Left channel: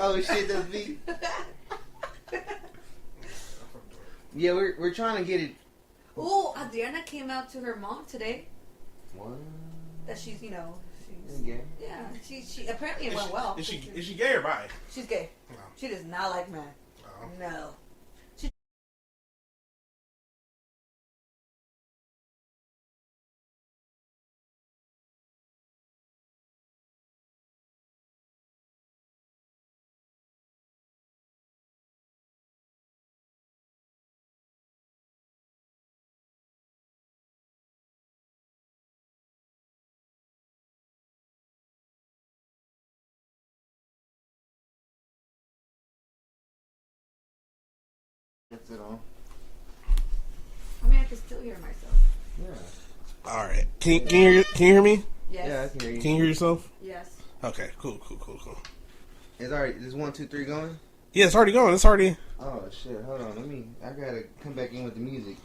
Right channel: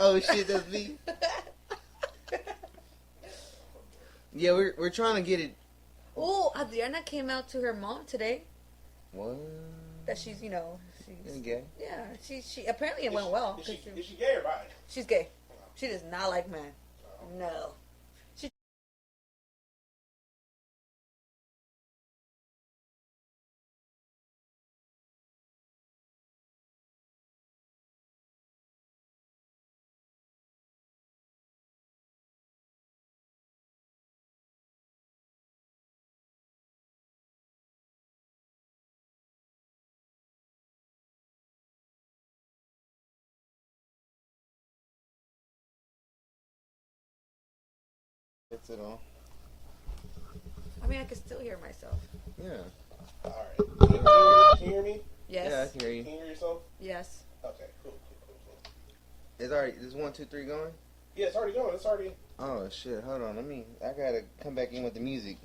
Oh shit, that's me. Yeah, we're trying to get it. Oh, Adriana came out to her mom today. What? That she's, she's gay. Yeah, she apparently it went well. Is she gay or bi? She's gay. No. She does not like men. No. That's it all. I mean, I can still hear myself. Yeah. All right. Can you hear me? Yes. Yeah, I can hear you. Can you hear yourself? Yes. Okay. Cool. It's already. There's 1, 2, 3 going. Yeah, it's already going. It's already. Oh shit! Hold on. I gotta come back in with the music.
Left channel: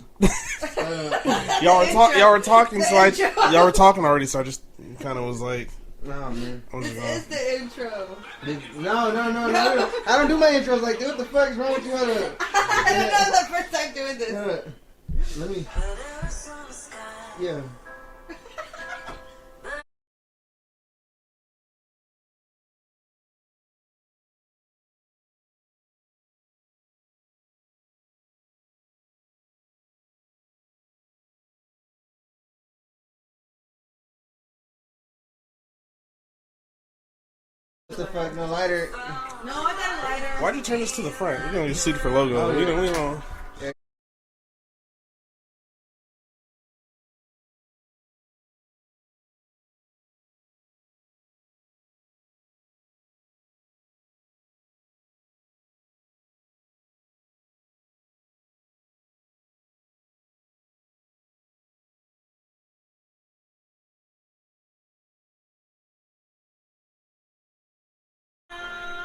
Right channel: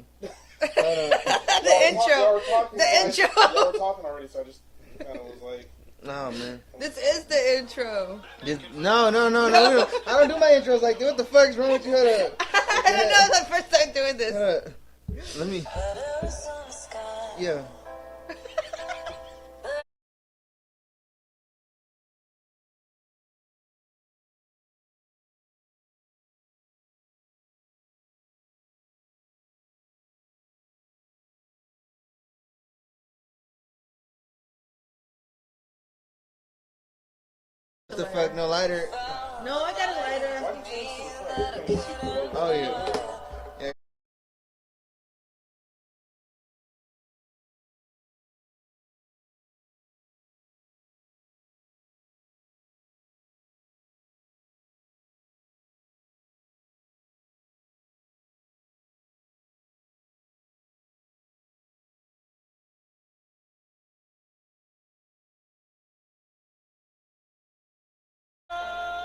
Y'all were talking, so y'all were talking already. So I just kind of was like, No, man. This is the intro. No. I don't do my intros like that. What the fuck's wrong with you? Hold up. That was the first time doing this. Let me. Yeah. What the fuck? No lighter. No, I got a lighter. why'd you turn this to the front? We're gonna get sued for logo. Oh, yeah. We don't.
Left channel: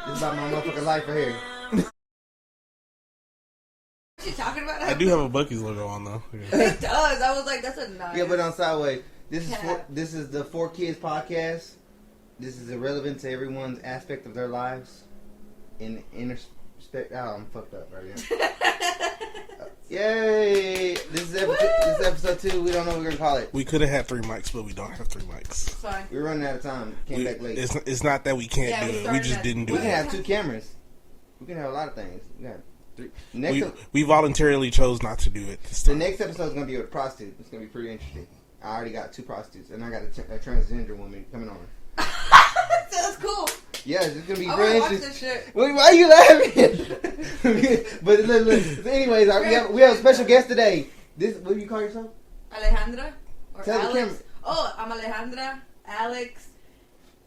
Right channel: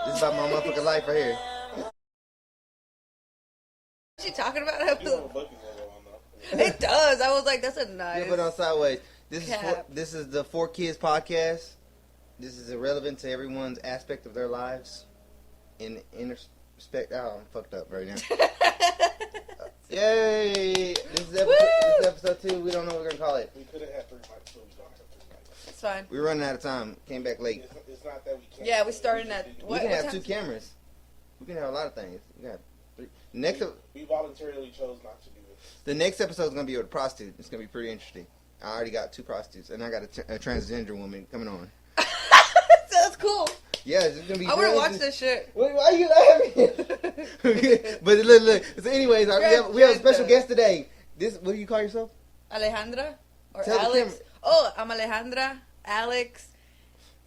This is about my motherfucking life right here. What you talking about? I do have a Buc-ee's logo on though. Yeah. It does. I was like, that's a nice. Yeah, but on sideways. Cap. This is the 4 Kids podcast. This is irrelevant to everyone's aspect of their lives. In introspect. Oh, I'm fucked up right now. Yay! This is episode 2. We don't know what we're gonna call it. We could have had 3 mics, but we don't have 3 mics. Sorry. We're running out of time. Came back late. It's not that we can't Yeah, do we it. We started just at- didn't do We can it. have 2 cameras. We can have a lot of things. We got 3. We voluntarily chose not to do it this The time. next episode is gonna be with a prostitute. It's gonna be pretty interesting. I already got 2 prostitutes, and I got a transgender woman coming on. That's cool. Yeah, it's gonna be. I very want to watch interesting. this shit. Wait, why are you laughing? But look. So anyways, we have a special guest today. What do you call yourself? Alejandra or Tell the Alex? camera. Oh, I'm Alejandra. Alex,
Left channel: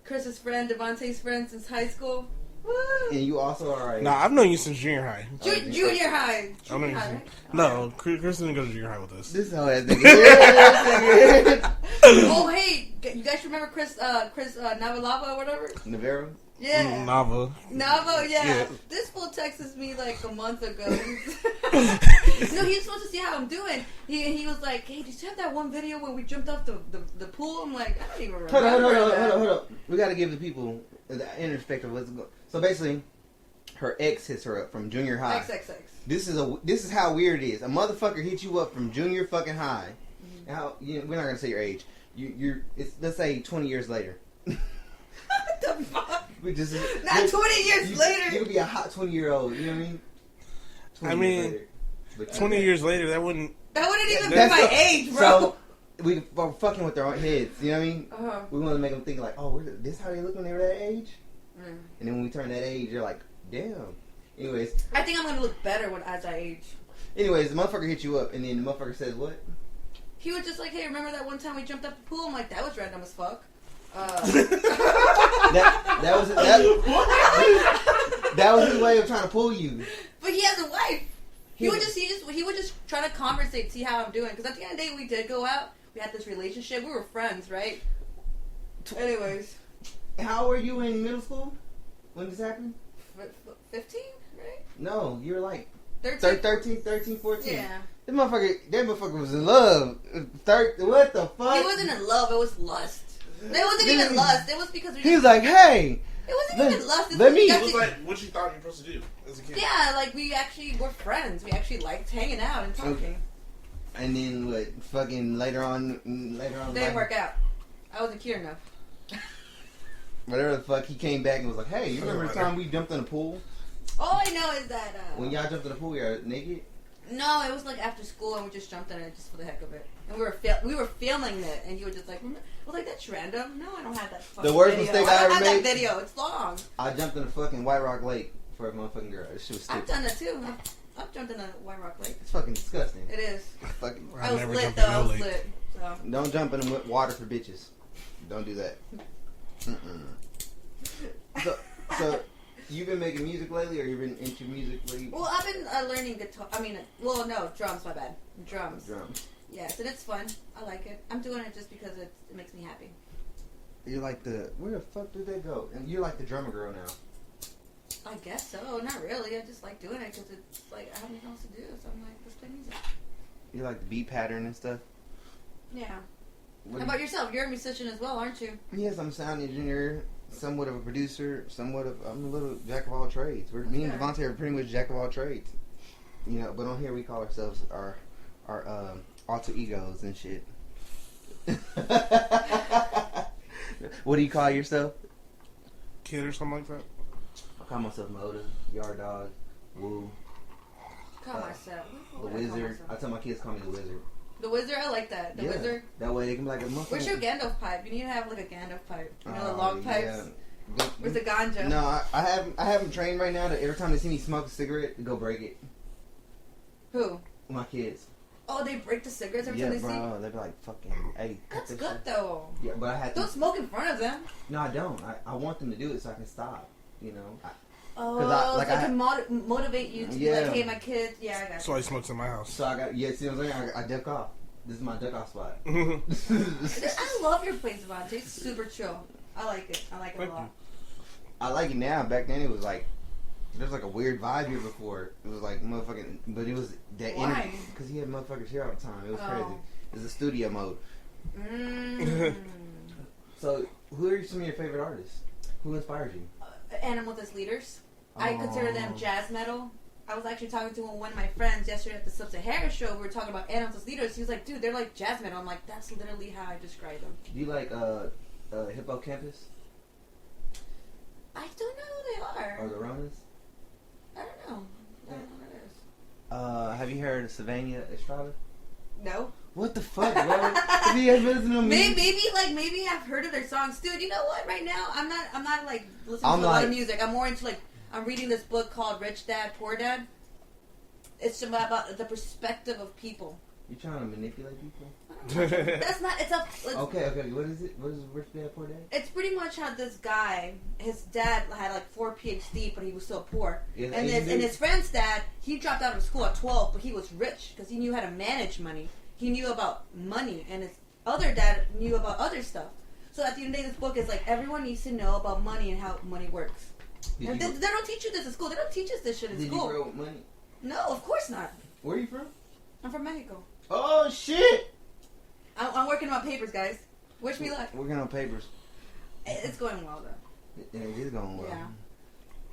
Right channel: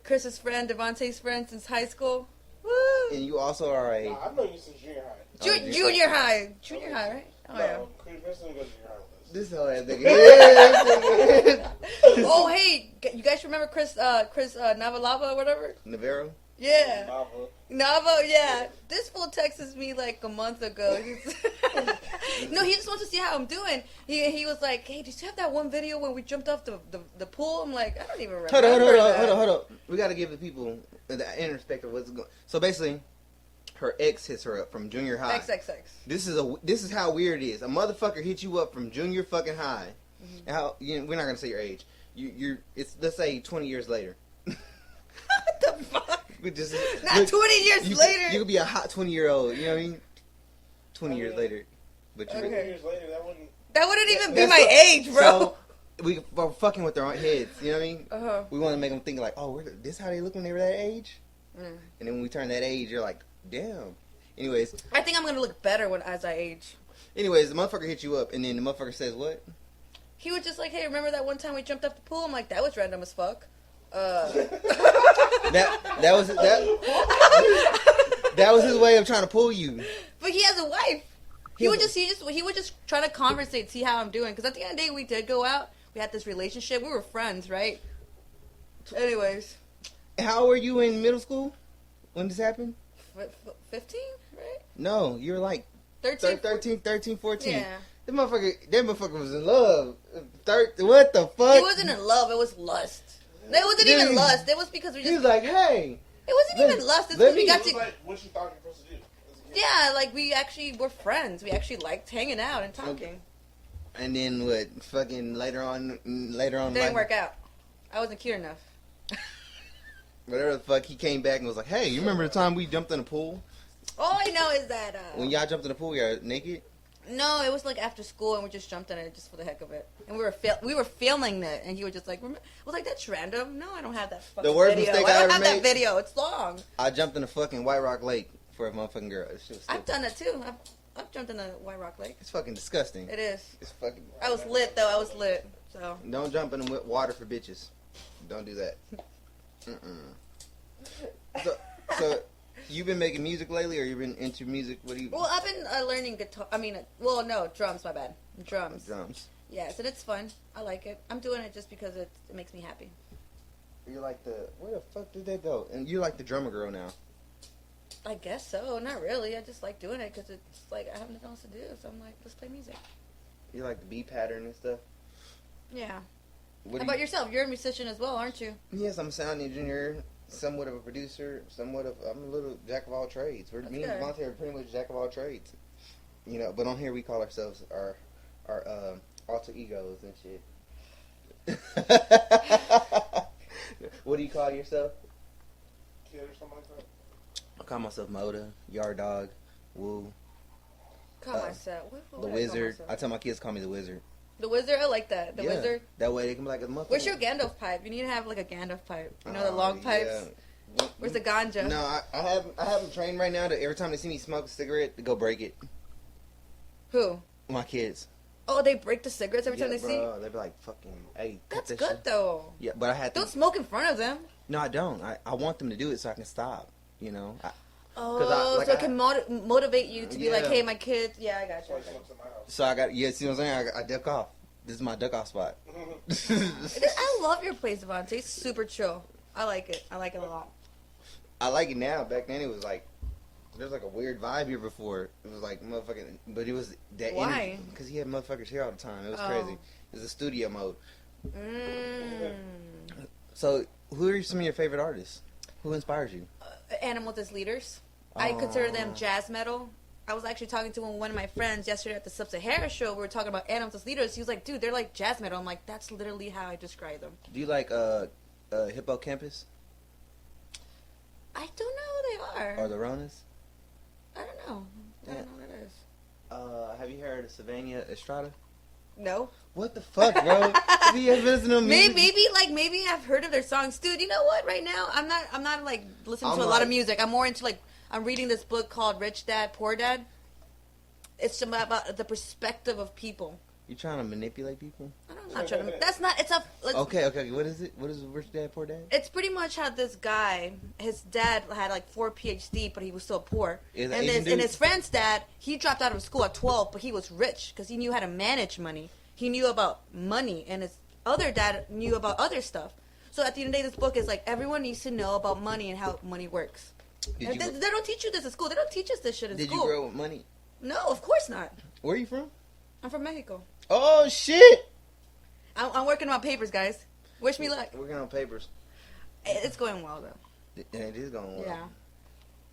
Chris's friend, Devontae's friend since high school. Woo! And you also are a. Nah, I've known you since junior high. Junior high. I mean, Junior high, right? no, Chris didn't go to junior high with us. This whole ass nigga. Oh, hey, you guys remember Chris Navalava or whatever? Navarro. Yeah. Nava. Navo, yeah. Yeah. This fool texted me like a month ago. No, he just wants to see how I'm doing. He was like, hey, did you have that one video where we jumped off the pool? I'm like, I don't even remember. Hold up. We gotta give the people the introspect of what's going. So basically, her ex hits her up from junior high. XXX. This is how weird it is. A motherfucker hits you up from junior fucking high. Mm-hmm. How we're not gonna say your age. It's let's say 20 years later. What the fuck? Not 20 years later. You could be a hot 20-year-old. You know what I mean? 20 I years mean, later. But 20 years later, that wouldn't. That wouldn't even be That's my age, bro. So we're fucking with their own heads. You know what I mean? Uh-huh. We want to make them think like, oh, this how they look when they were that age. Mm. And then when we turn that age, you're like, damn. Anyways, I think I'm gonna look better as I age. the motherfucker hit you up, and then the motherfucker says what? He was just like, hey, remember that one time we jumped off the pool? I'm like, that was random as fuck. That was his way of trying to pull you. But he has a wife. He would just try to conversate, see how I'm doing. Because at the end of the day, we did go out. We had this relationship. We were friends, right? Anyways. How were you in middle school when this happened? 15, right? No, you were like 13? 13, 14. Yeah. That motherfucker was in love. What the fuck? It wasn't in love. It was lust. It wasn't even lust. It was because we He was like, hey, wasn't even lust. It was like what you thought you were supposed to do as a kid. Yeah, like we actually were friends. We actually liked hanging out and talking. And then what? Fucking later on. Didn't work out. I wasn't cute enough. Whatever the fuck, he came back and was like, "Hey, you remember the time we jumped in the pool? All I know is that when y'all jumped in the pool, you were naked." No, it was like after school, and we just jumped in it just for the heck of it. And we were filming it, and he was just like, "I was like, that's random. No, I don't have that fucking The worst video. mistake I I don't ever have made. that video. It's long. I jumped in the fucking White Rock Lake for a motherfucking girl. This shit was stupid. I've done it too. I've jumped in the White Rock Lake. It's fucking disgusting. It is. Fucking. I was lit though. I was lit. So. Don't jump in the water for bitches. Don't do that. So, you've been making music lately, or you've been into music? Well, I've been learning guitar. Drums. My bad. Drums. Yes, and it's fun. I like it. I'm doing it just because it makes me happy. You're like where the fuck did they go? And you're like the drummer girl now. I guess so. Not really. I just like doing it because it's like I have nothing else to do. So I'm like, let's play music. You like the beat pattern and stuff? Yeah. How about yourself? You're a musician as well, aren't you? Yes, I'm a sound engineer, somewhat of a producer, I'm a little jack of all trades. Me and Devontae are pretty much jack of all trades. You know, but on here we call ourselves our alter egos and shit. What do you call yourself? Kid or something like that? I call myself Moda, Yard Dog, Woo. Call myself. The Wizard. I tell my kids call me the Wizard. The Wizard? I like that. The Wizard? That way they can be like a motherfucker. Where's your Gandalf pipe? You need to have like a Gandalf pipe. You know the long pipes? Yeah. Where's the ganja? No, I have them trained right now that every time they see me smoke a cigarette, they go break it. Who? My kids. Oh, they break the cigarettes every time they see? Yeah, bro. They be like, fucking, hey. That's good, though. Yeah, but I had to. Don't smoke in front of them. No, I don't. I want them to do it so I can stop, you know? So it can motivate you to be like, hey, my kids, I got you. So he smokes in my house. So see what I'm saying? I duck off. This is my duck off spot. I love your place, Devontae. It's super chill. I like it. I like it a lot. I like it now. Back then it was like, there was like a weird vibe here before. It was like motherfucking, but it was that. Why? Because he had motherfuckers here all the time. It was crazy. It was a studio mode. So, who are some of your favorite artists? Who inspires you? Animals as leaders. I consider them jazz metal. I was actually talking to one of my friends yesterday at the Sub-Sahara show. We were talking about animals as leaders. He was like, dude, they're like jazz metal. I'm like, that's literally how I describe them. Do you like Hippocampus? I don't know who they are. Or the Ronas? I don't know. I don't know who that is. Have you heard of Savannah Estrada? No. What the fuck, bro? Have you ever listened to music? Maybe I've heard of their songs, dude. You know what? Right now, I'm not like listening to a lot of music. I'm more into like I'm reading this book called Rich Dad Poor Dad. It's about the perspective of people. You trying to manipulate people? I don't know. That's not. Okay. What is it? What is Rich Dad Poor Dad? It's pretty much how this guy, his dad had like 4 PhD, but he was still poor. And his friend's dad, he dropped out of school at 12, but he was rich because he knew how to manage money. He knew about money, and his other dad knew about other stuff. So at the end of the day, this book is like everyone needs to know about money and how money works. They don't teach you this in school. They don't teach us this shit in school. Did you grow up with money? No, of course not. Where are you from? I'm from Mexico. Oh shit! I'm working on papers, guys. Wish me luck. Working on papers. It's going well though. Yeah, it is going well.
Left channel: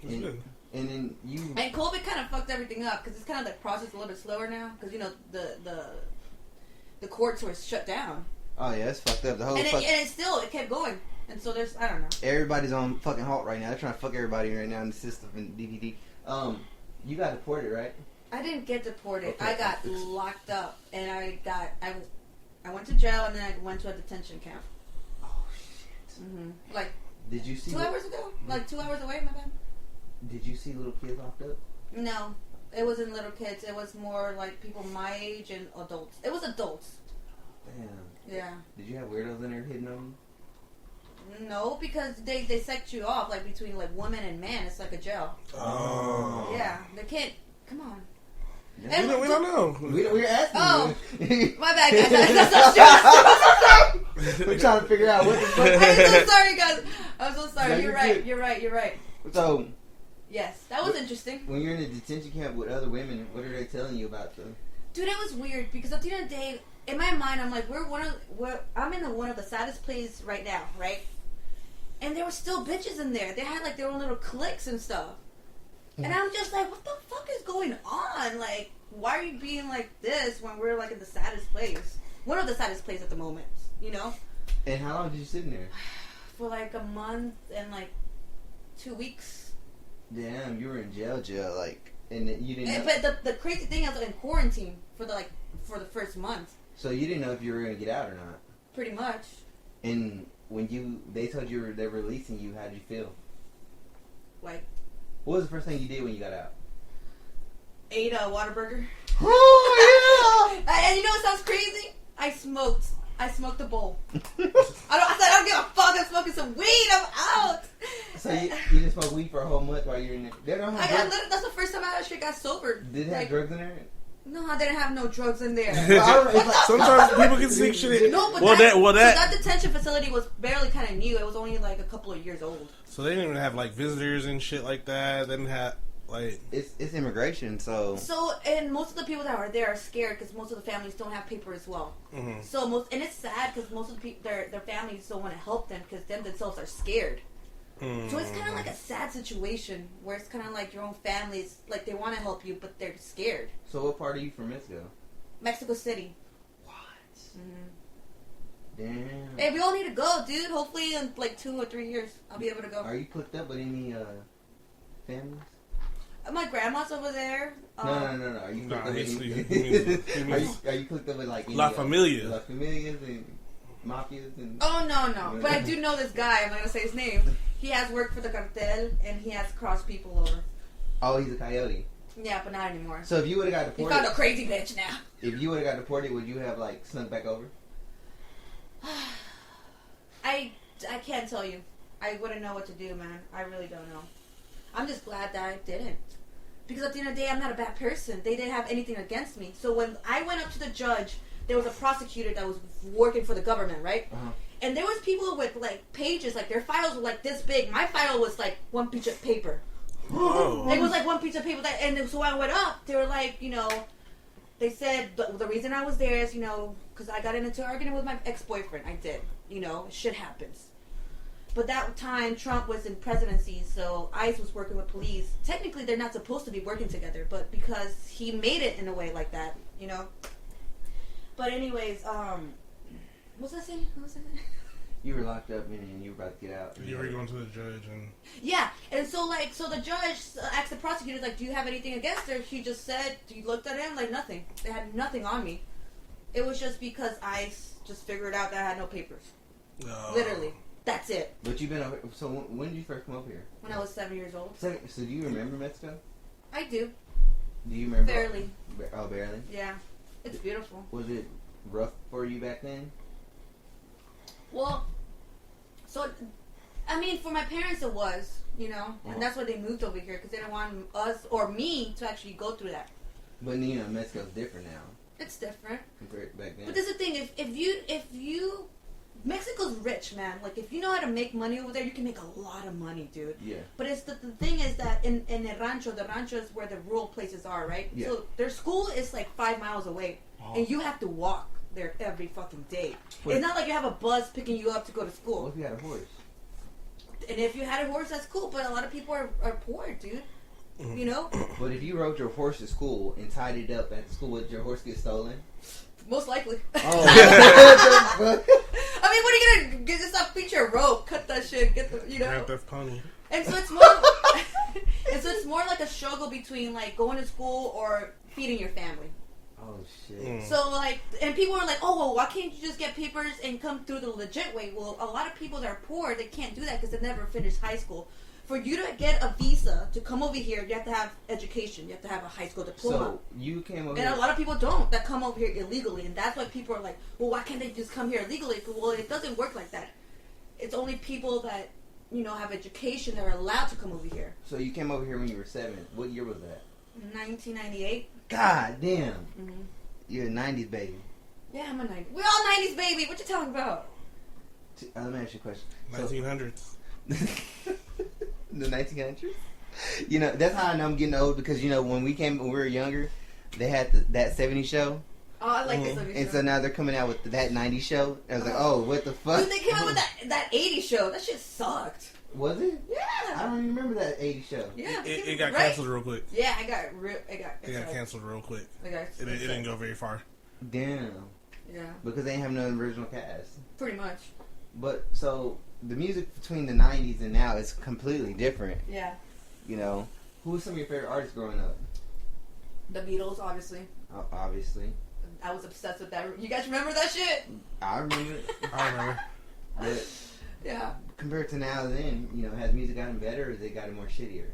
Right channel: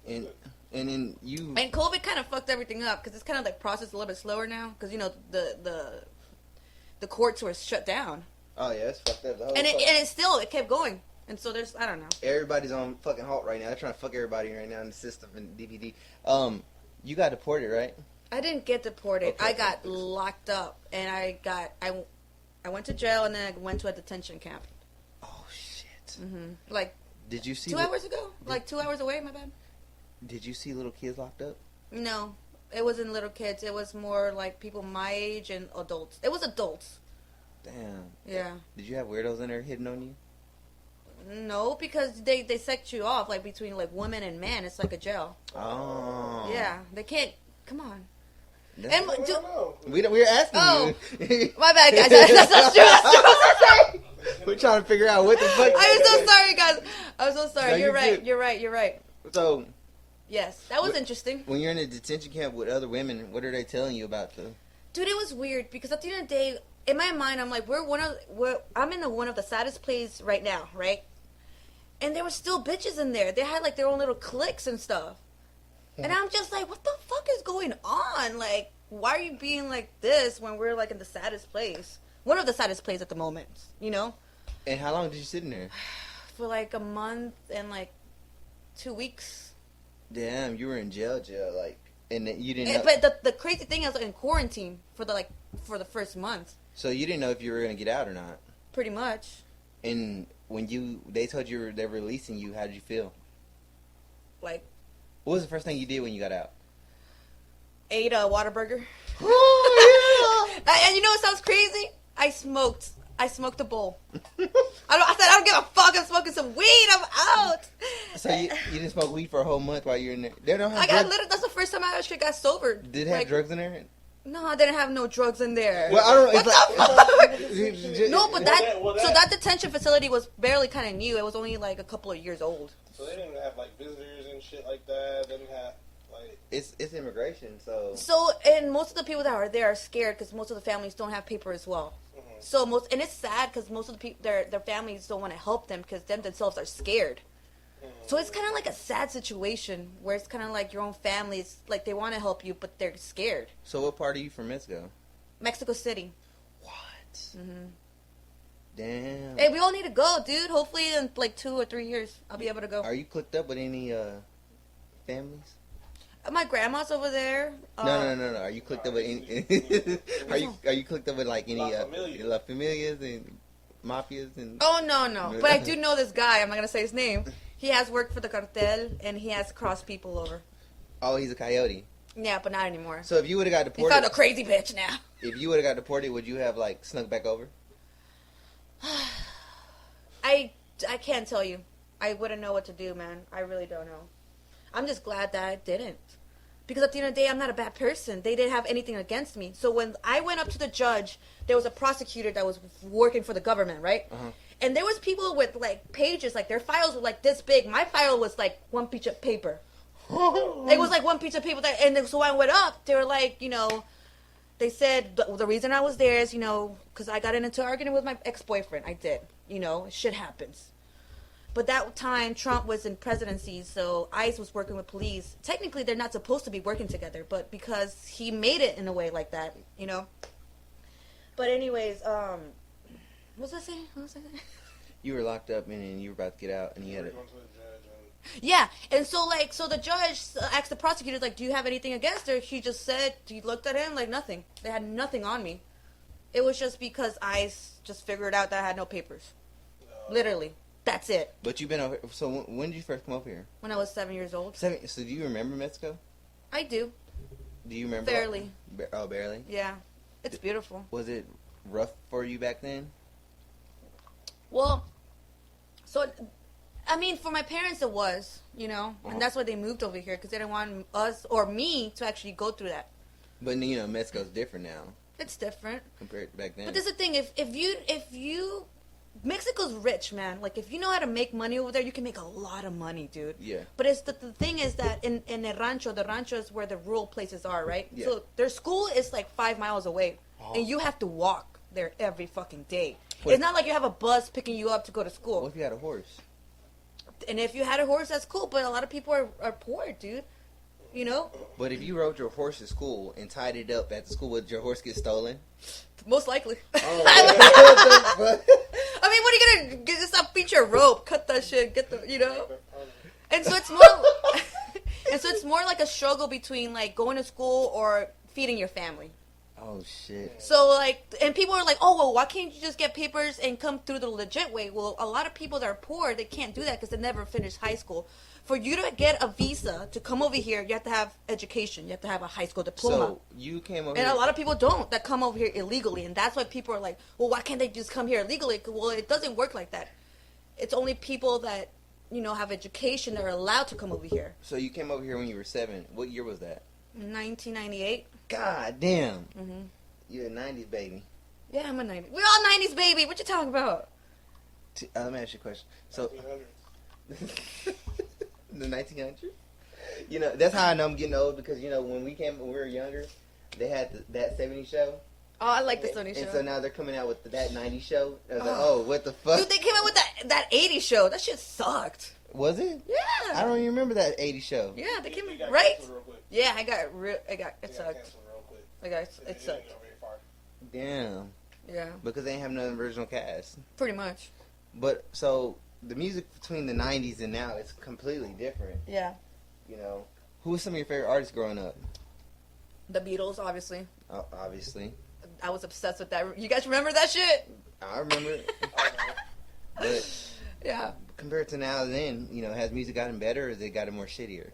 Yeah. And then you. And COVID kind of fucked everything up because it's kind of like processed a little bit slower now because you know the courts were shut down. Oh yeah, it's fucked up. The whole it kept going, and so there's I don't know. Everybody's on fucking halt right now. They're trying to fuck everybody right now in the system and DVD. You got deported, right? I didn't get deported. Okay. I got locked up, and I went to jail, and then I went to a detention camp. Oh shit! Mm-hmm. Like, did you see 2 hours ago? Like 2 hours away. My bad. Did you see little kids locked up? No, it wasn't little kids. It was more like people my age and adults. It was adults. Damn. Yeah. Did you have weirdos in there hitting on you? No, because they set you off like between like women and men. It's like a jail. Oh. Yeah, they can't. Come on. No, and we don't know. We're asking you. My bad, guys. That's not true. We're trying to figure out what the fuck. I'm so sorry, guys. I'm so sorry. No, You're right. So. Yes, that was interesting. When you're in a detention camp with other women, what are they telling you about them? Dude, it was weird because at the end of the day, in my mind, I'm like, I'm in one of the saddest places right now, right? And there were still bitches in there. They had like their own little cliques and stuff. And I'm just like, what the fuck is going on? Like, why are you being like this when we're like in the saddest place? One of the saddest places at the moment, you know? And how long did you sit in there? For like a month and like 2 weeks. Damn, you were in jail, like, and you didn't. But the crazy thing is, in quarantine for the first month. So you didn't know if you were gonna get out or not. Pretty much. And when they told you they were releasing you, how did you feel? Like, what was the first thing you did when you got out? Ate a Whataburger. Oh yeah! And you know what sounds crazy? I smoked a bowl. I said I don't give a fuck. I'm smoking some weed. I'm out. So you didn't smoke weed for a whole month while you were in there? They don't have drugs. That's the first time I actually got sober. Did it have drugs in there? No, I didn't have no drugs in there. Sometimes people can sneak shit in. No, but that detention facility was barely kind of new. It was only like a couple of years old. So they didn't even have like visitors and shit like that. They didn't have like it's immigration. So and most of the people that are there are scared because most of the families don't have paper as well. Mm-hmm. So and it's sad because most of the people their families don't want to help them because them themselves are scared. Mm. So it's kind of like a sad situation where it's kind of like your own families, like they want to help you, but they're scared. So what part are you from Mexico? Mexico City. What? Mm-hmm. Damn. Hey, we all need to go, dude. Hopefully in like 2 or 3 years, I'll be able to go. Are you hooked up with any families? My grandma's over there. No. Are you hooked up with any? Are you hooked up with like any La Familia? La Familias and mafias and? Oh no. But I do know this guy. I'm not gonna say his name. He has worked for the cartel, and he has crossed people over. Oh, he's a coyote. Yeah, but not anymore. So if you would have got deported... He found a crazy bitch now. If you would have got deported, would you have, like, snuck back over? I can't tell you. I wouldn't know what to do, man. I really don't know. I'm just glad that I didn't. Because at the end of the day, I'm not a bad person. They didn't have anything against me. So when I went up to the judge, there was a prosecutor that was working for the government, right? Uh-huh. And there was people with, like, pages, like, their files were, like, this big. My file was, like, one piece of paper. Oh. It was, like, one piece of paper. And then, so I went up. They were, like, you know, they said the reason I was there is, you know, because I got into an argument with my ex-boyfriend. I did. You know, shit happens. But that time, Trump was in presidency, so ICE was working with police. Technically, they're not supposed to be working together, but because he made it in a way like that, you know. But anyways, what's I saying? You were locked up and you were about to get out. And you were going to the judge and... Yeah, and so the judge asked the prosecutor, like, do you have anything against her? He just said, he looked at him, like, nothing. They had nothing on me. It was just because ICE just figured out that I had no papers. Literally. That's it. But you've been over... So when did you first come over here? When I was 7 years old. So do you remember Mexico? I do. Do you remember? Barely. Oh, barely? Yeah. It's beautiful. Was it rough for you back then? Well, so, I mean, for my parents it was, you know, and that's why they moved over here, because they didn't want us, or me, to actually go through that. But, you know, Mexico's different now. It's different. Compared to back then. But this is the thing, if you, Mexico's rich, man. Like, if you know how to make money over there, you can make a lot of money, dude. Yeah. But it's the thing is that in the rancho is where the rural places are, right? Yeah. So their school is like 5 miles away, and you have to walk there every fucking day. Wait. It's not like you have a bus picking you up to go to school. What if you had a horse? And if you had a horse, that's cool, but a lot of people are poor, dude. You know? But if you rode your horse to school and tied it up at the school, would your horse get stolen? Most likely. Oh. I mean, what are you gonna get? Just feature a rope, cut that shit, get the, you know. Pony. And so it's more, like a struggle between like going to school or feeding your family. Oh shit. So like, and people are like, oh well, why can't you just get papers and come through the legit way? Well, a lot of people that are poor, they can't do that because they never finished high school. For you to get a visa to come over here, you have to have education. You have to have a high school diploma. So you came over and here. a lot of people don't, that come over here illegally. And that's why people are like, well, why can't they just come here illegally? Well, it doesn't work like that. It's only people that, you know, have education that are allowed to come over here. So you came over here when you were 7. What year was that? 1998. God damn. Mm-hmm. You're a 90s baby. Yeah, I'm a 90s. We're all 90s baby. What you talking about? Let me ask you a question. 1900s. The 1900s? You know, that's how I know I'm getting old because, you know, when we were younger, they had that 70s show Oh, I like the Sony show. And so now they're coming out with that 90s show. I was like, oh, what the fuck? Dude, they came out with that 80s show. That shit sucked. Was it? Yeah. I don't even remember that 80s show. Yeah, it got canceled real quick. Yeah, it got canceled real quick. It didn't go very far. Damn. Yeah. Because they ain't have no original cast. Pretty much. But, so, the music between the 90s and now is completely different. Yeah. You know? Who was some of your favorite artists growing up? The Beatles, obviously. Obviously. I was obsessed with that. You guys remember that shit? I remember it. I remember. But yeah. Compared to now and then, you know, has music gotten better or has it gotten more shittier?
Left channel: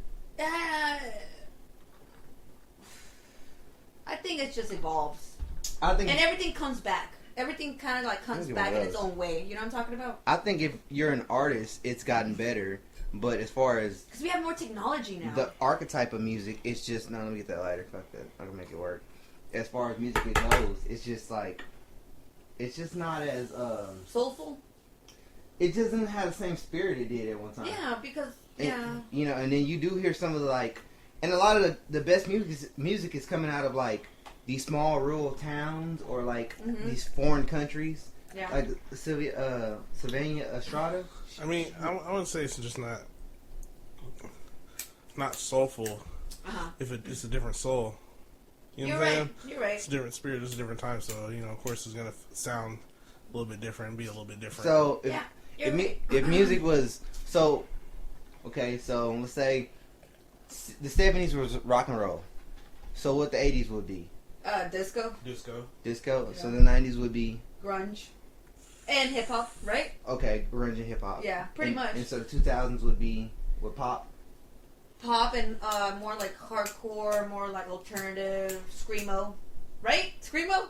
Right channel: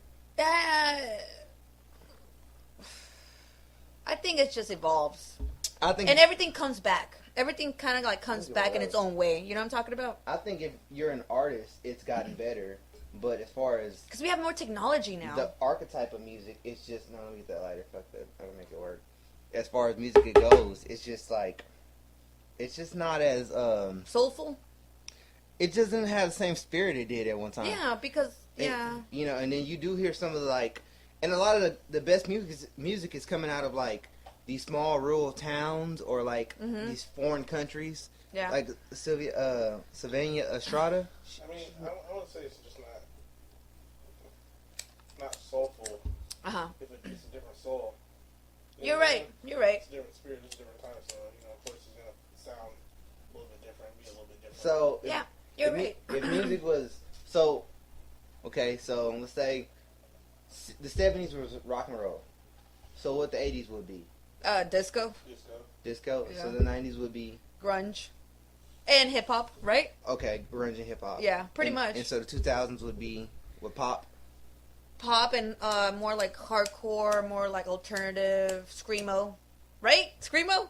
I think it just evolves. And everything comes back. Everything kind of like comes back in its own way. You know what I'm talking about? I think if you're an artist, it's gotten better. But as far as... Because we have more technology now. The archetype of music, it's just... No, let me get that lighter. Fuck that. I can make it work. As far as music it goes, it's just like... It's just not as... soulful? It doesn't have the same spirit it did at one time. Yeah, because... You know, and then you do hear some of the like... And a lot of the best music is coming out of like... These small rural towns or like... These foreign countries. Yeah. Like Sylvania Estrada. I mean, I would say it's just not soulful. If it's a different soul. You know You're right. You're right. It's a different spirit. It's a different time. So you know, of course, it's gonna sound a little bit different and be a little bit different. So if music was okay, so let's say the 70s was rock and roll. So what the 80s would be? Disco. Yeah. So the 90s would be grunge. And hip hop, right? Okay, grunge and hip hop. Yeah, pretty much. And so the 2000s would be what, pop? Pop and more like hardcore, more like alternative, screamo, right? Screamo?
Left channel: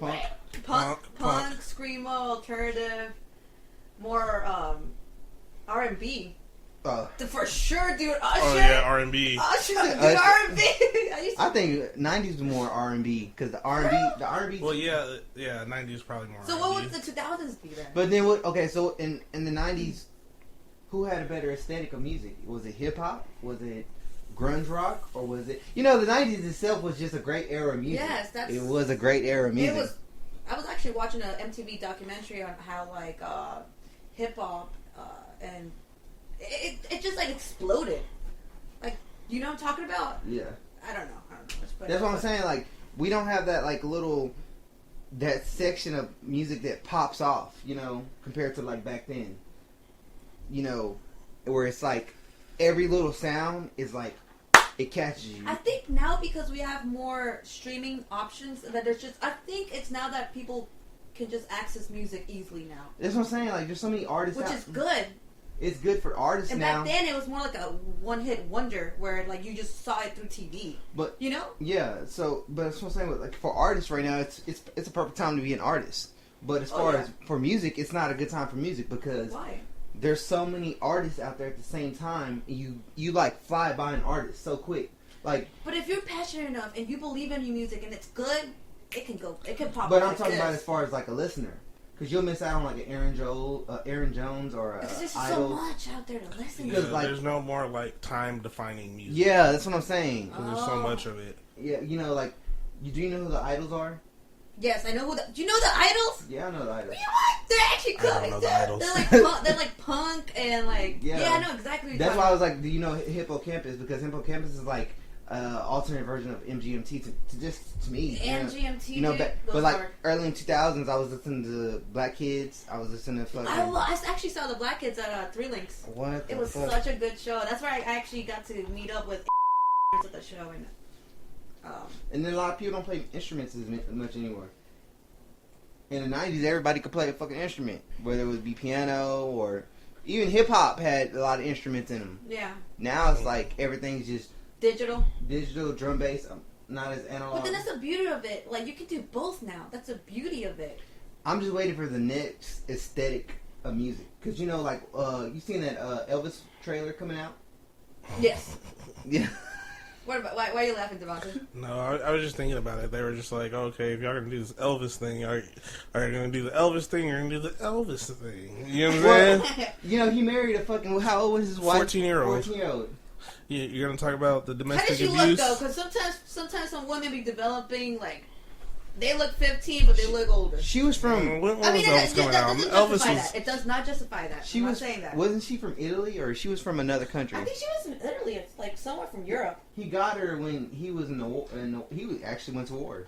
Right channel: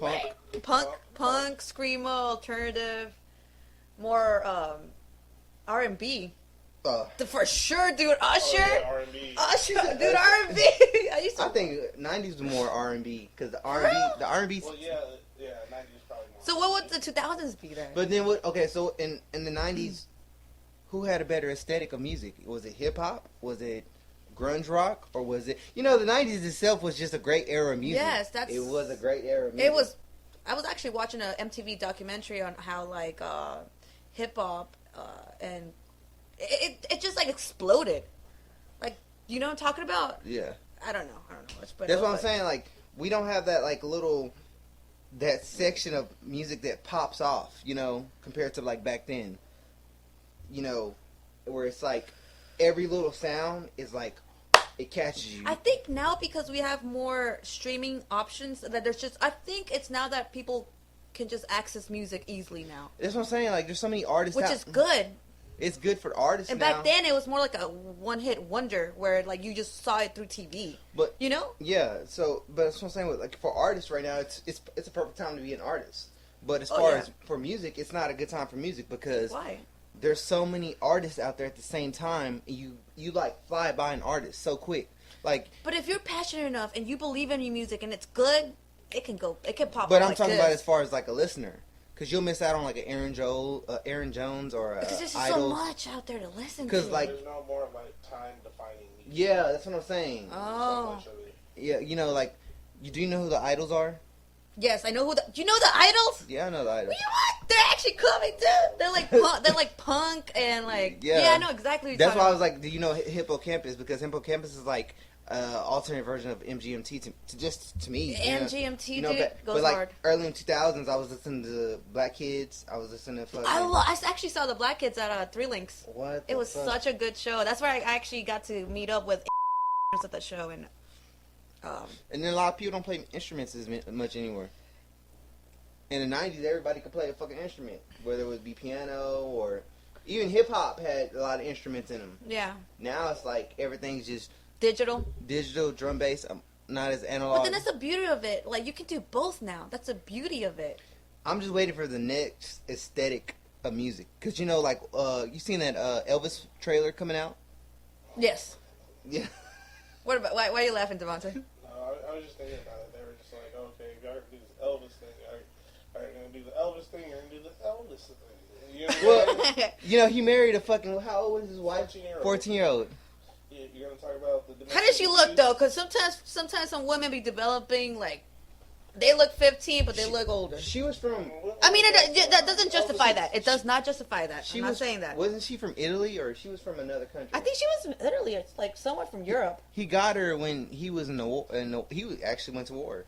Punk. Punk, screamo, alternative, more R&B. For sure, dude. Usher. Oh yeah, R&B. Usher, dude, R&B. I think 90s was more R&B because the R&B. Well, yeah, 90s probably more. So R&B. what would the 2000s be then? But then okay, so in the 90s, who had a better aesthetic of music? Was it hip hop? Was it grunge rock? Or was it? You know, the 90s itself was just a great era of music. Yes, it was a great era of music. It was. I was actually watching an MTV documentary on how like hip hop and it just like exploded. Like, you know what I'm talking about? Yeah. I don't know much, but that's what I'm saying. Like, we don't have that like that section of music that pops off, you know, compared to like back then. You know, where it's like every little sound is like it catches you. I think now because we have more streaming options that there's just I think it's now that people can just access music easily now. That's what I'm saying. Like, there's so many artists, which is good. It's good for artists and now. back then it was more like a one-hit wonder where like you just saw it through TV. But you know? Yeah. So, but that's what I'm saying. Like for artists right now, it's a perfect time to be an artist. But as far as for music, it's not a good time for music because why? There's so many artists out there at the same time. You like fly by an artist so quick. Like, but if you're passionate enough and you believe in your music and it's good, it can pop. But I'm like talking this. about as far as like a listener. Because you'll miss out on like an Aaron Jones or a Because there's Idol. so much out there to listen to. to. Like, there's no more like time defining music. Yeah, that's what I'm saying. There's so much of it. Yeah, you know, like, do you know who the Idols are? Yes, I know who. Do you know the Idols? Yeah, I know the Idols. They're actually cool. They're like punk and like I know exactly. What that's why I was like, do you know Hippocampus? Because Hippocampus is like alternate version of MGMT to me. MGMT, you know, goes but like hard. early in 2000s, I was listening to Black Kids. I was listening to I actually saw the Black Kids at 3 Links. What? It was such a good show. That's where I actually got to meet up with at the show and then a lot of people don't play instruments as much anymore. In the 90s, everybody could play a fucking instrument, whether it would be piano or even hip hop had a lot of instruments in them. Yeah. Now it's like everything's just digital, drum bass, not as analog. But then that's the beauty of it. Like, you can do both now. That's the beauty of it. I'm just waiting for the next aesthetic of music. Because, you know, like, you seen that Elvis trailer coming out? Yes. Yeah. What about, why are you laughing, Devonta? No, I was just thinking about it. They were just like, okay, if y'all are going to do this Elvis thing, are you going to do the Elvis thing or are you going to do the Elvis thing? You know what I'm saying? You know, he married a fucking, how old was his wife? 14-year-old. 14-year-old. You're going to talk about the domestic abuse. How did she abuse? look, though? Because sometimes some women be developing, like, They look 15, but they look older. She was from. I mean, that doesn't justify that. It does not justify that. I'm not saying that. Wasn't she from Italy, or she was from another country? I think she was from Italy. It's like somewhere from Europe. He got her when he was in the war. He actually went to war.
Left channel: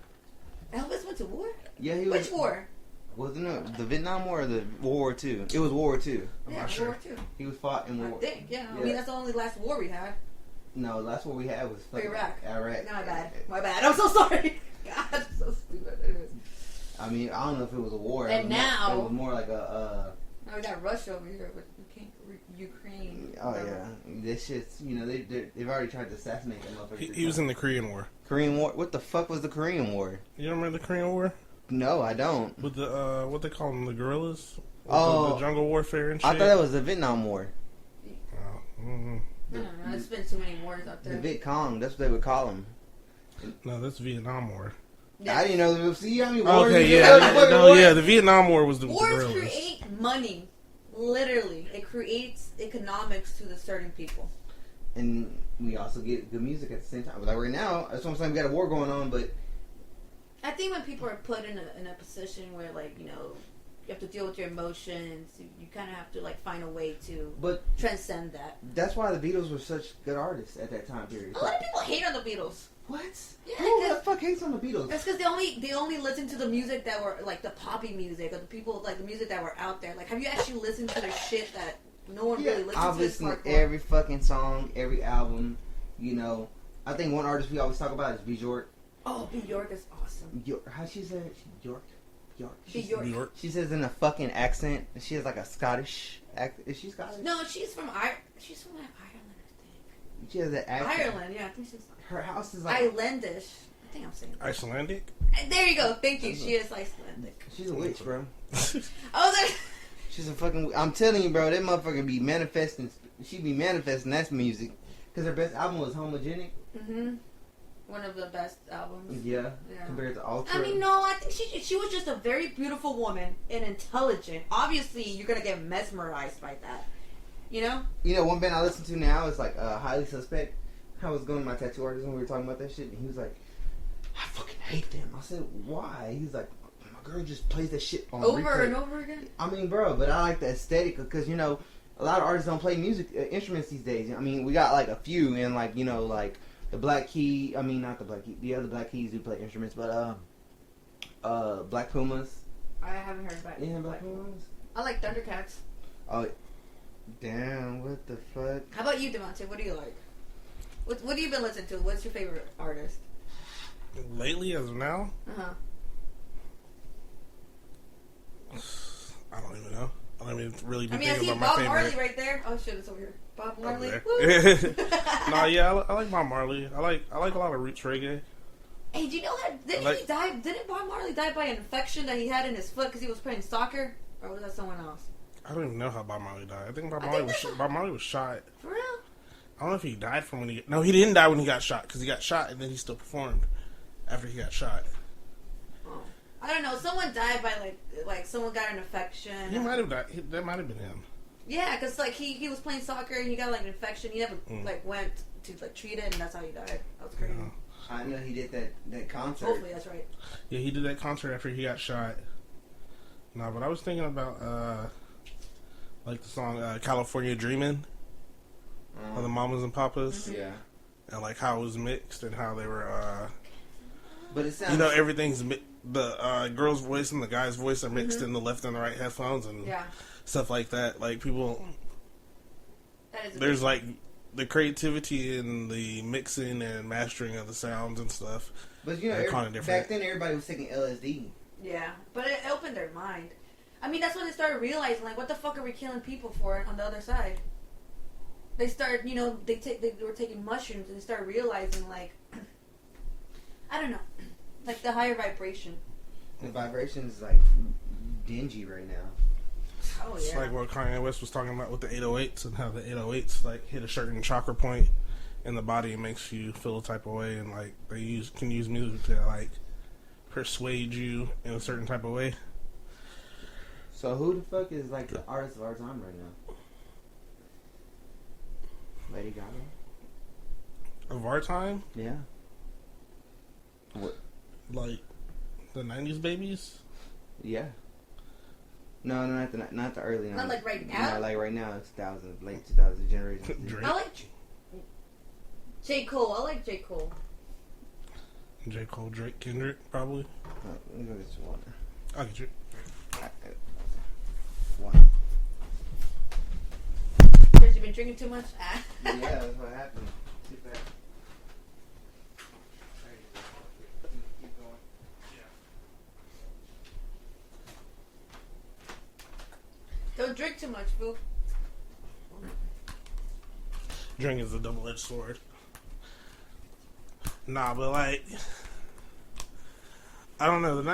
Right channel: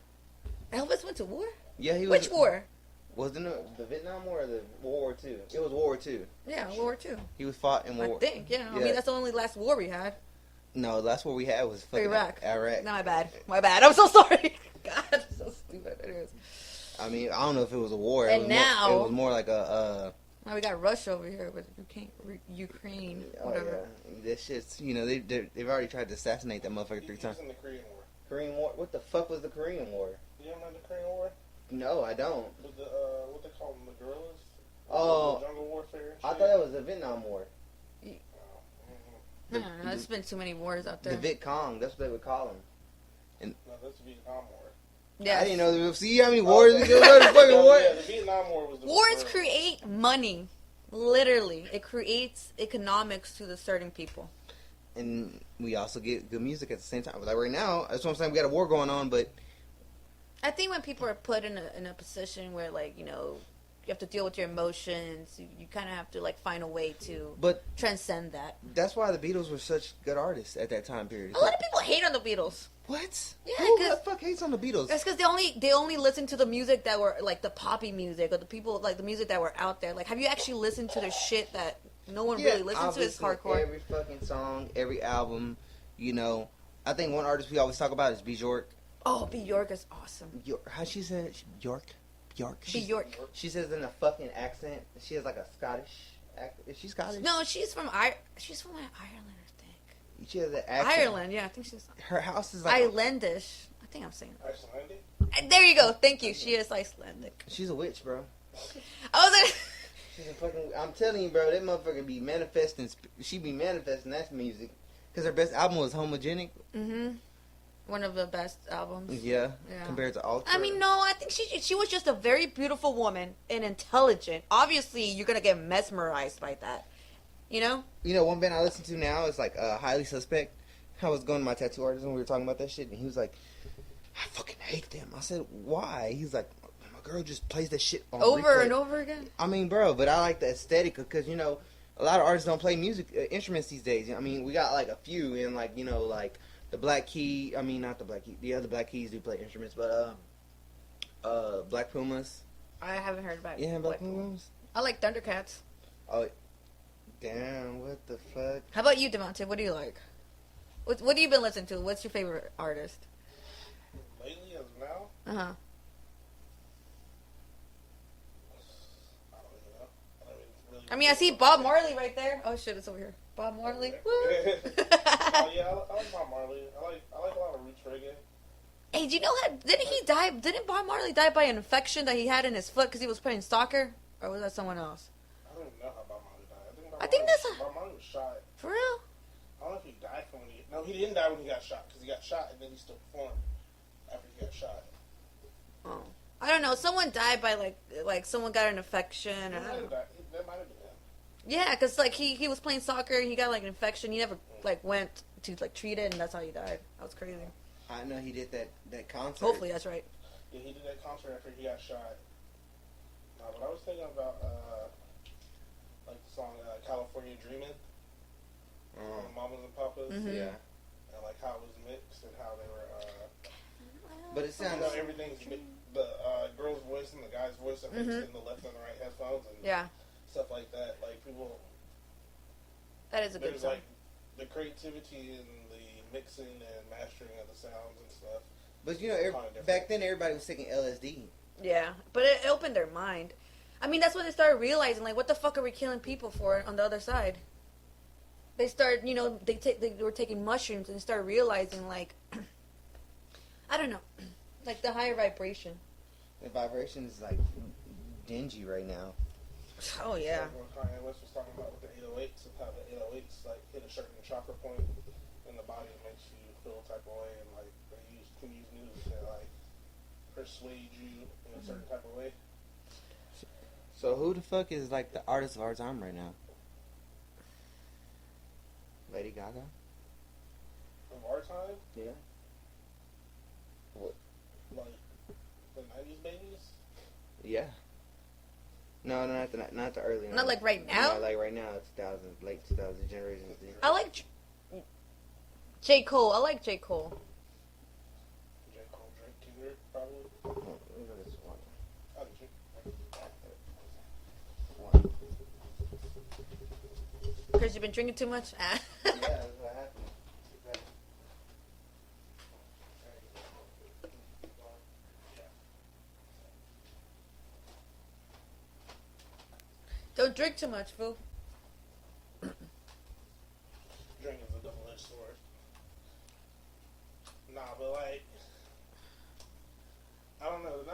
Elvis went to war? Yeah, he was. Which war? Wasn't it the Vietnam War or the World War II? It was World War II. Yeah, World War II. He was fought in World War. I think, yeah. I mean, that's the only last war we had. No, the last war we had was Iraq. Iraq. No, my bad. I'm so sorry. God, I'm so stupid. Anyways. I mean, I don't know if it was a war. And now it was more like a. Now we got Russia over here, but Ukraine. Oh yeah, this shit's they've already tried to assassinate that motherfucker. He was in the Korean War. Korean War? What the fuck was the Korean War? You don't remember the Korean War? No, I don't. With the what they call them, the guerrillas? Oh, the jungle warfare and shit. I thought that was the Vietnam War. No, there's been too many wars out there. The Viet Cong, that's what they would call them. No, that's Vietnam War. Yeah. I didn't know. See how many wars? Okay, yeah, the Vietnam War was the wars create money. Literally, it creates economics to the certain people. And we also get good music at the same time. Like right now, that's what I'm saying. We got a war going on, but I think when people are put in a position where, like, you have to deal with your emotions, you kind of have to, like, find a way to transcend that. That's why the Beatles were such good artists at that time period. A lot of people hate on the Beatles. What? Yeah, who the fuck hates on the Beatles? That's because they only listen to the music that were, like, the poppy music, or the people, like, the music that were out there. Like, have you actually listened to their shit that no one really listens to? I've listened to every fucking song, every album. I think one artist we always talk about is Bjork. Oh, Bjork is awesome. How she said Bjork? Bjork. She says in a fucking accent. She has like a Scottish accent. Is she Scottish? No, she's from Ireland, I think. She has an accent. Ireland, yeah, I think she's. Her house is like Icelandish. I think I'm saying. Icelandic. There you go. Thank you. She is Icelandic. She's a witch, bro. I was like. She's a fucking. I'm telling you, bro. That motherfucker be manifesting. She be manifesting that music. Because her best album was Homogenic. Mm-hmm. One of the best albums. Yeah. Compared to Ultra. I mean, no, I think she was just a very beautiful woman and intelligent. Obviously, you're gonna get mesmerized by that. You know, one band I listen to now is like Highly Suspect. I was going to my tattoo artist and we were talking about that shit, and he was like, "I fucking hate them." I said, "Why?" He's like, "My girl just plays that shit on over replay." and over again. I mean, bro, but I like the aesthetic because a lot of artists don't play music instruments these days. I mean, we got like a few, and like like the Black Key. I mean, not the Black Key. The other Black Keys do play instruments, but Black Pumas. I haven't heard about. Yeah, Black Pumas. I like Thundercats. Oh, damn! What the fuck? How about you, Devontae? What do you like? What have you been listening to? What's your favorite artist? Lately, as of now? Uh-huh. I don't even know. I don't even really. I see Bob Marley right there. Oh shit, it's over here. Bob Marley. No, yeah, I like Bob Marley. I like a lot of roots reggae. Hey, do you know that? Didn't Bob Marley die by an infection that he had in his foot because he was playing soccer, or was that someone else? I don't even know how Bob Marley died. I think Bob Marley was shot. For real? I don't know if he died from when he... No, he didn't die when he got shot, because he got shot and then he still performed after he got shot. Oh. I don't know. Someone died by, like someone got an infection. He might have died. That might have been him. Yeah, because, like, he was playing soccer and he got, like, an infection. He never, went to, like, treat it, and that's how he died. That was crazy. I know he did that concert. Hopefully that's right. Yeah, he did that concert after he got shot. No, but I was thinking about, like, the song California Dreamin'. On the Mamas and Papas. Mm-hmm. Yeah. And like how it was mixed and how they were but it sounds everything's the girl's voice and the guy's voice are mixed in the left and the right headphones and stuff like that. Like people there's like the creativity in the mixing and mastering of the sounds and stuff. But back then everybody was taking LSD. Yeah, but it opened their mind. I mean, that's when they started realizing, like, what the fuck are we killing people for on the other side? They started, they were taking mushrooms and they started realizing, like, I don't know, like the higher vibration. The vibration is like dingy right now. Oh yeah. It's like what Kanye West was talking about with the 808s and how the 808s like hit a certain chakra point in the body and makes you feel a type of way, and like they can use music to like persuade you in a certain type of way. So who the fuck is like the artist of our time right now? Lady Gaga? Of our time? Yeah. What? Like, The 90s babies? Yeah. No, not the early. Not like right now. Not like right now. It's late 2000 generation. I like J. Cole. I like J. Cole. J. Cole, Drake, Kendrick, probably. Oh, let me go get some water. I'll get you. Water. Because you've been drinking too much? Yeah, that's what happened. Too bad. Keep going. Yeah. Don't drink too much, boo. Drink is a double-edged sword. Nah, but like, I don't know.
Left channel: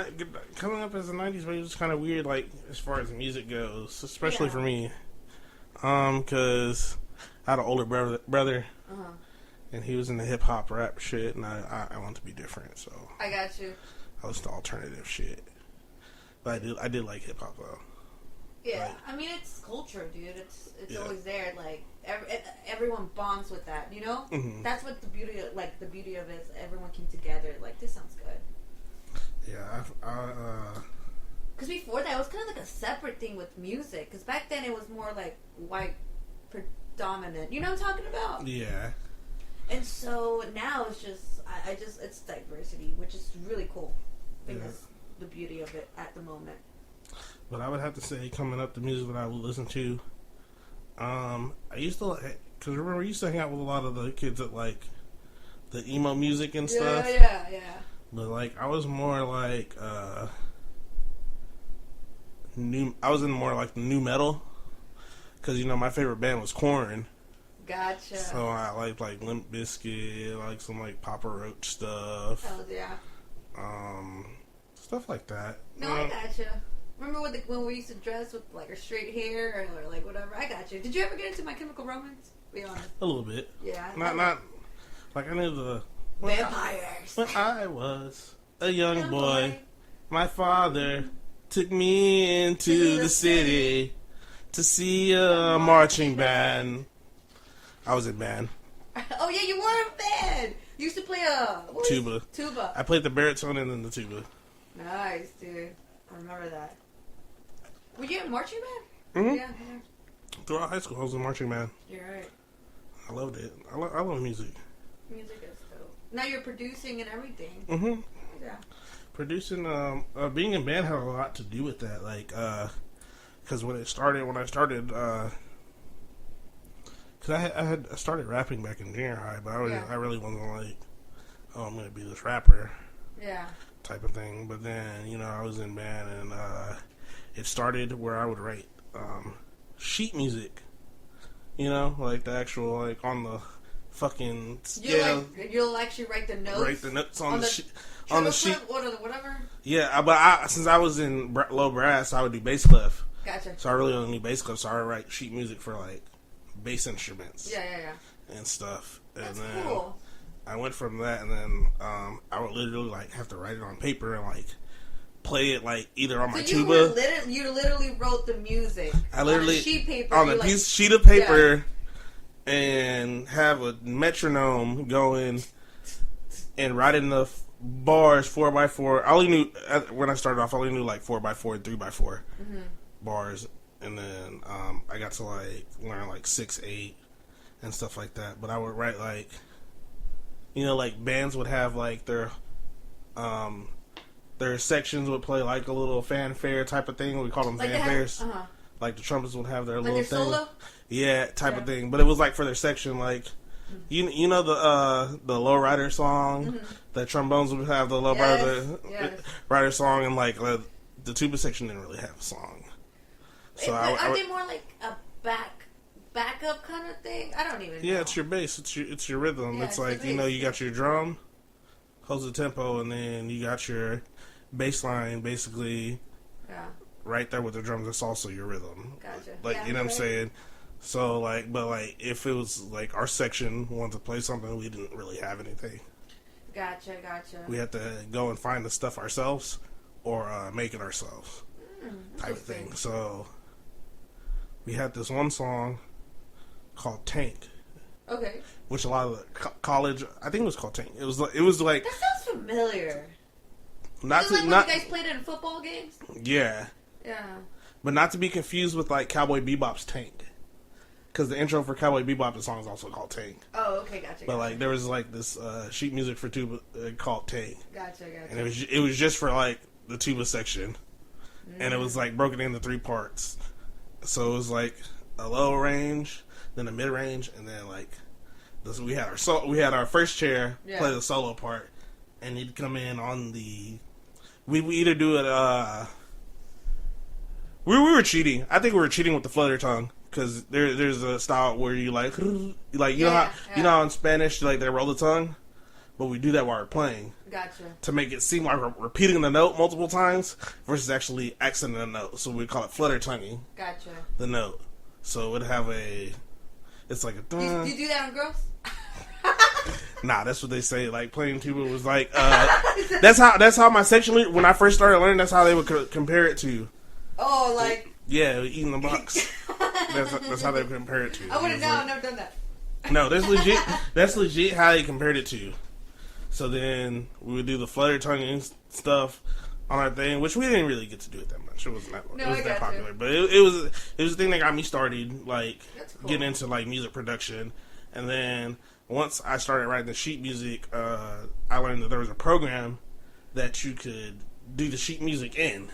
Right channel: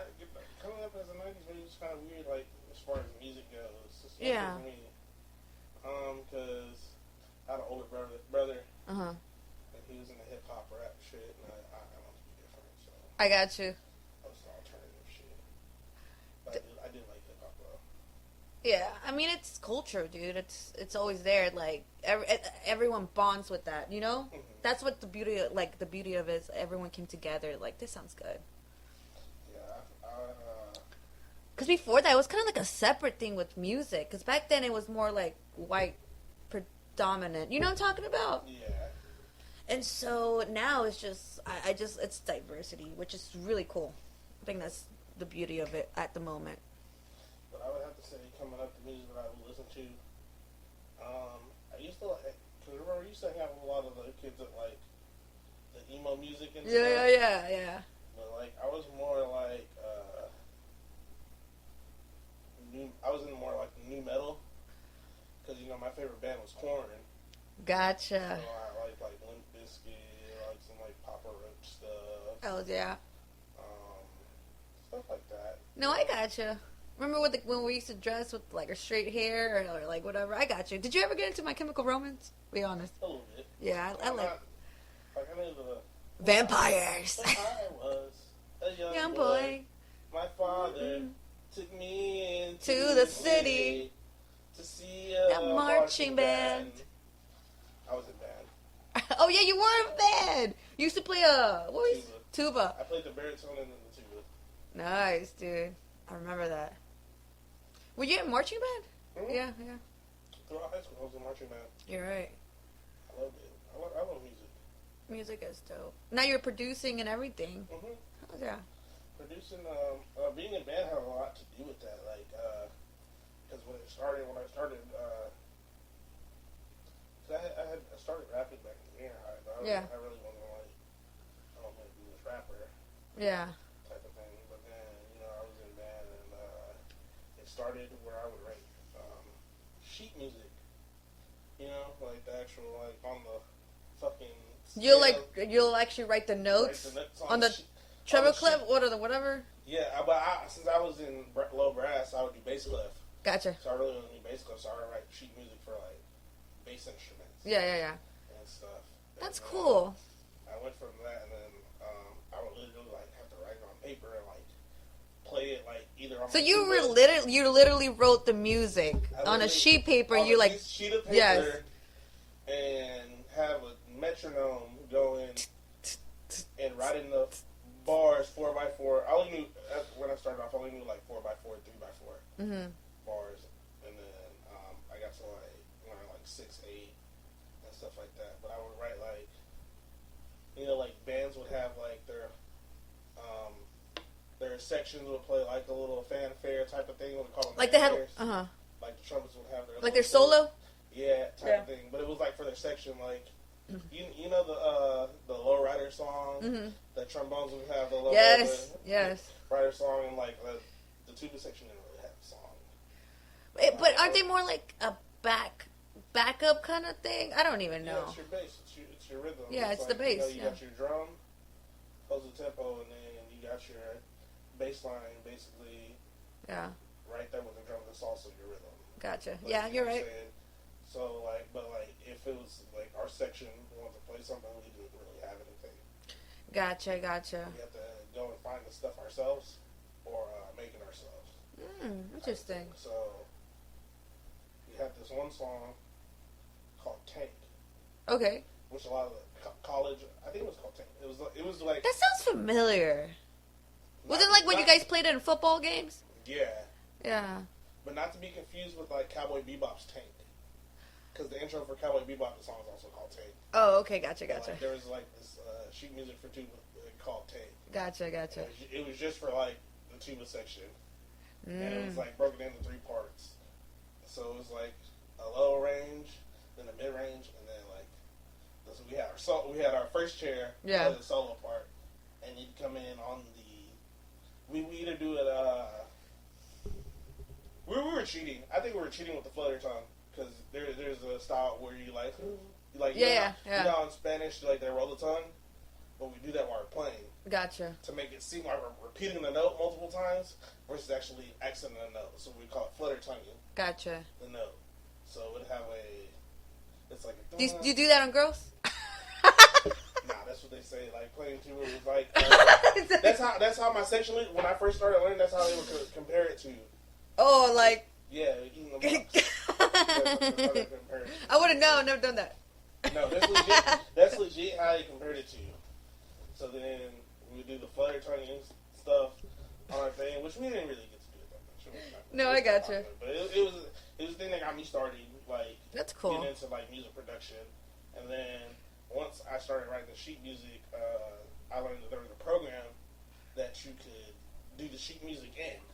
Coming up as a 90s baby was kind of weird, like, as far as music goes, especially for me. Because I had an older brother, and he was in the hip-hop rap shit, and I want to be different, so. I got you. I was the alternative shit. But I did like hip-hop, though. Yeah, like, I mean, it's culture, dude. It's always there. Like, everyone bonds with that, you know? Mm-hmm. That's what the beauty of it is. Everyone came together. Like, this sounds good. Yeah, because before that, it was kind of like a separate thing with music. Because back then, it was more like white predominant. You know what I'm talking about? Yeah. And so now it's just, it's diversity, which is really cool. I think that's the beauty of it at the moment. But I would have to say, coming up, the music that I would listen to, I used to, because remember, I used to hang out with a lot of the kids that like the emo music and stuff. Yeah. But like, I was more like I was in more like the new metal, because you know my favorite band was Korn. Gotcha. So I liked like Limp Bizkit, like some like Papa Roach stuff. Oh yeah. Stuff like that. No, I gotcha. Remember when we used to dress with like our straight hair or like whatever? I got you. Did you ever get into My Chemical Romance? Be honest. A little bit. Yeah. Not like I knew the vampires. When I was a young boy, my father took me into the city to see a marching band. I was in band. Oh yeah, you were in band. You used to play tuba. Tuba. I played the baritone and then the tuba. Nice, dude. I remember that. Were you in marching band? Mm-hmm. Yeah. Throughout high school, I was in marching band. You're right. I loved it. I love music. Music is dope. Now you're producing and everything. Mm-hmm. Yeah. Producing, being in band had a lot to do with that. Like, because when I started, because I started rapping back in junior high, but I really wasn't like, oh, I'm gonna be this rapper. Yeah. Type of thing. But then, you know, I was in band, and it started where I would write sheet music. You know, like the actual, like on the fucking scale. You'll actually write the notes. Write the notes on the sheet. Treble clef, whatever. Yeah, but since I was in low brass, I would do bass clef. Gotcha. So I really only knew bass clef, so I would write sheet music for like bass instruments. Yeah. And stuff. That's and cool. I went from that, and then I would literally like have to write it on paper and like play it like either on my tuba. So you literally wrote the music on a sheet paper. On a sheet of paper, and have a metronome going and write enough bars 4x4. I only knew when I started off. I only knew like 4x4 and 3x4 bars, and then I got to like learn like 6/8 and stuff like that. But I would write like, you know, like bands would have like their sections would play like a little fanfare type of thing. We call them like fanfares. Like the trumpets would have their like little their solo. Yeah, type of thing. But it was like for their section, like you know the lowrider song. The trombones would have the lowrider song, and like the tuba section didn't really have a song. So but are they more like a backup kind of thing? I don't even know. Yeah, it's your bass. It's your rhythm. Yeah, it's like bass, you know, you got your drum, holds the tempo, and then you got your bass line basically. Yeah. Right there with the drums, it's also your rhythm. Gotcha. Like you know what I'm saying. So like, but like if it was like our section wanted to play something, we didn't really have anything. Gotcha. We had to go and find the stuff ourselves, or make it ourselves. Type of thing. So we had this one song called Tank. Okay. Which a lot of the college, I think it was called Tank. It was like that sounds familiar. Not is it like when you guys played it in football games? Yeah. Yeah. But not to be confused with like Cowboy Bebop's Tank. Because the intro for Cowboy Bebop, the song is also called Tank. Oh, okay, gotcha. But like there was like this sheet music for tuba called Tank. Gotcha. And it was just for like the tuba section, and it was like broken into 3 parts. So it was like a low range, then a mid range, and then like this. We had our first chair play the solo part, and he'd come in on the. We either do it. We were cheating. I think we were cheating with the flutter tongue. Because there's a style where you like you know how in Spanish like they roll the tongue, but we do that while we're playing. Gotcha. To make it seem like we're repeating the note multiple times versus actually accenting the note. So we call it flutter tonguing. Gotcha. The note. So it would have it's like a. Do you do that on girls? Nah, that's what they say. Like playing tuba was like that's how my section leader, when I first started learning, that's how they would compare it to. Oh, like. Yeah, eating the box. That's how they compare it to. I wouldn't know. I've never done that. No, that's legit how they compared it to. So then we would do the flutter tonguing stuff on our thing, which we didn't really get to do it that much. It wasn't that much. No, I got popular. But it was the thing that got me started, like that's cool. Getting into like music production. And then once I started writing the sheet music, I learned that there was a program that you could do the sheet music in.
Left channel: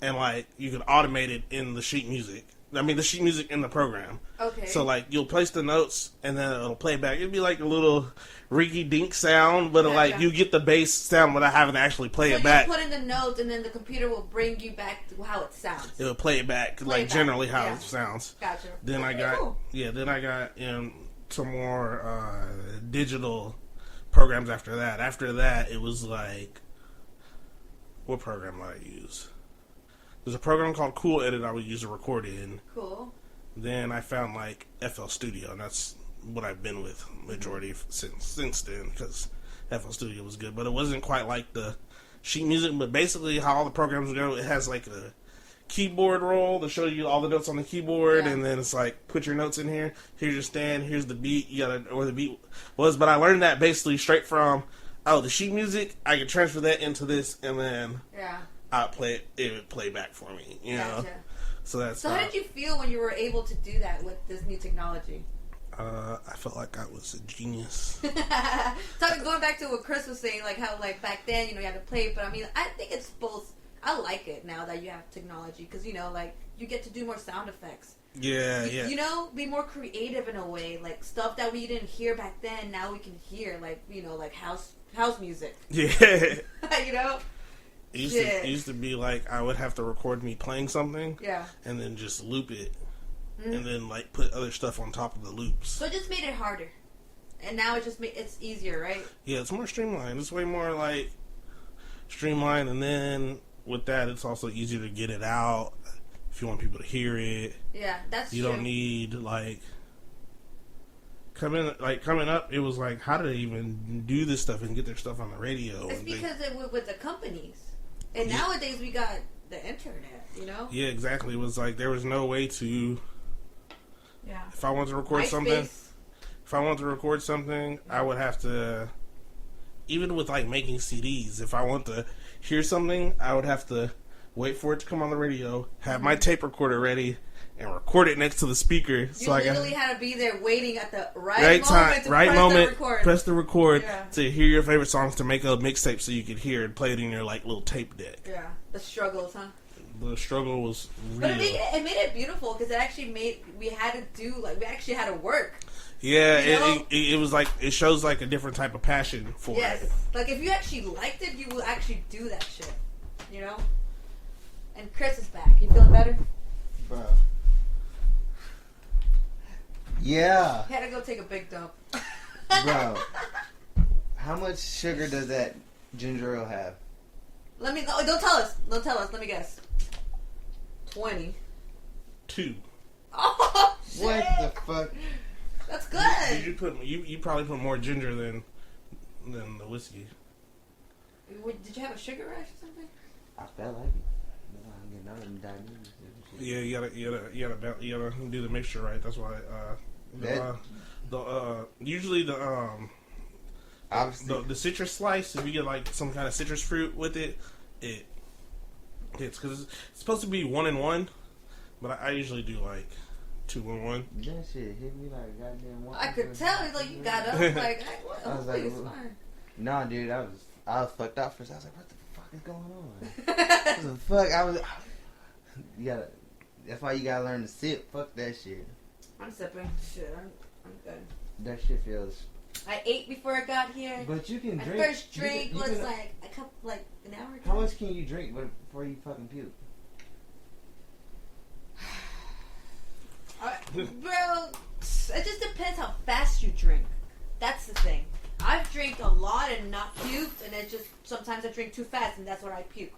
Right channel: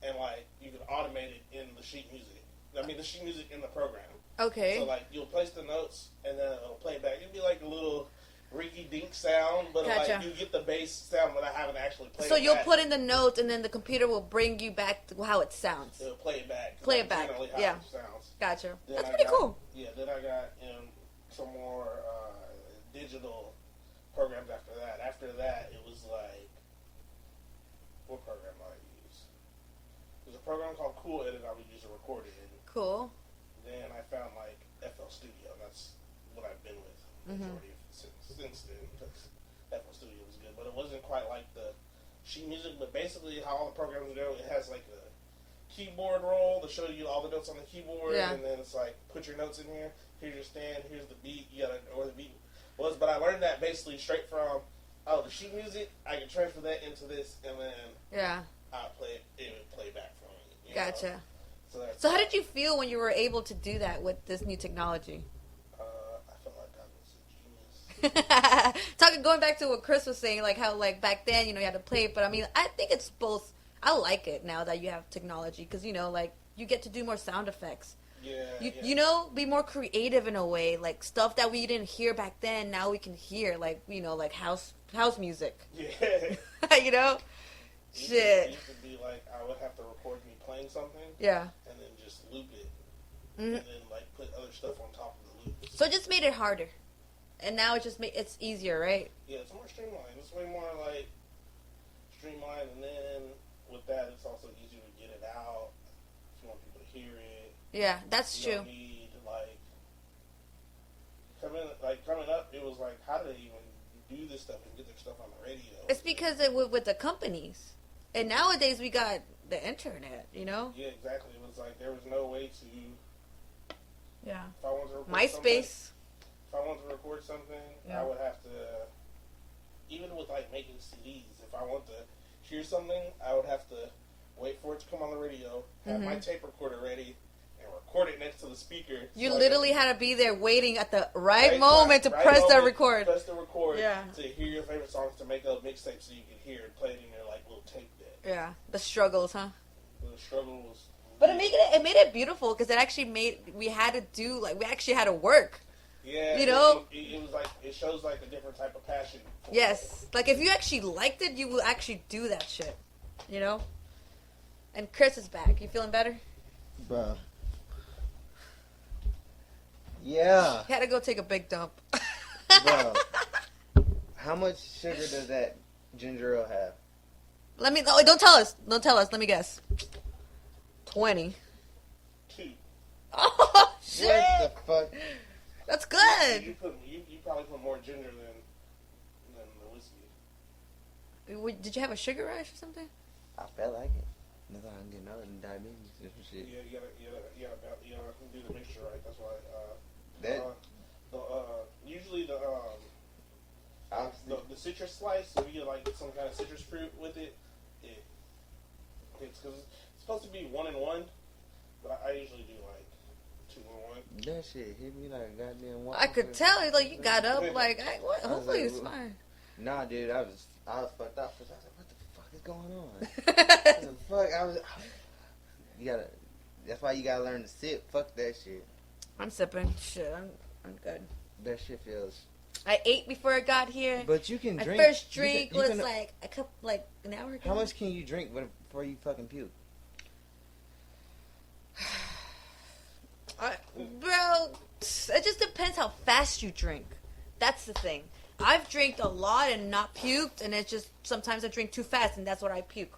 And, like, you can automate it in the sheet music. I mean, the sheet music in the program. Okay. So, like, you'll place the notes, and then it'll play back. It'll be like a little rinky-dink sound, but, like, you get the bass sound without having to actually play it back. So you'll put in the notes, and then the computer will bring you back to how it sounds. It'll play it back, generally how it sounds. Gotcha. Then That's cool. Yeah, then I got some more digital programs after that. After that, it was, like, what program did I use? There's a program called Cool Edit I would use to record in. Cool. Then I found like FL Studio, and that's what I've been with majority since then, because FL Studio was good, but it wasn't quite like the sheet music. But basically, how all the programs go, it has like a keyboard roll to show you all the notes on the keyboard, and then it's like put your notes in here. Here's your stand. Here's the beat. You gotta where the beat was. But I learned that basically straight from the sheet music. I could transfer that into this, and then I'd play it. It would play back for me. You know? So how did you feel when you were able to do that with this new technology? I felt like I was a genius. Going back to what Chris was saying, like how like back then, you had to play it, but I mean, I think it's both. I like it now that you have technology because like you get to do more sound effects. Yeah. Be more creative in a way, like stuff that we didn't hear back then. Now we can hear, like like house music. Yeah. It used to be like I would have to record me playing something, and then just loop it, and then like put other stuff on top of the loops. So it just made it harder, and now it just it's easier, right? Yeah, it's more streamlined. It's way more like streamlined, and then with that, it's also easier to get it out if you want people to hear it. Yeah, that's true. You don't need like coming up. It was like, how do they even do this stuff and get their stuff on the radio? It's because with the companies. And nowadays we got the internet, Yeah, exactly. It was like there was no way to. Yeah. If I wanted to record something, I would have to. Even with like making CDs, if I want to hear something, I would have to wait for it to come on the radio, have my tape recorder ready, and record it next to the speaker. You literally had to be there waiting at the right moment to press the record to hear your favorite songs, to make a mixtape so you could hear it, play it in your like little tape deck. Yeah, the struggles, huh? The struggle was real. But it made it beautiful because it actually we actually had to work. Yeah, it was like, it shows like a different type of passion for it. Yes, like if you actually liked it, you will actually do that shit, And Chris is back. You feeling better? Bro. Yeah. He had to go take a big dump. Bro, how much sugar does that ginger ale have? Don't tell us. Don't tell us. Let me guess. 20. 2. Oh, shit. What the fuck? That's good. You probably put more ginger than the whiskey. Did you have a sugar rush or something? I felt like it. Diabetes. Yeah, you gotta do the mixture right. That's why usually Obviously, the citrus slice. If you get like some kind of citrus fruit with it, it's because it's supposed to be 1-in-1, but I usually do like 2-in-1. That shit hit me like goddamn. I could tell. Like you got up. Like what? Hopefully it's fine. Nah, dude, I was fucked up first. I was like, what the fuck is going on? What the fuck? You gotta. That's why you gotta learn to sip. Fuck that shit. I'm sipping. Shit, I'm good. That shit feels. I ate before I got here. But you can My drink. My first drink was like an hour ago. How much can you drink before you fucking puke? Bro, it just depends how fast you drink. That's the thing. I've drank a lot and not puked, and it's just sometimes I drink too fast, and that's what I puke.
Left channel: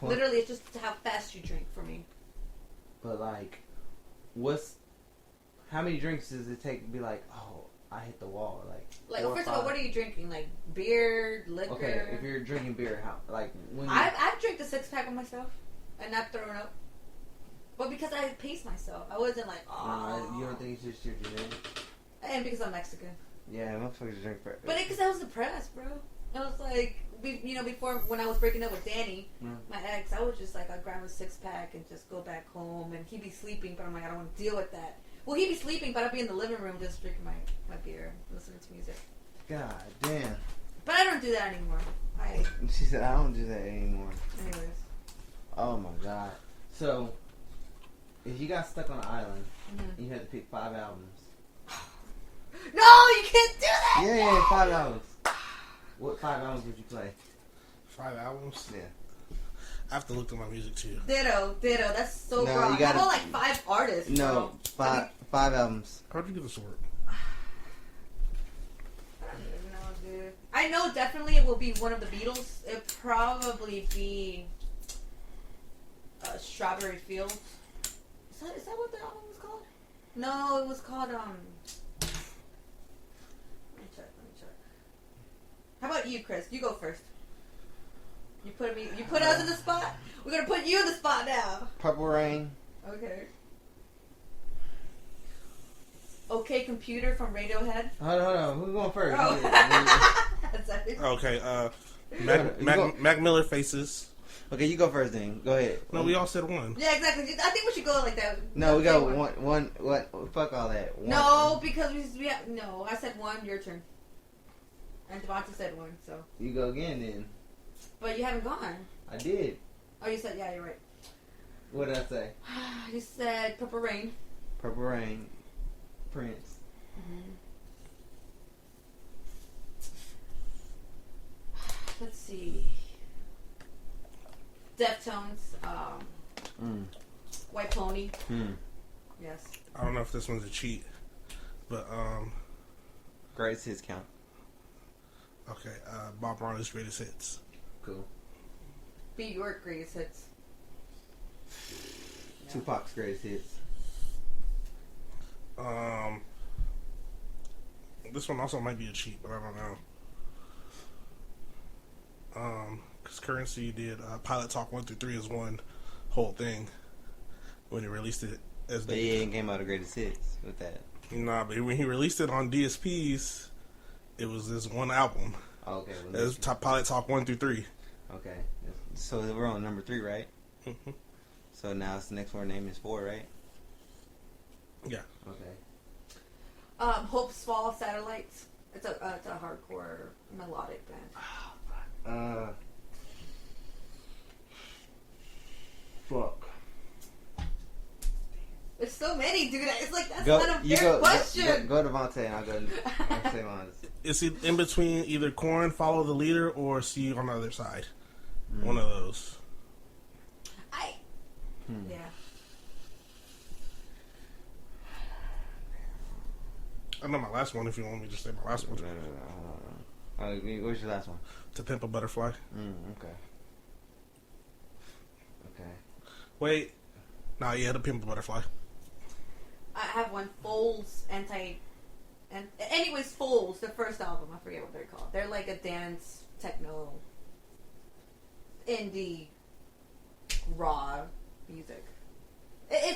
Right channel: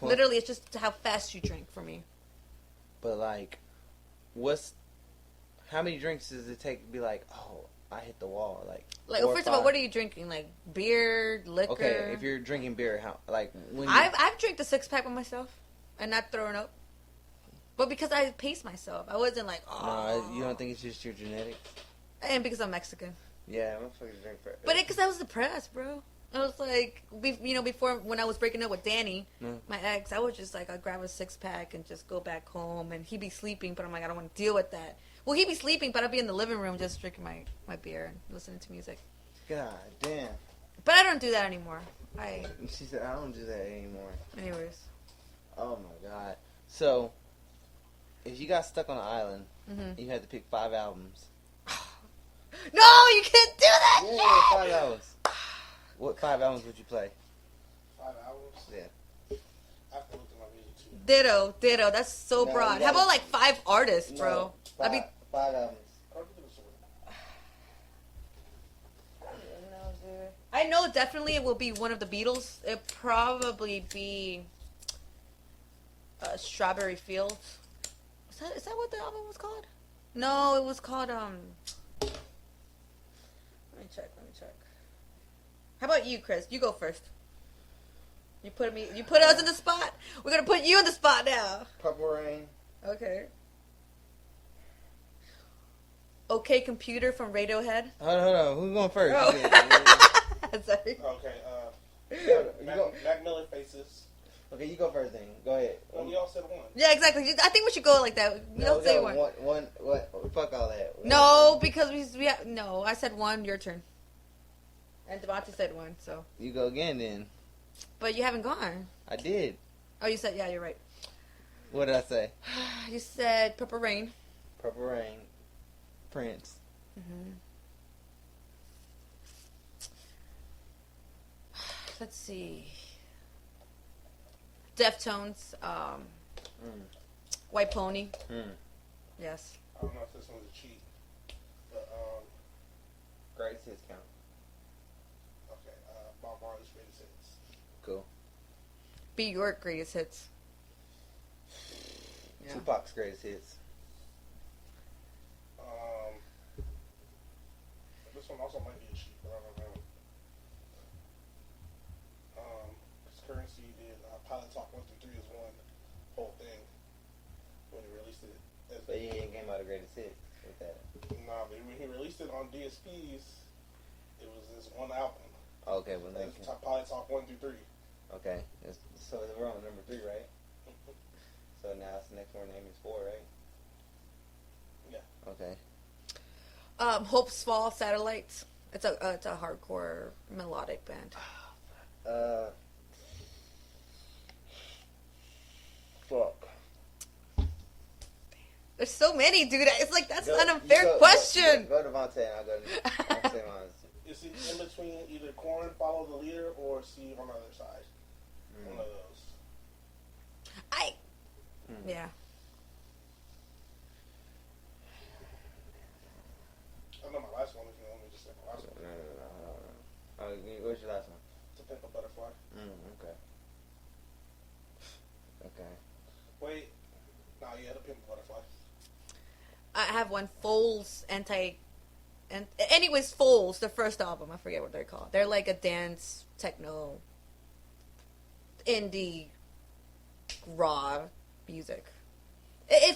What? Literally, it's just how fast you drink for me. But like, how many drinks does it take to be like, oh, I hit the wall? Like well, first of all, what are you drinking? Like beer, liquor? Okay, if you're drinking beer, how I've drank the 6-pack by myself and not throwing up. But because I paced myself, I wasn't like, oh. No, you don't think it's just your genetics? And because I'm Mexican. Yeah, motherfuckers drink for. But because I was depressed, bro. I was like, before when I was breaking up with Danny, my ex, I would just like, I'd grab a 6-pack and just go back home, and he'd be sleeping, but I'm like, I don't want to deal with that. Well, he'd be sleeping, but I'd be in the living room just drinking my beer, listening to music. God damn. But I don't do that anymore. She said, I don't do that anymore. Anyways. Oh my god. So, if you got stuck on an island, you had to pick 5 albums. No, you can't do that! Yeah, 5 albums. What 5 albums would you play? 5 albums? Yeah. I have to look at my music too. Ditto. That's so broad. How about like 5 artists, bro? No, 5 albums. How'd you do this work? No, dude. I know definitely it will be one of the Beatles. It'll probably be Strawberry Fields. Is that what the album was called? No, it was called Let me check. How about you, Chris? You go first. You put us in the spot. We're gonna put you in the spot now. Purple Rain. Okay. Okay, Computer from Radiohead. Hold on. Who's going first? Oh. Sorry. Okay. Mac Miller Faces. Okay, you go first then. Go ahead. No, we all said one. Yeah, exactly. I think we should go like that. No, we got one. What? Fuck all that. One. No, because we have, no. I said one. Your turn. And Devonta said one. So you go again then. But you haven't gone. I did. Oh, you said you're right. What did I say? You said Purple Rain. Purple Rain. Prince. Let's see. Deftones. White Pony. Yes. I don't know if this one's a cheat, but Greatest hits count. Okay. Bob Marley's greatest hits. Cool. Be York greatest hits. Yeah. Tupac's greatest hits. This one also might be a cheat, but I don't know. Because Currency did Pilot Talk 1 through 3 as one whole thing when he released it. But he ain't came out of greatest hits with that. Nah, but when he released it on DSPs, it was this one album. Oh, okay. It was Pilot Talk 1 through 3. Okay. So we're on number 3, right? Mm-hmm. So now it's the next one name is 4, right? Yeah. Okay. Hope's Fall Satellites. It's a hardcore melodic band. Fuck. There's so many, dude. It's like that's not a fair question. Go to Devontae and I'll say mine. It's in between either Korn, Follow the Leader, or See You on the Other Side. One of those. Yeah. I know my last one if you want me to say my last one. What's your last one? To Pimp a Butterfly. Okay. Wait. Nah, yeah, To Pimp a Butterfly. I have one. Foles anyways, Foles, the first album. I forget what they're called. They're like a dance, techno, indie, raw music.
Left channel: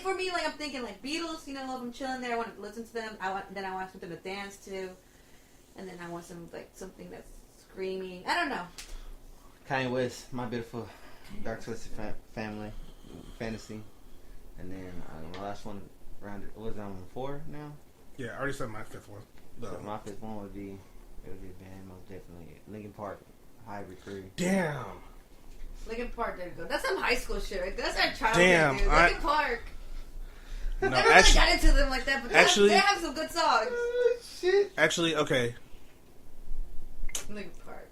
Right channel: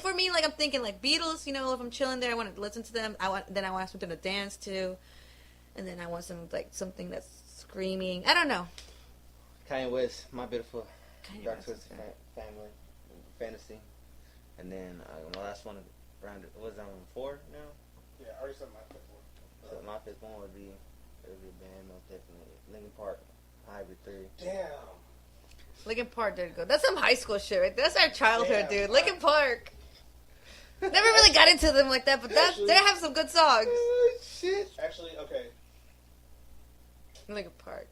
For me, like I'm thinking like Beatles. You know, if I'm chilling there, I want to listen to them. Then I want something to dance to. and then I want something that's screaming. I don't know. Kanye West, My Beautiful Dark Twisted Family, Fantasy, and then the last one around it was on 4 now. Yeah, I already said my 5th one. So my 5th one would be band most definitely. Linkin Park, Hybrid 3. Damn. Linkin Park did go. That's some high school shit right there. That's our childhood, dude. Linkin Park. No, never really got into them like that, but they have some good songs. Shit. Actually, okay. Linkin Park.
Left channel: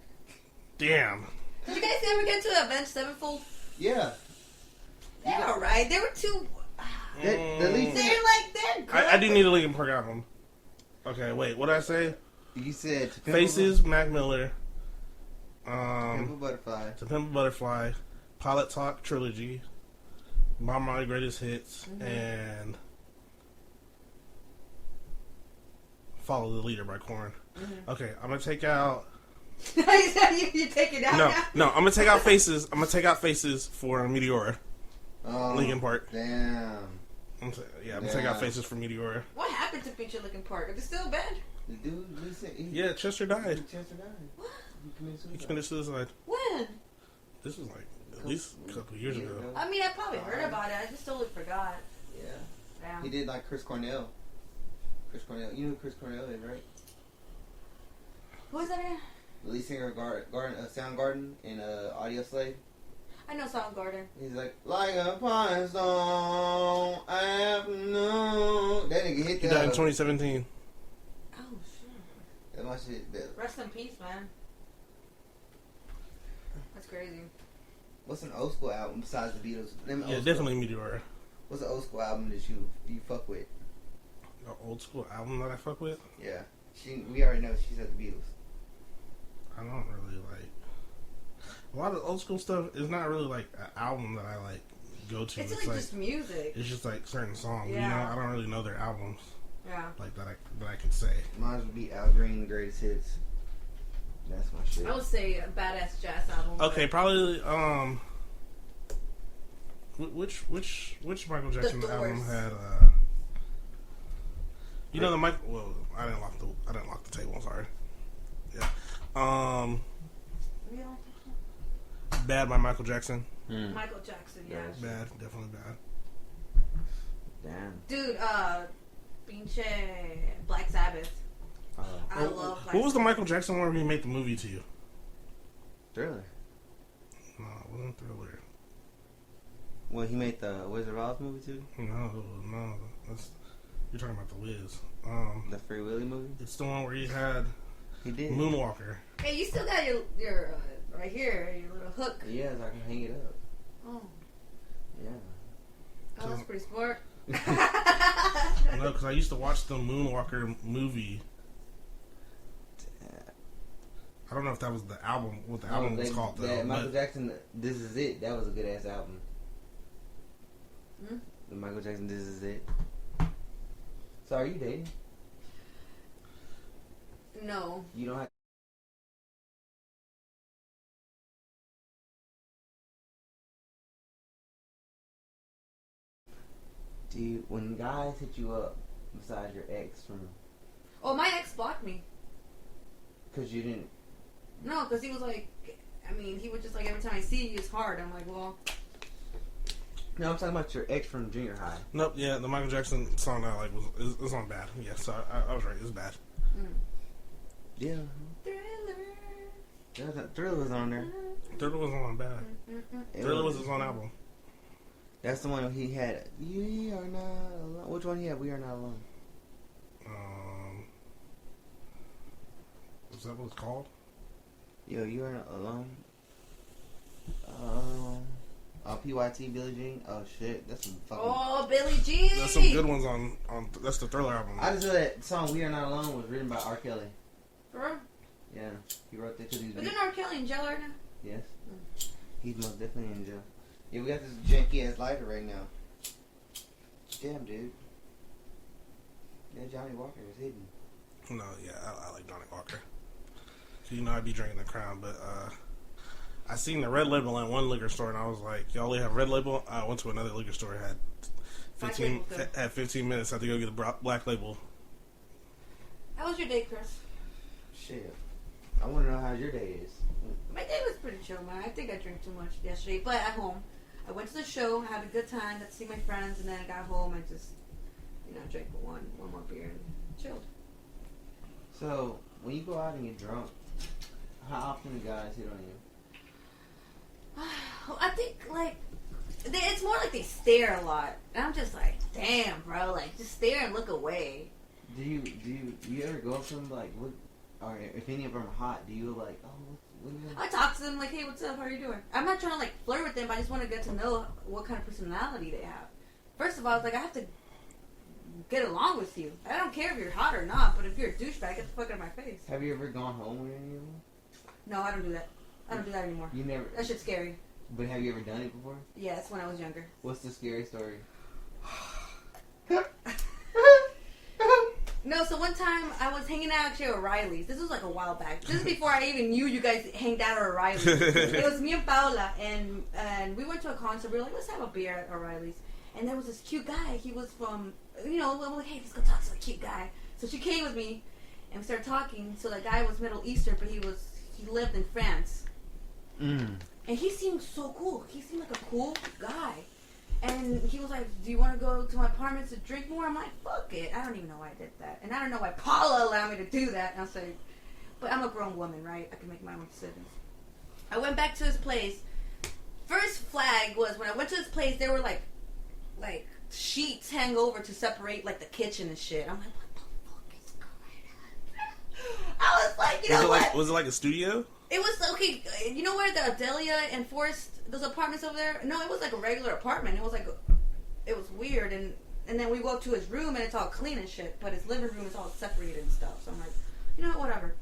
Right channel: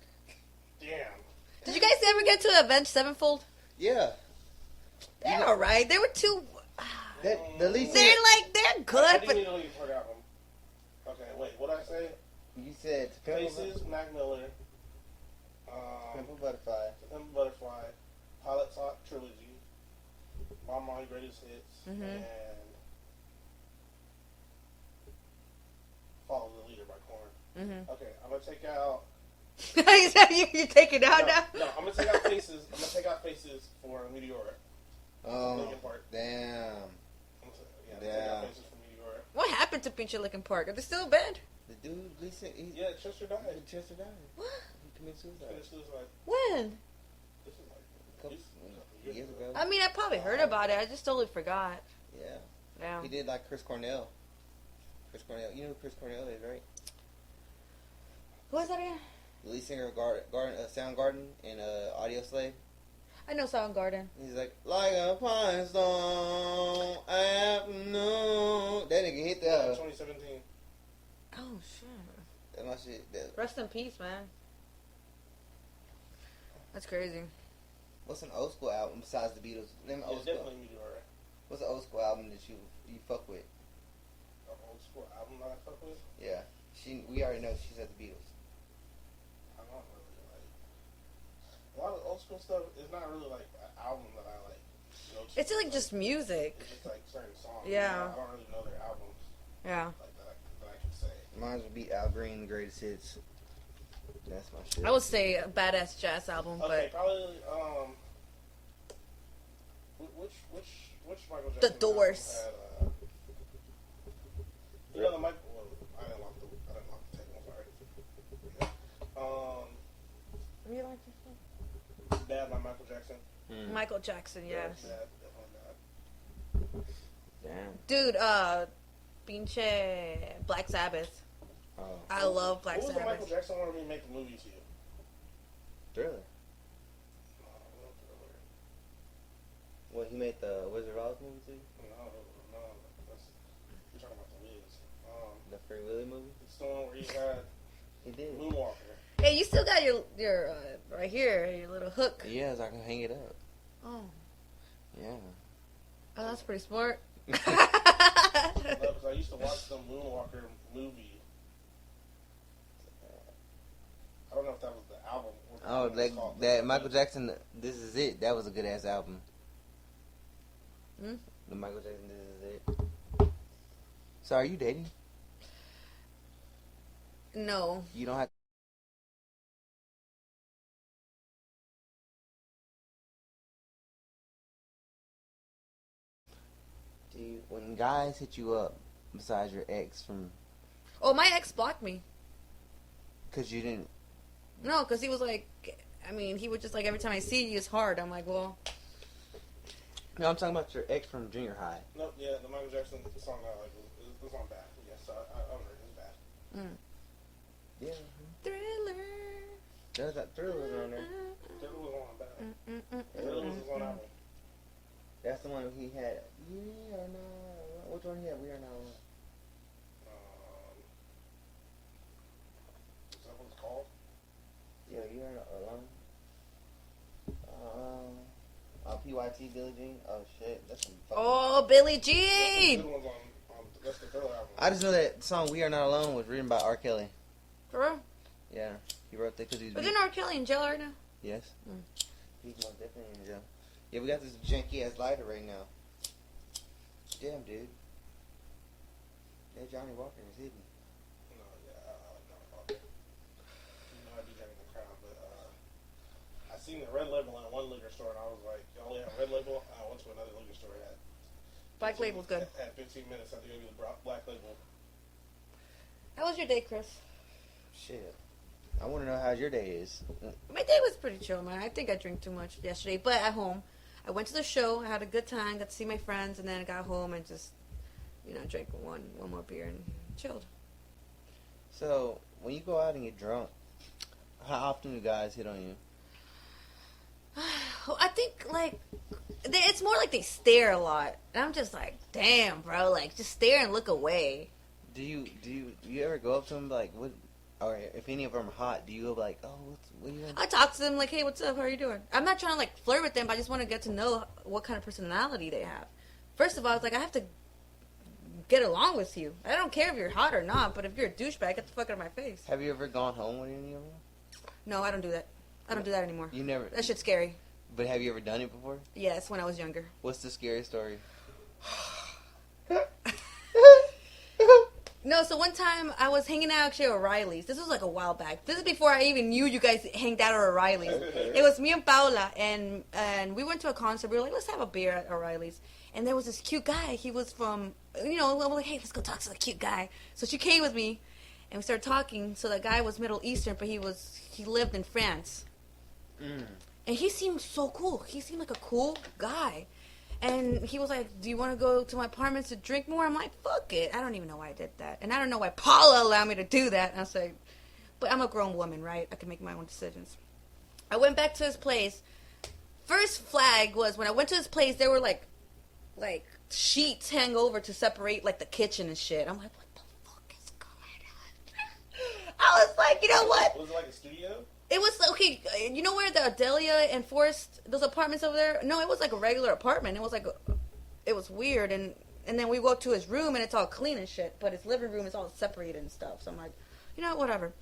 Damn. Did you guys ever get to Avenged Sevenfold? Yeah. They're alright. They were too. They're good. I do need a Linkin Park album. Okay, wait. What did I say? You said Faces, Mac Miller. Pimp a Butterfly. To Pimp a Butterfly. Pilot Talk Trilogy. Bomb My Greatest Hits. And Follow the Leader by Korn. Okay, I'm gonna take out. you take it out now? No, I'm gonna take out Faces. I'm gonna take out Faces for Meteora. Oh, Linkin Park. Damn. I'm gonna take out Faces for Meteora. What happened to feature Linkin Park? Are they still a band? The dude, listen. Yeah, Chester died. Chester died. What? He committed suicide. When? This was like at least a couple years ago. I mean, I probably heard about it. I just totally forgot. Yeah. Damn. He did like Chris Cornell. Chris Cornell. You know who Chris Cornell is, right? What was that again? The lead singer of Soundgarden in Audio Slave. I know Soundgarden. He's like a pine stone afternoon. That nigga hit He died in 2017. Oh, shit. That's my shit. Rest in peace, man. That's crazy. What's an old school album besides the Beatles? Yeah, definitely Meteora. What's an old school album that you fuck with? An old school album that I fuck with? Yeah. We already know she said the Beatles. I don't really like. A lot of old school stuff is not really like an album that I like go to. It's like just music. It's just like certain songs. Yeah. You know, I don't really know their albums. Yeah. Like that I can say. Mine would be Al Green, The Greatest Hits. That's my shit. I would say a badass jazz album. Okay, probably which Michael Jackson album had you know the Michael. Well, I didn't lock the table. I'm sorry. Yeah. Bad by Michael Jackson. Michael Jackson, yeah. Bad, definitely bad. Damn. Dude, pinche Black Sabbath. I love Black Sabbath. What was the Michael Jackson one where he made the movie to you? Thriller. No, it wasn't Thriller. Well, he made the Wizard of Oz movie too? No. You're talking about the Wiz. The Free Willy movie? It's the one where he did Moonwalker. Hey, you still got your right here, your little hook. Yeah, so I can hang it up. Oh. Yeah. Oh, that's pretty smart. No, because I used to watch the Moonwalker movie. I don't know if that was the album. What the album was called. That Michael Jackson, This Is It. That was a good ass album. The Michael Jackson, This Is It. So are you dating? No. You don't have. Dude, when guys hit you up besides your ex from... Oh, my ex blocked me. Because you didn't... No, because he was like... I mean, he would just like, every time I see you, it's hard. I'm like, well... No, I'm talking about your ex from junior high. Nope, yeah, the Michael Jackson song I like was on bad. Yeah, so I was right, it was bad. Yeah. Thriller was on there. Thriller was on bad. Thriller was his own album. That's the one he had. We Are Not Alone. Which one he had? We Are Not Alone. Is that what it's called? Yo, You Are Not Alone. PYT, Billie Jean. Oh shit, that's some fucking. Oh, Billie Jean. There's some good ones on. That's the Thriller album. I just know that song "We Are Not Alone" was written by R. Kelly. For real? Yeah, he wrote that because he's. Isn't R. Kelly in jail right now? Yes. He's most definitely in jail. Yeah, we got this janky ass lighter right now. Damn, dude. Yeah, Johnny Walker is hidden. No, yeah, I like Johnny Walker. So, you know, I'd be drinking the Crown, but I seen the Red Label in one liquor store, and I was like, y'all only have Red Label? I went to another liquor store, had 15 minutes. I had to go get the Black Label. How was your day, Chris? Shit. I want to know how your day is. My day was pretty chill, man. I think I drank too much yesterday, but at home. I went to the show, I had a good time, got to see my friends, and then I got home and just, drank one more beer and chilled. So, when you go out and get drunk, how often do guys hit on you? I think, it's more like they stare a lot. And I'm just like, damn, bro, just stare and look away. Do you ever go up to them, what, or if any of them are hot, do you go what are you doing? I talk to them like, hey, what's up, how are you doing? I'm not trying to, flirt with them, but I just want to get to know what kind of personality they have. First of all, I have to get along with you. I don't care if you're hot or not, but if you're a douchebag, get the fuck out of my face. Have you ever gone home with any of them? No, I don't do that. I don't do that anymore. You never? That shit's scary. But have you ever done it before? Yes, when I was younger. What's the scary story? No, so one time I was hanging out actually at O'Reilly's. This was a while back. This is before I even knew you guys hanged out at O'Reilly's. It was me and Paula, and we went to a concert. We were like, let's have a beer at O'Reilly's. And there was this cute guy. He was from, I'm like, hey, let's go talk to the cute guy. So she came with me, and we started talking. So the guy was Middle Eastern, but he lived in France. And he seemed so cool. He seemed like a cool guy. And he was like, do you want to go to my apartment to drink more? I'm like, fuck it. I don't even know why I did that. And I don't know why Paula allowed me to do that. And I was like, but I'm a grown woman, right? I can make my own decisions. I went back to his place. First flag was when I went to his place, there were like sheets hang over to separate the kitchen and shit. I'm like, what the fuck is going on? I was like, what? Was it like a studio? It was, okay, you know where the Adelia and Forest, those apartments over there? No, it was like a regular apartment. It was it was weird. And then we go to his room and it's all clean and shit. But his living room is all separated and stuff. So I'm like, whatever.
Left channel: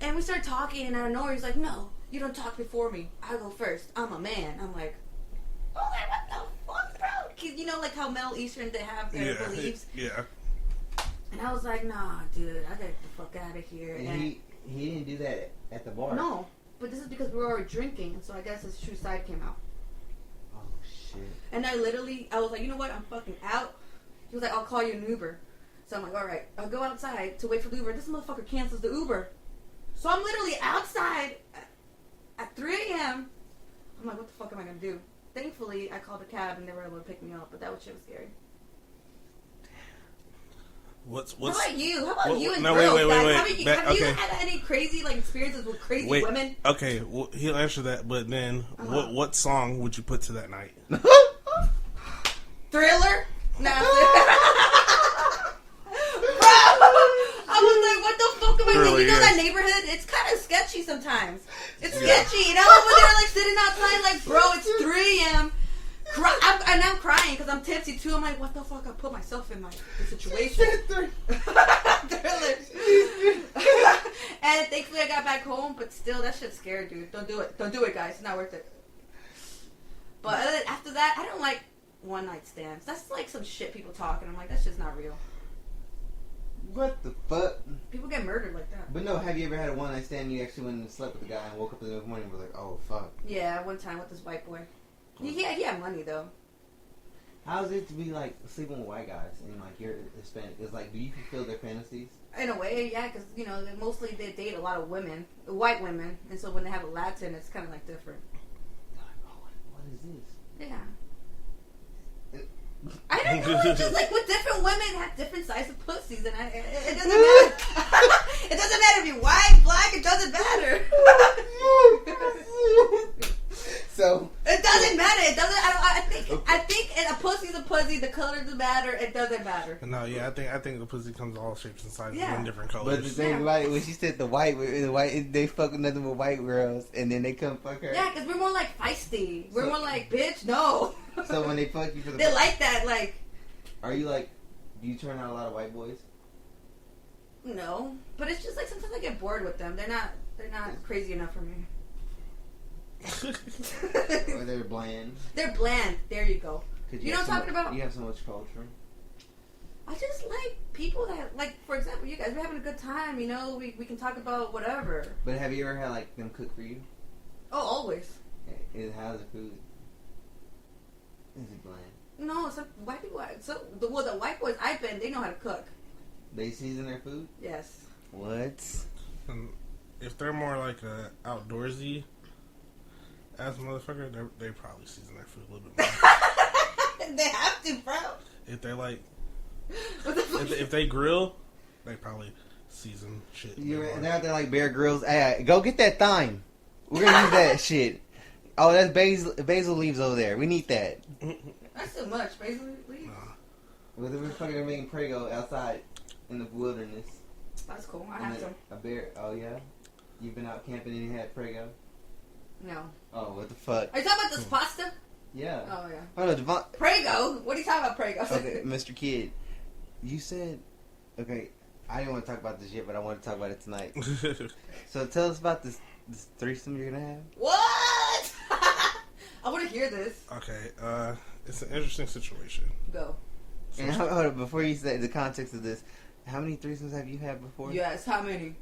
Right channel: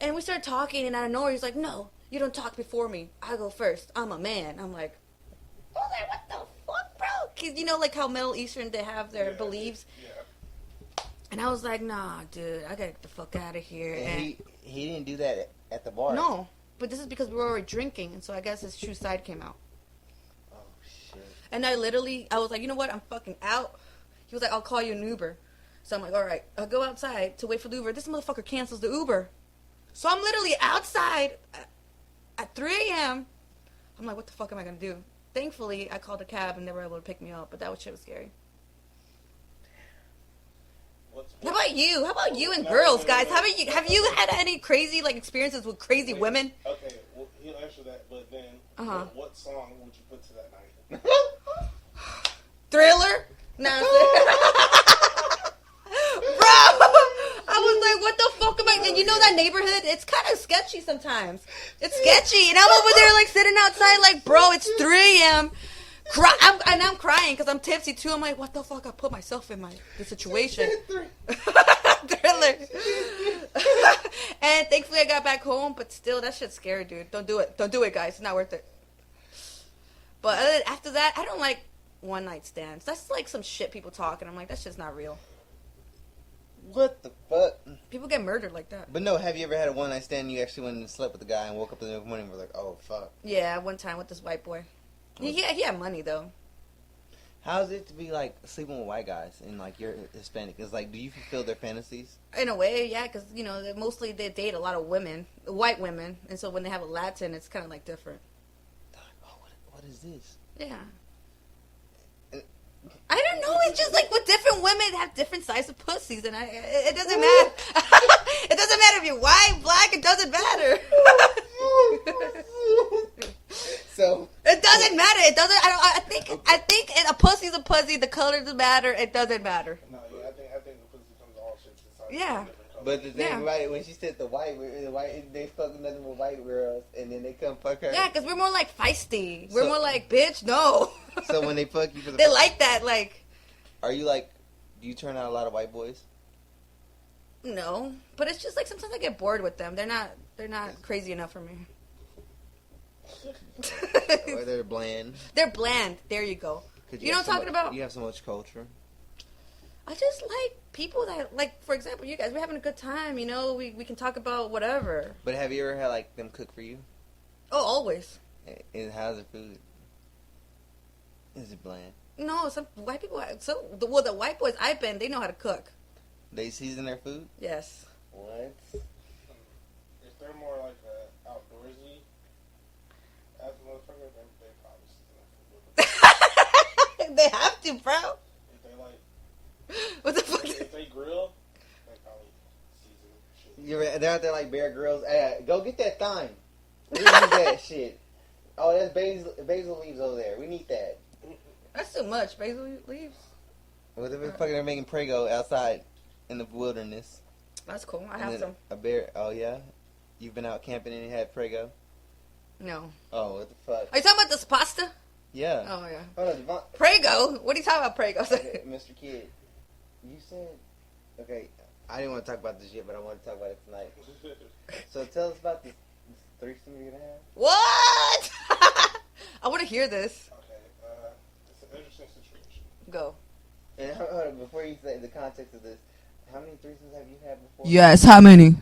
And we start talking and out of nowhere he's like, no, you don't talk before me. I go first. I'm a man. I'm like, what the fuck, bro? 'Cause how Middle Eastern, they have their beliefs? Yeah. And I was like, nah, dude, I gotta get the fuck out of here. And he didn't do that at the bar? No, but this is because we were already drinking, and so I guess his true side came out. Oh, shit. And I was like, you know what, I'm fucking out. He was like, I'll call you an Uber. So I'm like, alright, I'll go outside to wait for the Uber. This motherfucker cancels the Uber. So I'm literally outside at 3 a.m. I'm like, what the fuck am I gonna do? Thankfully, I called a cab and they were able to pick me up, but that shit was scary. How about you? How about you and girls, guys? Have you had any crazy experiences with crazy women? Okay, well, he'll answer that, but then what song would you put to that night? Thriller? No. Bro, I was like, what the fuck am I doing? You know that neighborhood? It's kind of sketchy sometimes. It's sketchy. And I'm over there sitting outside bro, it's 3 a.m. I'm crying because I'm tipsy too. I'm like, what the fuck? I put myself in the situation. Thriller. And thankfully I got back home, but still, that shit's scary, dude. Don't do it. Don't do it, guys. It's not worth it. But after that, I don't like one night stands. That's some shit people talk, and I'm like, that shit's not real. What the fuck? People get murdered like that. But no, have you ever had a one night stand and you actually went and slept with the guy and woke up the next morning and were like, oh fuck? Yeah, one time with this white boy. He had money though. How is it to be sleeping with white guys and you're Hispanic? It's do you fulfill their fantasies? In a way, yeah, because mostly they date a lot of women, white women, and so when they have a Latin, it's kind of different. Oh, what is this? Yeah. I don't know. It's just with different women have different sizes of pussies, and it doesn't matter. It doesn't matter if you're white, black. It doesn't matter. So it doesn't matter. It doesn't. I think a pussy's a pussy. The color doesn't matter. It doesn't matter. No, yeah, I think the pussy comes all shapes and sizes and different colors. But the thing, when she said the white, they fuck nothing but white girls, and then they come fuck her. Yeah, because we're more feisty. We're more bitch, no. So when they fuck you for the they like that, Are you do you turn out a lot of white boys? No, but it's just sometimes I get bored with them. They're not crazy enough for me. Or they're bland. They're bland. There you go. You know what I'm talking about? You have so much culture. I just like people that, for example, you guys, we're having a good time, we can talk about whatever. But have you ever had, them cook for you? Oh, always. And how's the food? Is it bland? No, some white people, the white boys I've been, they know how to cook. They season their food? Yes. What? And if they're more like a outdoorsy ass motherfucker, they probably season their food a little bit more. They have to, bro. If they like, what the fuck? If they grill, they probably season shit. They're out there like Bear Grylls. Hey, go get that thyme. We're gonna use that shit. Oh, that's basil leaves over there. We need that. That's too much. Basil leaves. Well, they're fucking making Prego outside in the wilderness. That's cool. I have some. A bear. Oh yeah. You've been out camping and you had Prego? No. Oh, what the fuck? Are you talking about this pasta? Yeah. Oh yeah. Oh no, Devon. Prego? What are you talking about, Prego? Okay, Mr. Kid, you said. Okay, I didn't want to talk about this yet, but I want to talk about it tonight. So tell us about this threesome you're gonna have. What? I want to hear this. Okay, it's an interesting situation. Go. And hold on, before you say the context of this, how many threesomes have you had before? Yes, how many?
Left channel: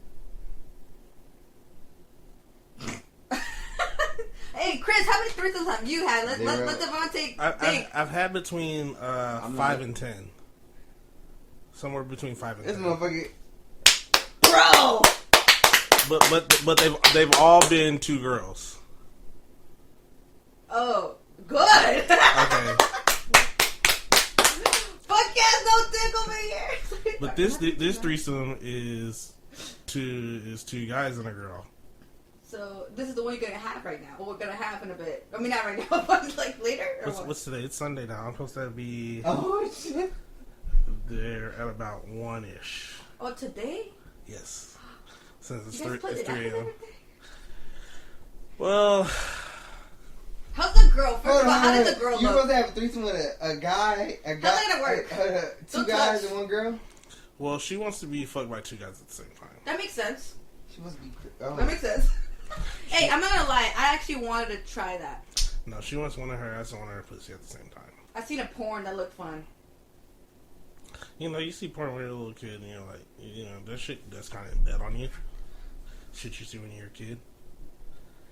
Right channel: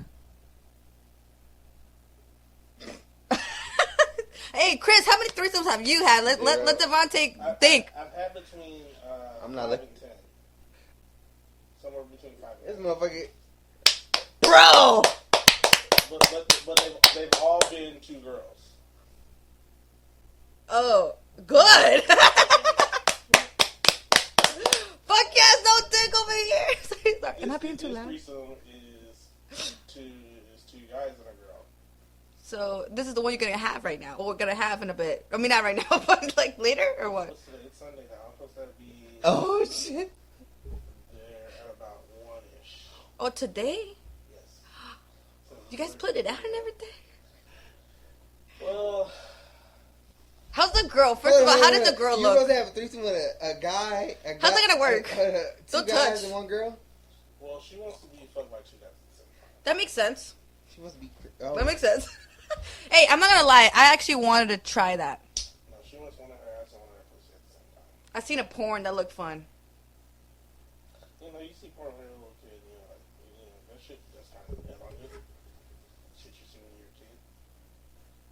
Hey, Chris, how many threesomes have you had? Let Devontae think. I've had between 5 and 10. Somewhere between 5 and 10. This motherfucker. Bro! But they've all been 2 girls. Oh, good. Okay. Fuck yes, no dick over here. But this threesome is 2 guys and a girl. So this is the one you're gonna have right now, or we're gonna have in a bit. I mean, not right now, but like later, or what? What's today? It's Sunday now. I'm supposed to be. Oh shit. There at about 1-ish. Oh, today? Yes. You guys split it out and everything? Well. How's the girl? First of all, how did the girl You're look? supposed to have a threesome with a guy. How's that gonna work? 2 Don't guys touch. and 1 girl? Well, she wants to be fucked by 2 guys at the same time. That makes sense. She must be. Oh. That makes sense. Hey, I'm not gonna lie. I actually wanted to try that. No, she wants one of her ass and one of her pussy at the same time. I seen a porn that looked fun. You know, you see porn when you're a little kid, and you're like, you know, that shit that's kind of dead on you. Shit you see when you're a kid.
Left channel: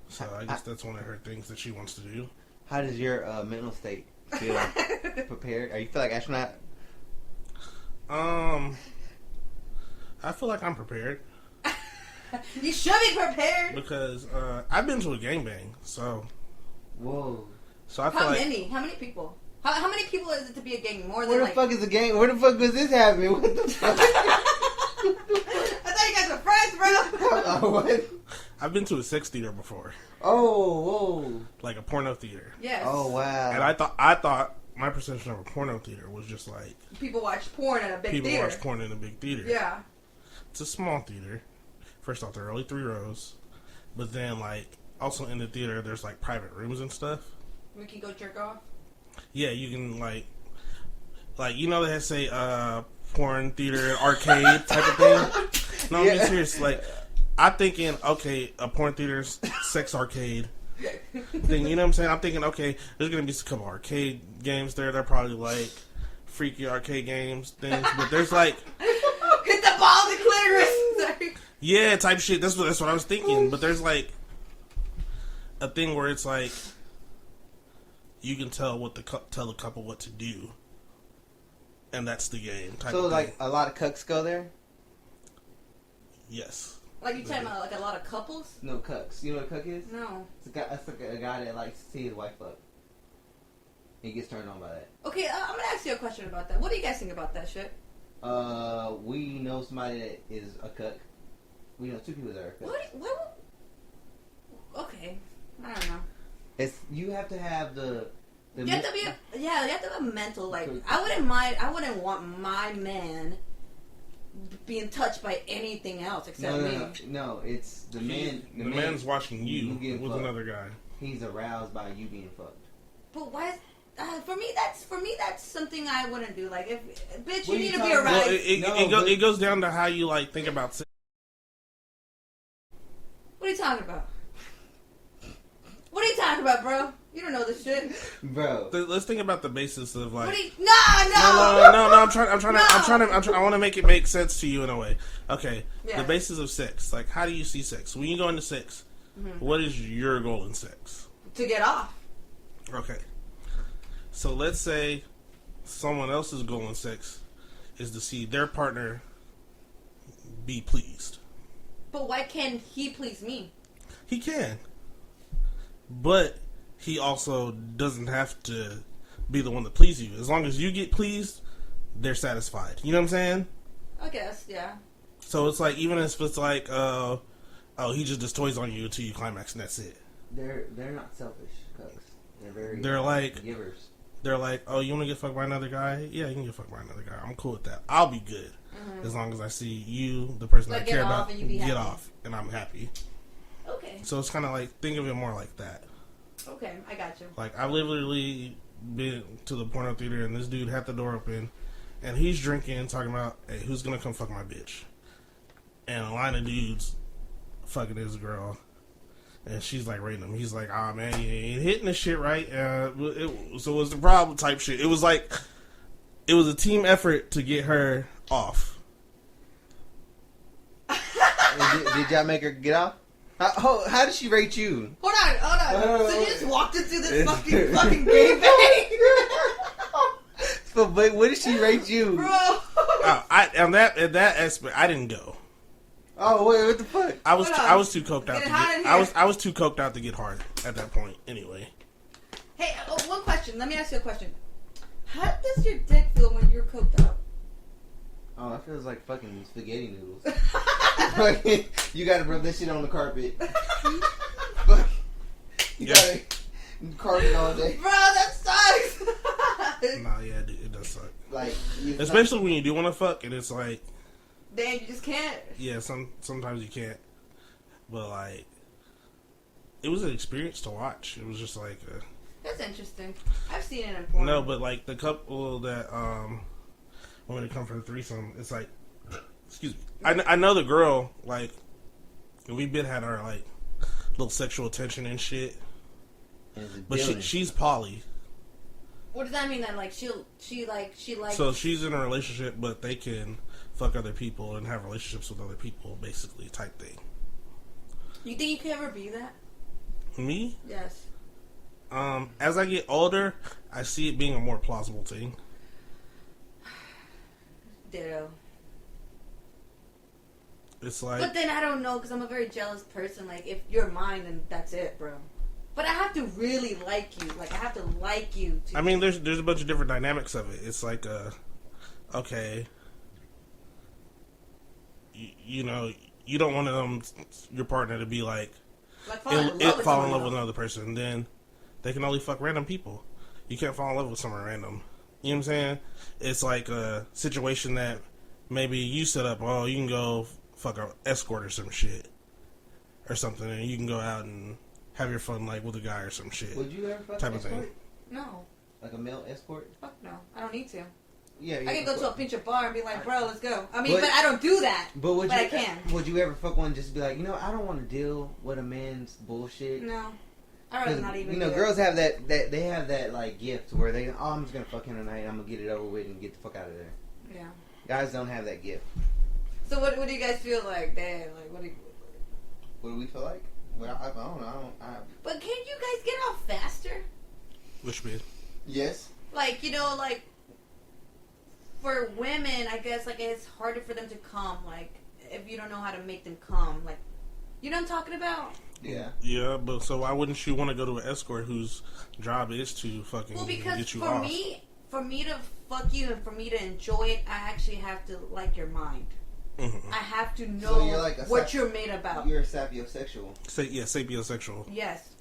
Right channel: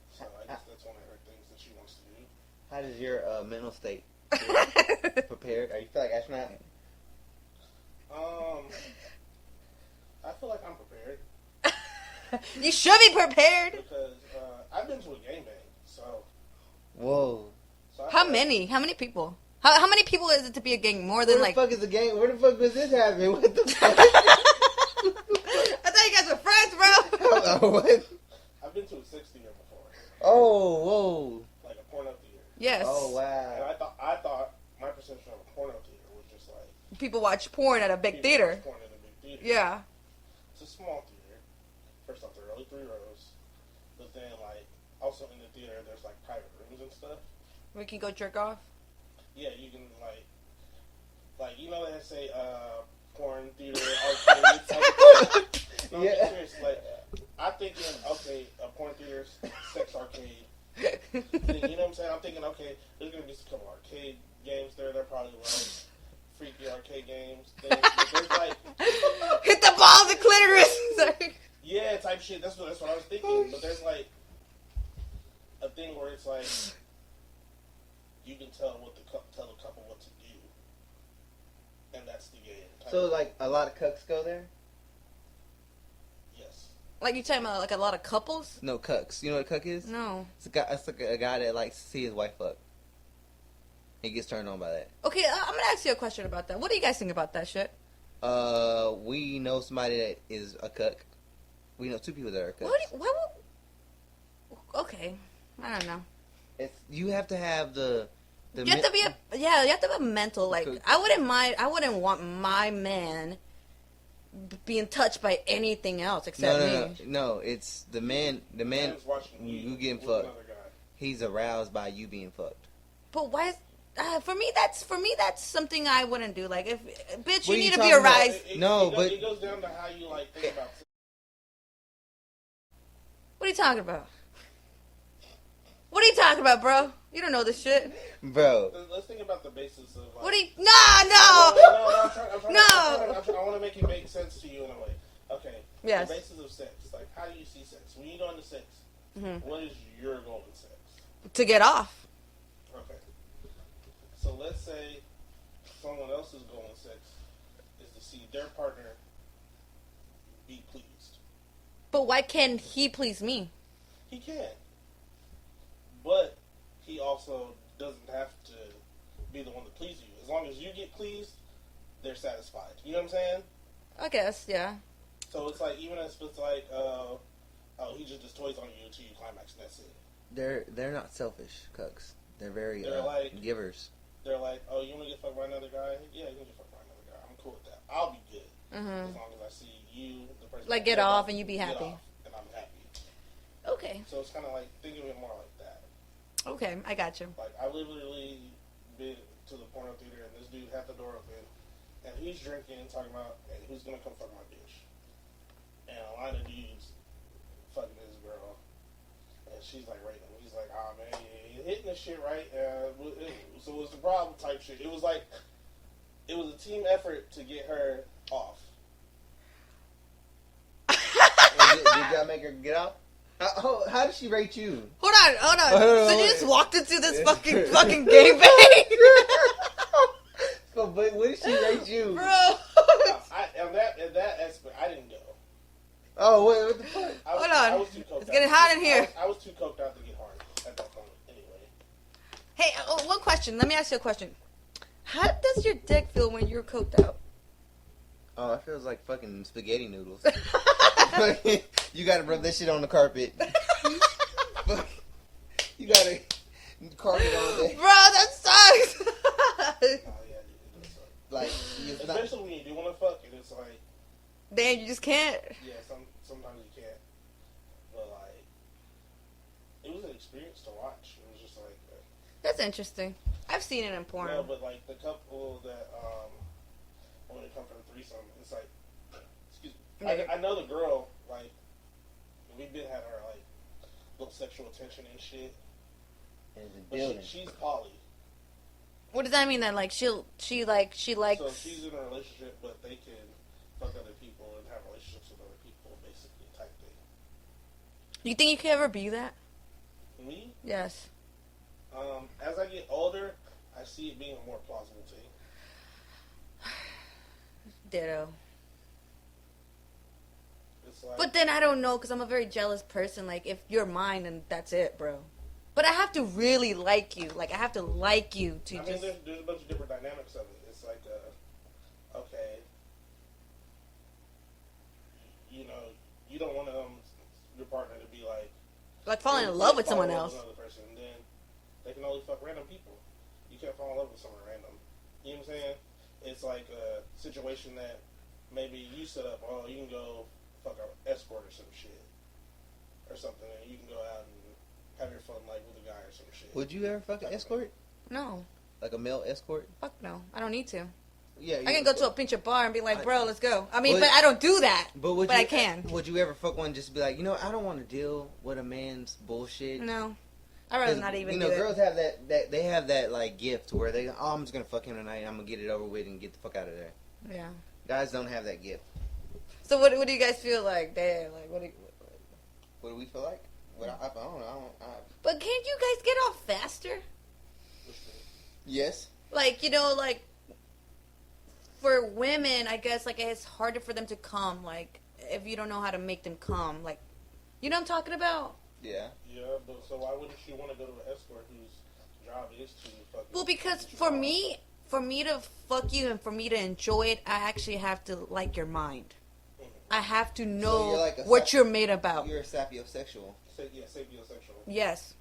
So I guess that's one of her things that she wants to do. How does your mental state feel? Prepared? Are you feel like astronaut? I feel like I'm prepared. You should be prepared. Because I've been to a gangbang, so. Whoa. So I How many? How many people? How many people is it to be a gang? More than Where the fuck is the gang? Where the fuck was this happening? What the fuck? I thought you guys were friends, bro. What? I've been to a sex theater before. Oh, whoa. Like a porno theater. Yes. Oh, wow. And I thought my perception of a porno theater was just like people watch porn at a big people theater. watch porn in a big theater. Yeah. It's a small theater. First off, there are only 3 rows. But then, like, also in the theater, there's, like, private rooms and stuff. We can go jerk off? Yeah, you can, like, you know they say, porn theater, arcade type of thing? No, I'm being serious. Like, I'm thinking, okay, a porn theater, sex arcade thing, you know what I'm saying? I'm thinking, okay, there's going to be a couple arcade games there. They're probably, like, freaky arcade games, things. But there's, like... Hit the ball, the clitoris! Sorry. Yeah, type shit. That's what I was thinking. But there's like a thing where it's like you can tell tell the couple what to do, and that's the game. So like a lot of cucks go there. Yes. Like you talking about like a lot of couples? No cucks. You know what a cuck is? No. It's a guy that likes to see his wife fuck. He gets turned on by that. Okay, I'm gonna ask you a question about that. What do you guys think about that shit? We know somebody that is a cuck. We know 2 people that are cucks. Okay, I don't know. You have to have the you have to be you have to have a mental, like, I wouldn't want my man being touched by anything else except me. No, it's the man. The man's watching you getting with fucked. Another guy. He's aroused by you being fucked. But why? For me, that's something I wouldn't do. Like, if bitch, What you are you need to be talking aroused. about? It goes down to how you like think about sex. What are you talking about? What are you talking about, bro? You don't know this shit, bro. Let's think about the basis of like. What are you? No. I want to make it make sense to you in a way. Okay. Yes. The basis of sex. Like, how do you see sex? When you go into sex, what is your goal in sex? To get off. Okay. So let's say someone else's goal in sex is to see their partner be pleased. But why can't he please me? He can. But he also doesn't have to be the one to please you. As long as you get pleased, they're satisfied. You know what I'm saying? I guess, yeah. So it's like, even if it's like, he just does toys on you until you climax and that's it. They're not selfish, cucks. They're like givers. They're like, oh, you want to get fucked by another guy? Yeah, you can get fucked by another guy. I'm cool with that. I'll be good. As long as I see you, the person like I care get off about, and you be happy. Get off and I'm happy. Okay. So it's kind of like, think of it more like that. Okay, I got you. Like, I literally been to the porno theater and this dude had the door open and he's drinking, talking about, hey, who's gonna come fuck my bitch? And a line of dudes fucking his girl. And she's like rating him. He's like, ah, man, you ain't hitting this shit right. So what's the problem type shit? It was like, it was a team effort to get her off. Did y'all make her get off? How did she rate you? Hold on. So you just walked into this fucking gangbang? But what did she rate you? Bro. On that aspect, I didn't go. Oh, what the fuck? I was too coked out. I was too coked out to get hard at that point. Anyway. Hey, one question. Let me ask you a question. How does your dick feel when you're coked out? Oh, it feels like fucking spaghetti noodles. You gotta rub that shit on the carpet. You gotta carpet all day. Bro, that sucks. Nah, yeah, it does suck. Like, especially when you do want to fuck and it's like, damn, you just can't. Yeah, sometimes you can't. But like, it was an experience to watch. It was just like that's interesting. I've seen it in porn. No, but like the couple that when it comes from the threesome, it's like, excuse me. I know the girl, like, we've been had our like little sexual tension and shit. But she's poly. What does that mean? That like she likes. So she's in a relationship, but they can fuck other people and have relationships with other people, basically, type thing. You think you could ever be that? Me? Yes. As I get older, I see it being a more plausible thing. Ditto. It's like, but then I don't know, because I'm a very jealous person. Like, if you're mine, then that's it, bro. But I have to really like you. Like, I have to like you. I mean, there's a bunch of different dynamics of it. It's like, okay, you know, you don't want your partner to be like fall in love with another person. Then they can only fuck random people. You can't fall in love with someone random. You know what I'm saying? It's like a situation that maybe you set up. Oh, you can go fuck an escort or some shit or something, and you can go out and have your fun like with a guy or some shit. Would you ever fuck an escort? No. Like a male escort? Fuck no. I don't need to. Yeah, I can go to a pinch bar and be like, bro, let's go. I mean, but I don't do that. But I can. Would you ever fuck one just be like, I don't want to deal with a man's bullshit? No. I'd rather not even do girls have that they have that like gift where they, I'm just gonna fuck him tonight, I'm gonna get it over with and get the fuck out of there. Yeah. Guys don't have that gift. So what do you guys feel like? Damn, like what do we feel like? Well, I don't know. But can't you guys get off faster? Which mean? Yes. Like, like for women, I guess, like, it's harder for them to come, like, if you don't know how to make them come, like, you know what I'm talking about? Yeah. Yeah, but so why wouldn't you want to go to an escort whose job is to fucking get you off? For me to fuck you and for me to enjoy it, I actually have to like your mind. Mm-hmm. I have to know what you're made about. You're a sapiosexual. Sapiosexual. Yes.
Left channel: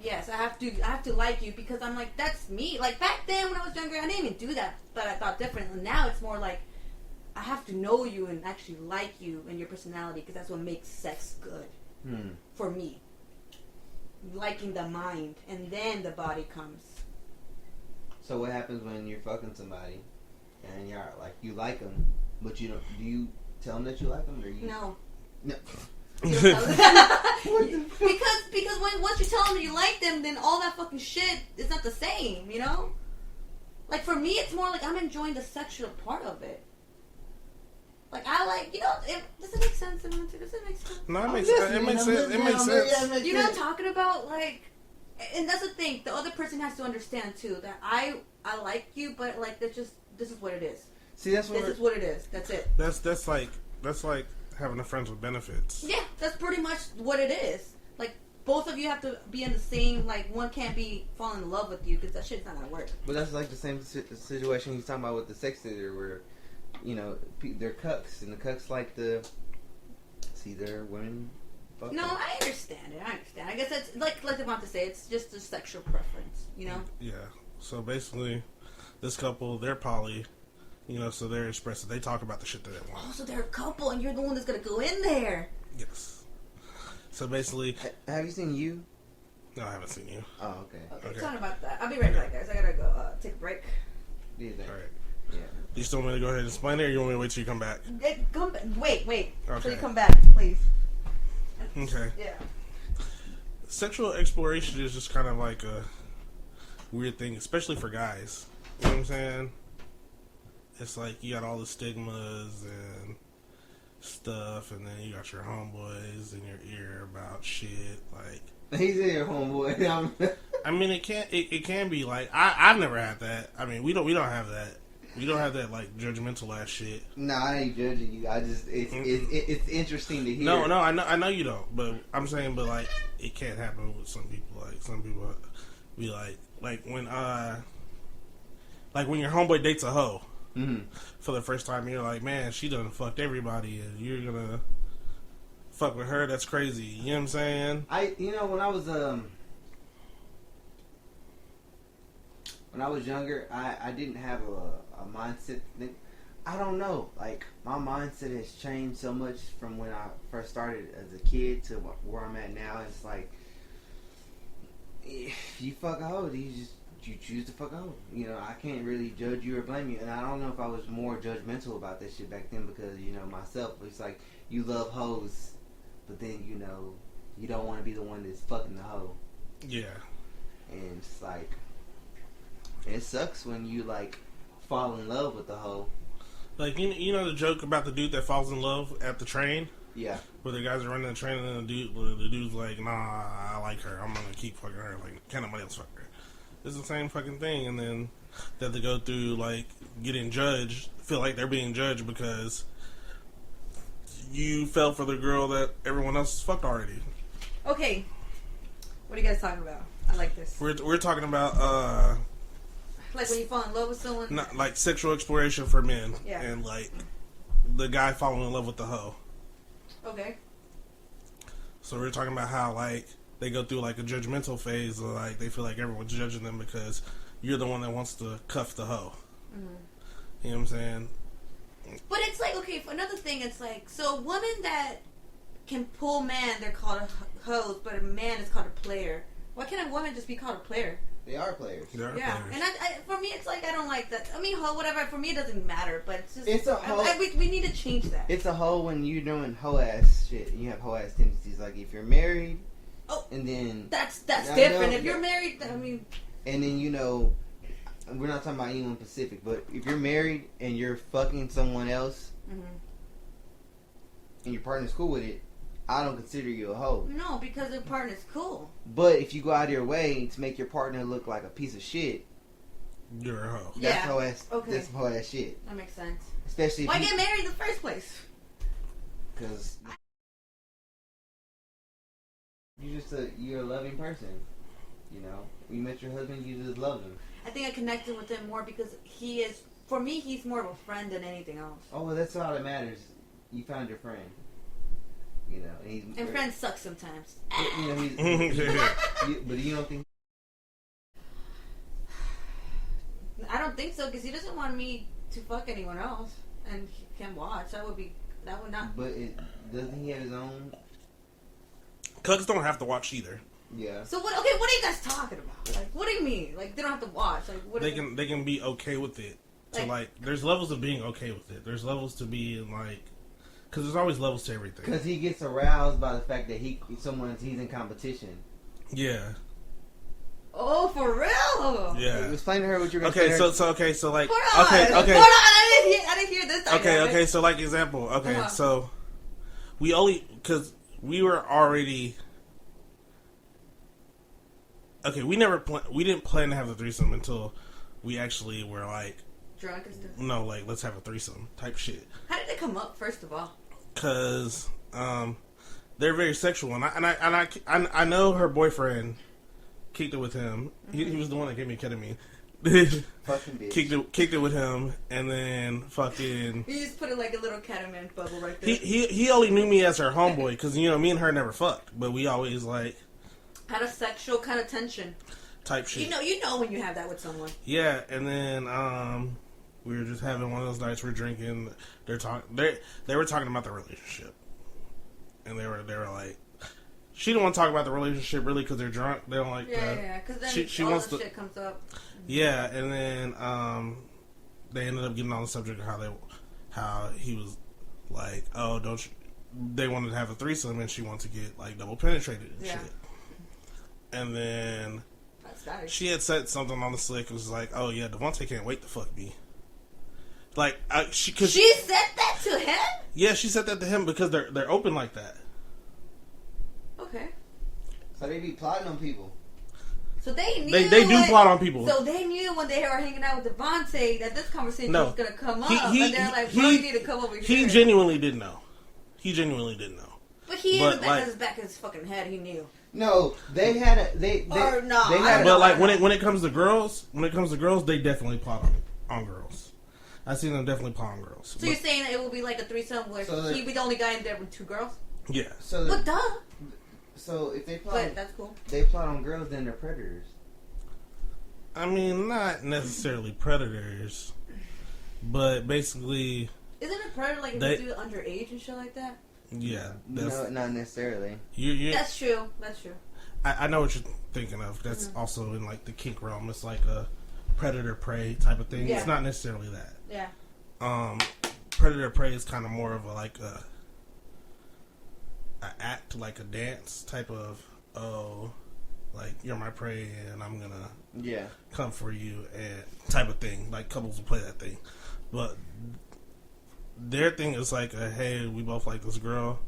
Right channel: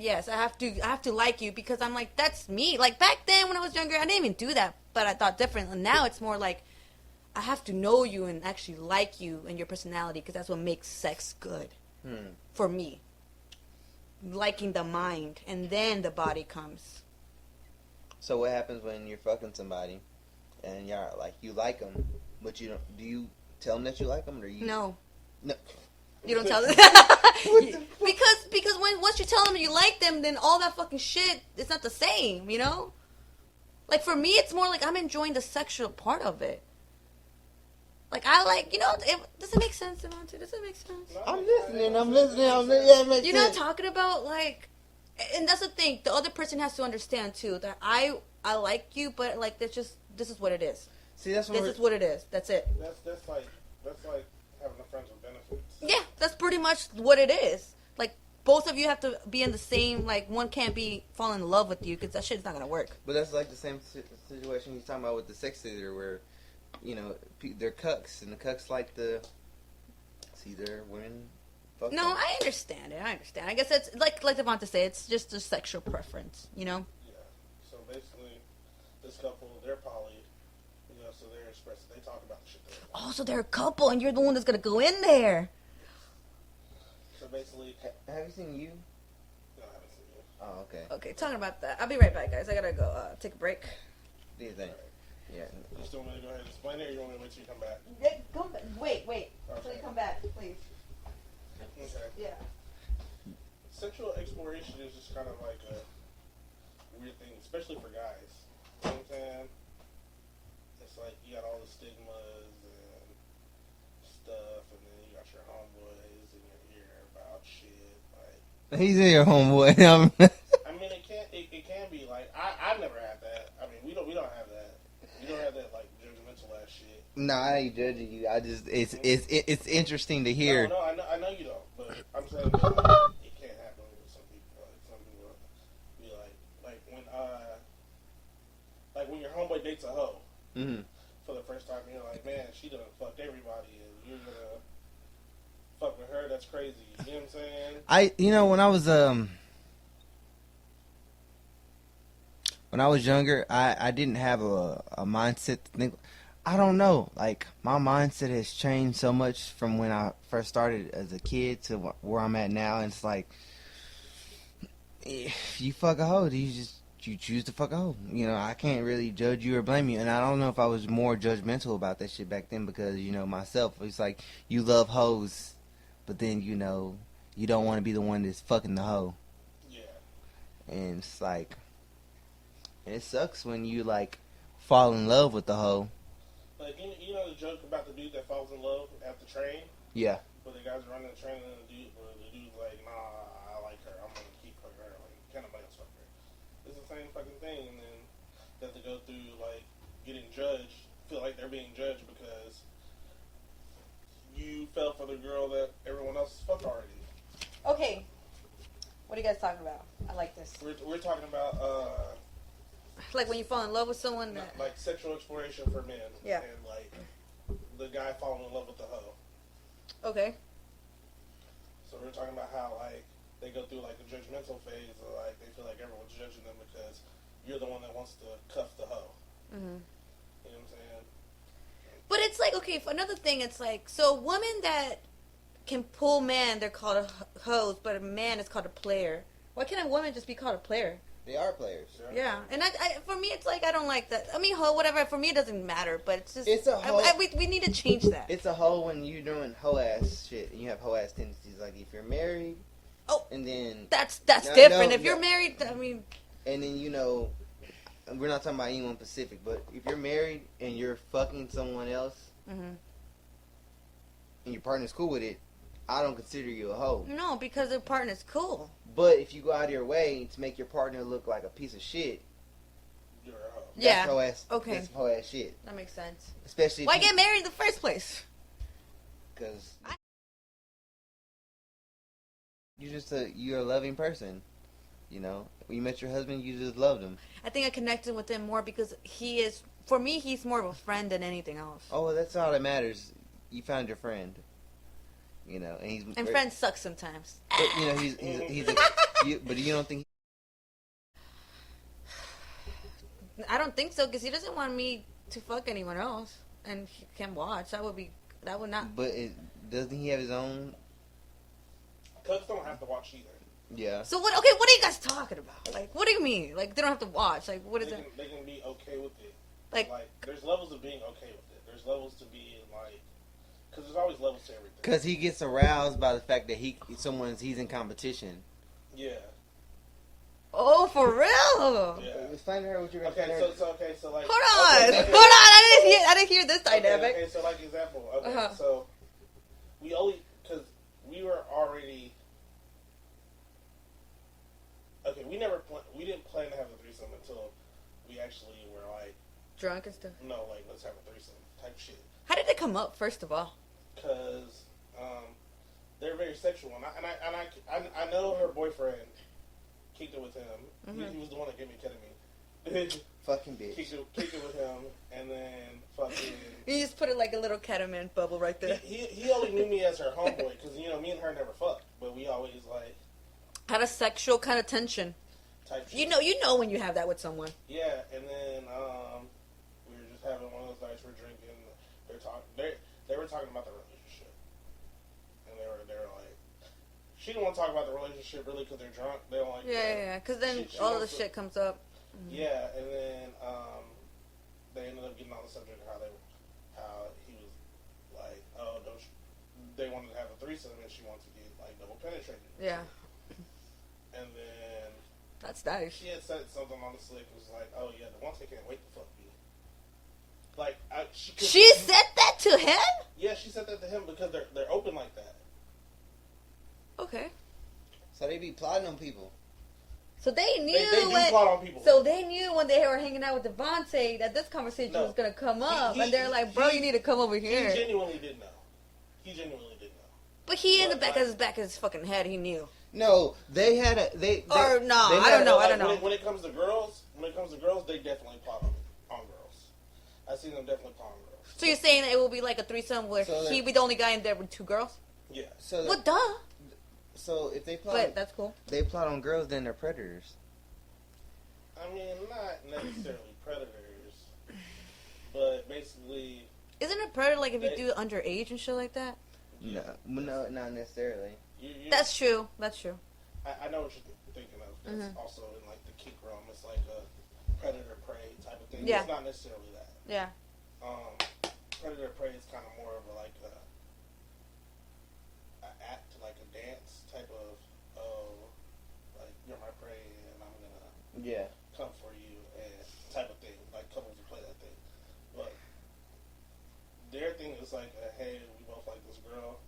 Yes, I have to like you because I'm like, that's me. Like back then when I was younger, I didn't even do that, but I thought differently. Now it's more like I have to know you and actually like you and your personality because that's what makes sex good for me. Liking the mind and then the body comes. So what happens when you're fucking somebody and you're like you like them, but you don't? Do you tell them that you like them or you? No. No. You don't tell them. because once you tell them you like them, then all that fucking shit is not the same, you know? Like for me, it's more like I'm enjoying the sexual part of it. Like I like, does it make sense? Does it make sense? No, it makes sense. You know what I'm talking about? Like, and that's the thing. The other person has to understand too that I like you, but like this is what it is. See, this is what it is. That's it. That's like having a friends with benefits. Yeah, that's pretty much what it is. Like, both of you have to be in the same, like, one can't be falling in love with you because that shit's not going to work. But that's like the same situation he's talking about with the sex theater where, you know, they're cucks, and the cucks like the... See, they're women... Okay. No, I understand it. I guess it's, like Devonta say, it's just a sexual preference, you know? Yeah. So, basically, this couple, they're poly, you know, so they're expressive. They talk about the shit that they want. Oh, so they're a couple, and you're the one that's going to go in there. Yes. So basically, have you seen You? No, I haven't seen You. Oh, okay. Talking about that. I'll be right back, guys. I gotta go take a break. Do you think? All right. Yeah. You still want me to go ahead and explain it, or you want me to wait till you come back? Come back. Wait. Okay. Till you come back, please. Okay. Yeah. Sexual exploration is just kind of like a weird thing, especially for guys. You know what I'm saying? It's like you got all the stigmas and stuff, and then you got your homeboys in your ear about shit. Like, he's in your homeboy. I mean, it can be like I've never had that. I mean, we don't have that. We don't have that like judgmental ass shit. Nah, I ain't judging you. I just it's interesting to hear. No, I know you don't. But I'm saying, but like it can't happen with some people. Like some people be like when your homeboy dates a hoe. Mm-hmm. For the first time, you're like, man, she done fucked everybody, and you're gonna fuck with her. That's crazy. You know what I'm saying? When I was younger, I didn't have a mindset to think. I don't know. Like, my mindset has changed so much from when I first started as a kid to where I'm at now. And it's like, if you fuck a hoe, you choose to fuck a hoe. You know, I can't really judge you or blame you. And I don't know if I was more judgmental about that shit back then because, myself, it's like, you love hoes, but then, you don't want to be the one that's fucking the hoe. Yeah. And it's like, it sucks when you, like, fall in love with the hoe. Like, you know the joke about the dude that falls in love at the train? Yeah. Where the guys are running the train and the dude's like, nah, I like her. I'm going to keep fucking her. Like, can't nobody else fuck her. It's the same fucking thing, and then they have to go through, like, getting judged, feel like they're being judged because you fell for the girl that everyone else fucked already. Okay. What are you guys talking about? I like this. We're talking about, like when you fall in love with someone? Not, like, sexual exploration for men. Yeah. And, like, the guy falling in love with the hoe. Okay. So we're talking about how, like, they go through, like, a judgmental phase, or, like, they feel like everyone's judging them because you're the one that wants to cuff the hoe. Mm-hmm. You know what I'm saying? But it's like, okay, for another thing, it's like, so women that can pull men, they're called hoes, but a man is called a player. Why can't a woman just be called a player? They are players. Yeah, players. And for me, it's like, I don't like that. I mean, hoe, whatever, for me, it doesn't matter, but it's just... It's a hoe. We need to change that. It's a hoe when you're doing hoe-ass shit. You have hoe-ass tendencies. Like, if you're married... Oh, and then that's different. If you're married, I mean, and then we're not talking about anyone specific, but if you're married and you're fucking someone else, mm-hmm. and your partner's cool with it, I don't consider you a hoe. No, because the partner's cool. But if you go out of your way to make your partner look like a piece of shit, you're a hoe. Yeah. That's hoe-ass. Okay. That's some hoe-ass shit. That makes sense. Especially why get married in the first place? Because you're a loving person. You know, when you met your husband, you just loved him. I think I connected with him more because for me, he's more of a friend than anything else. Oh, well, that's all that matters. You found your friend. You know, and friends suck sometimes. But, he's but you don't think? I don't think so because he doesn't want me to fuck anyone else, and he can watch. That would not. But doesn't he have his own? Cucks don't have to watch either. Yeah. So what? Okay, what are you guys talking about? Like, what do you mean? Like, they don't have to watch? Like, what? They can be okay with it. Like, so, like, there's levels of being okay with it. There's levels to being like, because there's always levels to everything. Because he gets aroused by the fact that he's in competition. Yeah. Oh, for real? Yeah. Explain to her what you're going to say. Okay, so like. Hold on. Okay. Hold on. I didn't hear this. Okay. So like example. Okay. Uh-huh. So because we were already. Okay, we didn't plan to have a threesome until we actually were like drunk and stuff. No, like let's have a threesome type shit. How did it come up? First of all, because they're very sexual, and I know her boyfriend kicked it with him. He was the one that gave me ketamine. Fucking bitch. Kicked it with him, and then fucking. You just put it like a little ketamine bubble right there. He only knew me as her homeboy because me and her never fucked, but we always like had a sexual kind of tension type shit. You know when you have that with someone. Yeah, and then we were just having one of those nights. We're drinking. They were talking about the relationship, and they were like. She didn't want to talk about the relationship really because they're drunk. They don't like. Because then she all the shit comes up. Yeah, and then they ended up getting on the subject of how he was like, oh, don't you? They wanted to have a threesome, and she wanted to get like double penetrated and shit. And then that's nice. She had said something on the slick. It was like, oh yeah, Devontae can't wait to fuck me. Like she said that to him. Yeah, she said that to him because they're open like that. Okay. So they be plotting on people. So they knew they do plot on people. So they knew when they were hanging out with Devontae that this conversation was going to come up. And they're like, bro, you need to come over here. He genuinely didn't know. But he in the back of his fucking head, he knew. No, they had a they. Or no, they I don't but know. like when it comes to girls, they definitely plot on girls. I've seen them definitely plot on girls. So you're saying it will be like a threesome where he'd be the only guy in there with two girls? Yeah. But duh. So if they plot, but that's cool. They plot on girls, then they're predators. I mean, not necessarily predators, but basically. Isn't it predator like if you do underage and shit like that? Yeah. No, not necessarily. That's true. I know what you're thinking of. That's also in like the kink realm. It's like a predator prey type of thing. Yeah. It's not necessarily that. Yeah. Predator prey is kind of more of a act, like a dance type of like you're my prey and I'm gonna come for you and type of thing. Like couples will play that thing, but their thing is like hey, we both like this girl.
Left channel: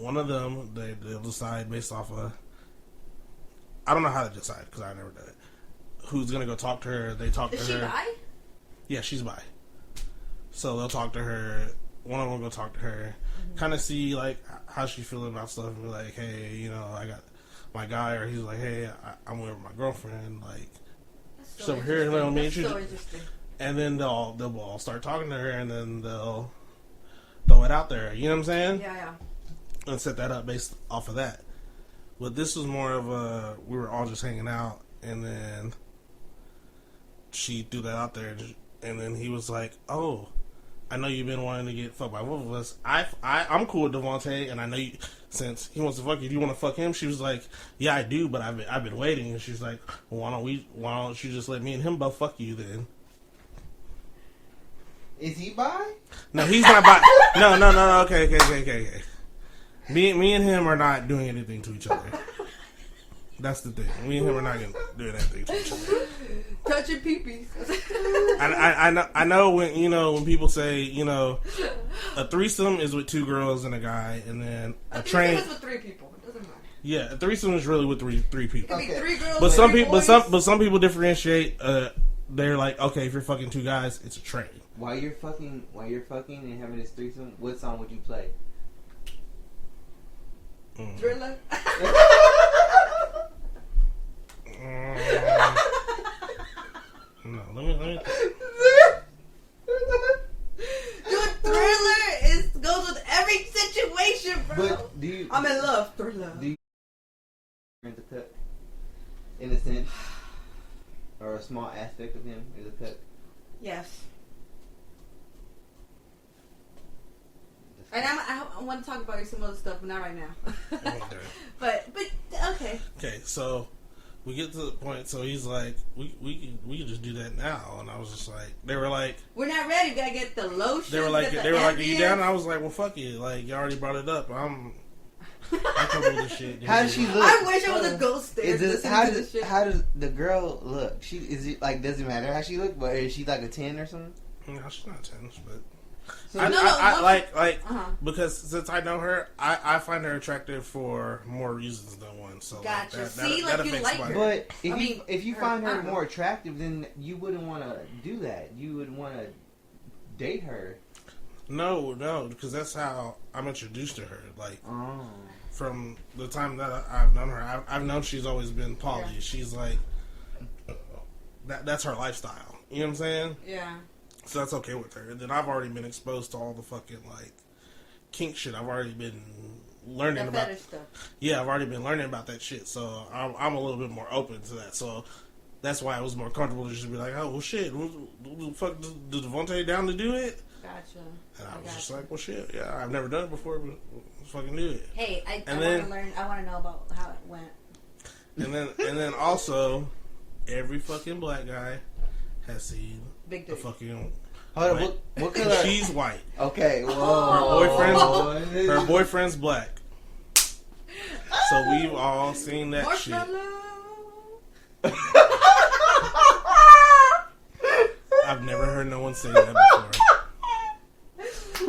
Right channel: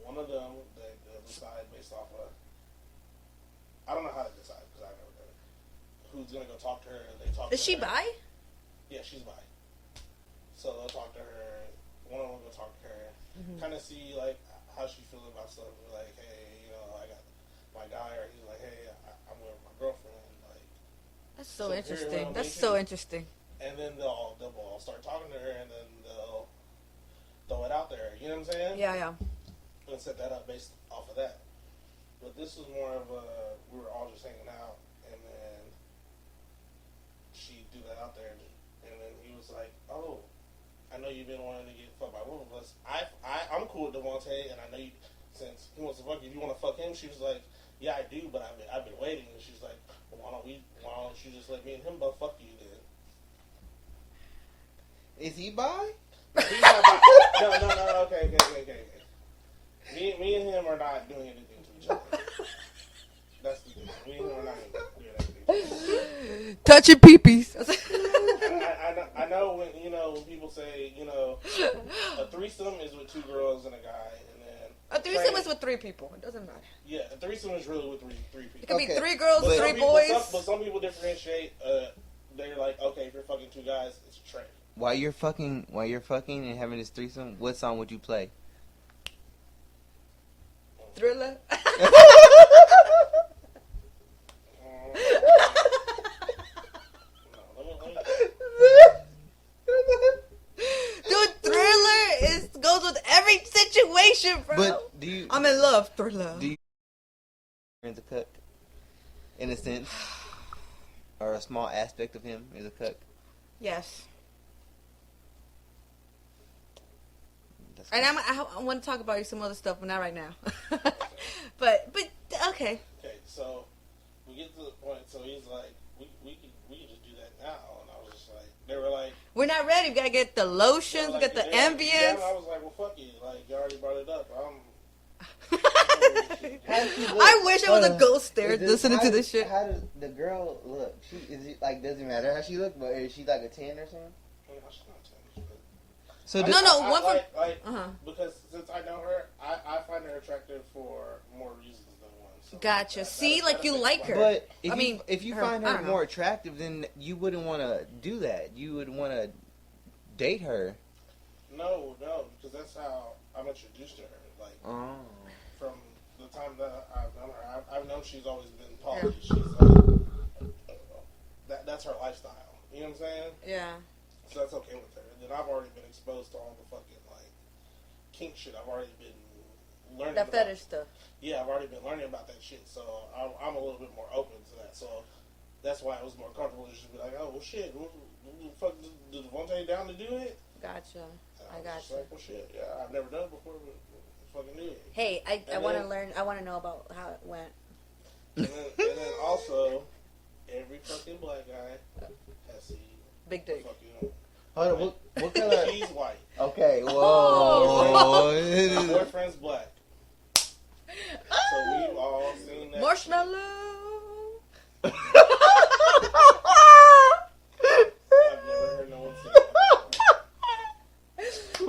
One of them they'll decide based off of I don't know how to decide because I never done it. Who's gonna go talk to her? They talk to her. Is she bi? Yeah, she's bi. So they'll talk to her. One of them will go talk to her. Kind of see like how she's feeling about stuff and be like, hey, I got my guy, or he's like, hey, I'm with my girlfriend. Like, that's so interesting. That's so interesting. And then they'll all start talking to her, and then they'll throw it out there. You know what I'm saying? Yeah. And set that up based off of that. But this was more of we were all just hanging out, and then she threw that out there, and then he was like, oh. I know you've been wanting to get fucked by one of us. I'm cool with Devontae, and I know you, since he wants to fuck you, do you want to fuck him? She was like, yeah, I do, but I've been waiting. And she's like, well, why don't you just let me and him both fuck you then? Is he bi? No, he's not bi. No. Okay. Me and him are not doing anything to each other. That's the thing. Me and him are not going to do anything to each other. Touching peepees. I know when people say a threesome is with two girls and a guy, and then a threesome is with three people. It doesn't matter. Yeah, a threesome is really with three people. It could be three girls, but three boys. But some people differentiate. They're like, okay, if you're fucking two guys, it's a train. While you're fucking and having this threesome, what song would you play? Thriller. No, let me. Dude, Thriller goes with every situation, bro. But I'm in love, Thriller. Do you friends a cook? In a sense, or a small aspect of him is a cook. Yes. And I want to talk about you some other stuff, but not right now. but okay. Okay, so we get to the point. So he's like, we can just do that now, and I was just like, they were like, we're not ready. We gotta get the lotion. They were like, are you down? And I was like, well, fuck it. Like, you already brought it up. I'm comfortable with shit. How does she look? I wish I was a ghost there listening to this shit. How does the girl look? Doesn't matter how she look, but is she like a 10 or something? No, she's not 10, but. So because since I know her, I find her attractive for more reasons than one. So gotcha. You like her. But if you find her more attractive, then you wouldn't want to do that. You would want to date her. No, because that's how I'm introduced to her. Like, from the time that I've known her, I've known she's always been poly. She's like, that's her lifestyle. You know what I'm saying? Yeah. So that's okay with her. And then I've already been exposed to all the fucking, like, kink shit. I've already been learning about fetish stuff. Yeah, I've already been learning about that shit. So I'm a little bit more open to that. So that's why it was more comfortable to just be like, oh, well, shit. What the fuck, did Devontae down to do it? Gotcha. And I was just like, well, shit. Yeah, I've never done it before, but let's fucking do it. Hey, I want to learn. I want to know about how it went. And then also, every fucking black guy has seen Big dick. Fucking. Hold on, what color? She's white. Okay, well, her boyfriend's black. So we've all seen that Marshmallow. shit. I've never heard no one say that before.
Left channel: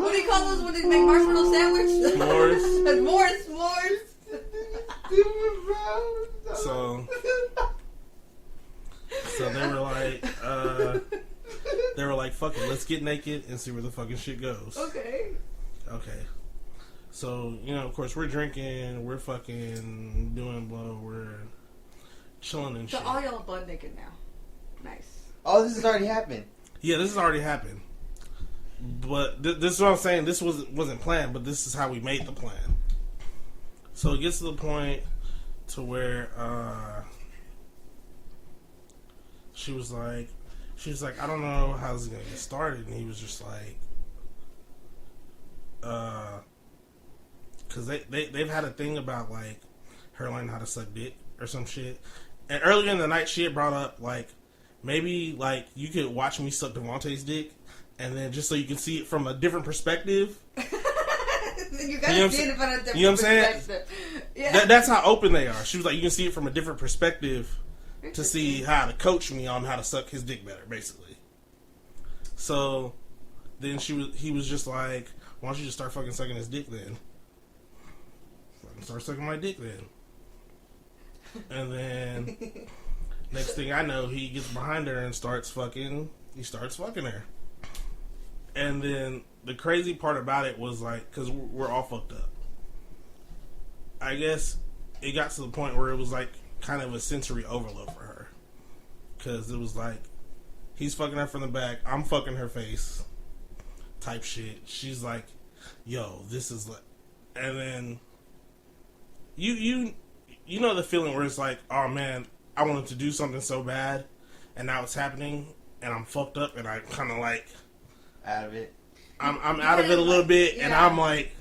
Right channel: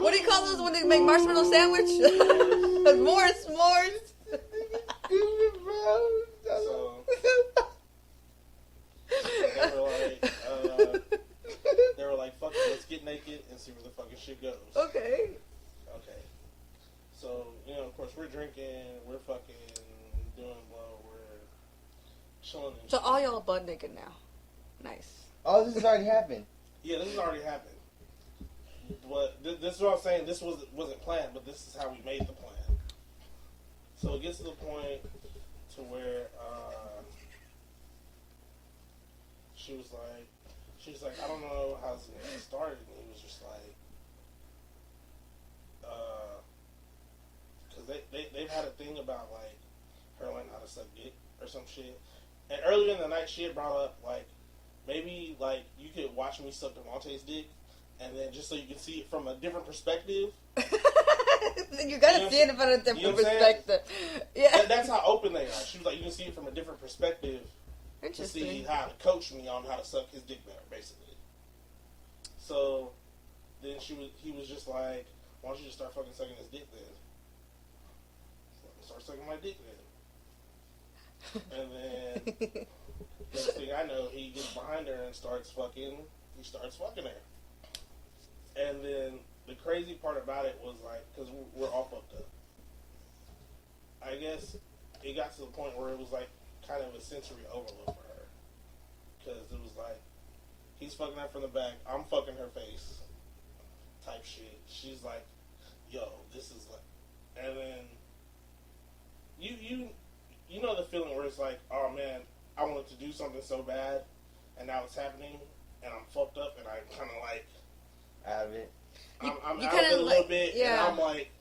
What do you call those when they make marshmallow sandwich? S'mores. So they were like, fuck it, let's get naked and see where the fucking shit goes. Okay. So, of course, we're drinking, we're fucking doing blow, we're chilling and shit. So all y'all butt naked now. Nice. Oh, this has already happened. Yeah, this has already happened. But this is what I'm saying. This wasn't planned, but this is how we made the plan. So it gets to the point to where she was like, I don't know how this is gonna get started, and he was just like, because they've had a thing about like her learning how to suck dick or some shit. And earlier in the night, she had brought up like, maybe like you could watch me suck Devontae's dick, and then just so you can see it from a different perspective. You gotta see it from a different perspective. Yeah. That's how open they are. She was like, you can see it from a different perspective to see how to coach me on how to suck his dick better, basically. So then he was just like, why don't you just start fucking sucking his dick then? Start sucking my dick then. And then next thing I know, he gets behind her and starts fucking her. And then the crazy part about it was like, because we're all fucked up. I guess it got to the point where it was like kind of a sensory overload for her. Because it was like, he's fucking her from the back, I'm fucking her face type shit. She's like, yo, this is like, and then you know the feeling where it's like, oh man, I wanted to do something so bad, and now it's happening, and I'm fucked up, and I kind of like out of it. I'm out of it a little bit, yeah. And I'm like,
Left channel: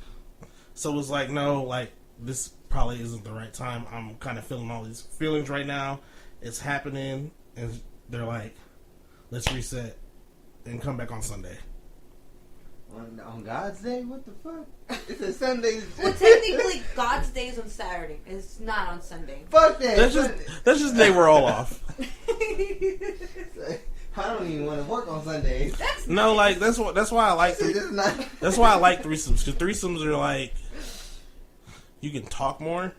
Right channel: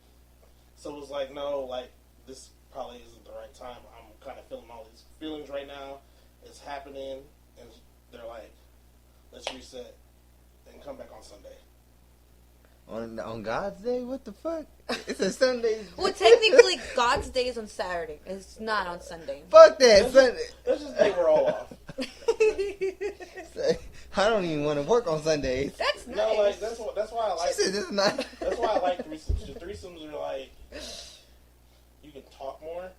so it's like, no, like this probably isn't the right time. I'm kind of feeling all these feelings right now. It's happening, and they're like, let's reset and come back on Sunday. On God's day? What the fuck? It's a Sunday. Well, technically, God's day is on Saturday. It's not on Sunday. Fuck that. That's just the day we're all off. I don't even want to work on Sundays. That's no, nice. Like that's why I like. That's why I like threesomes, because threesomes are like, you can talk more.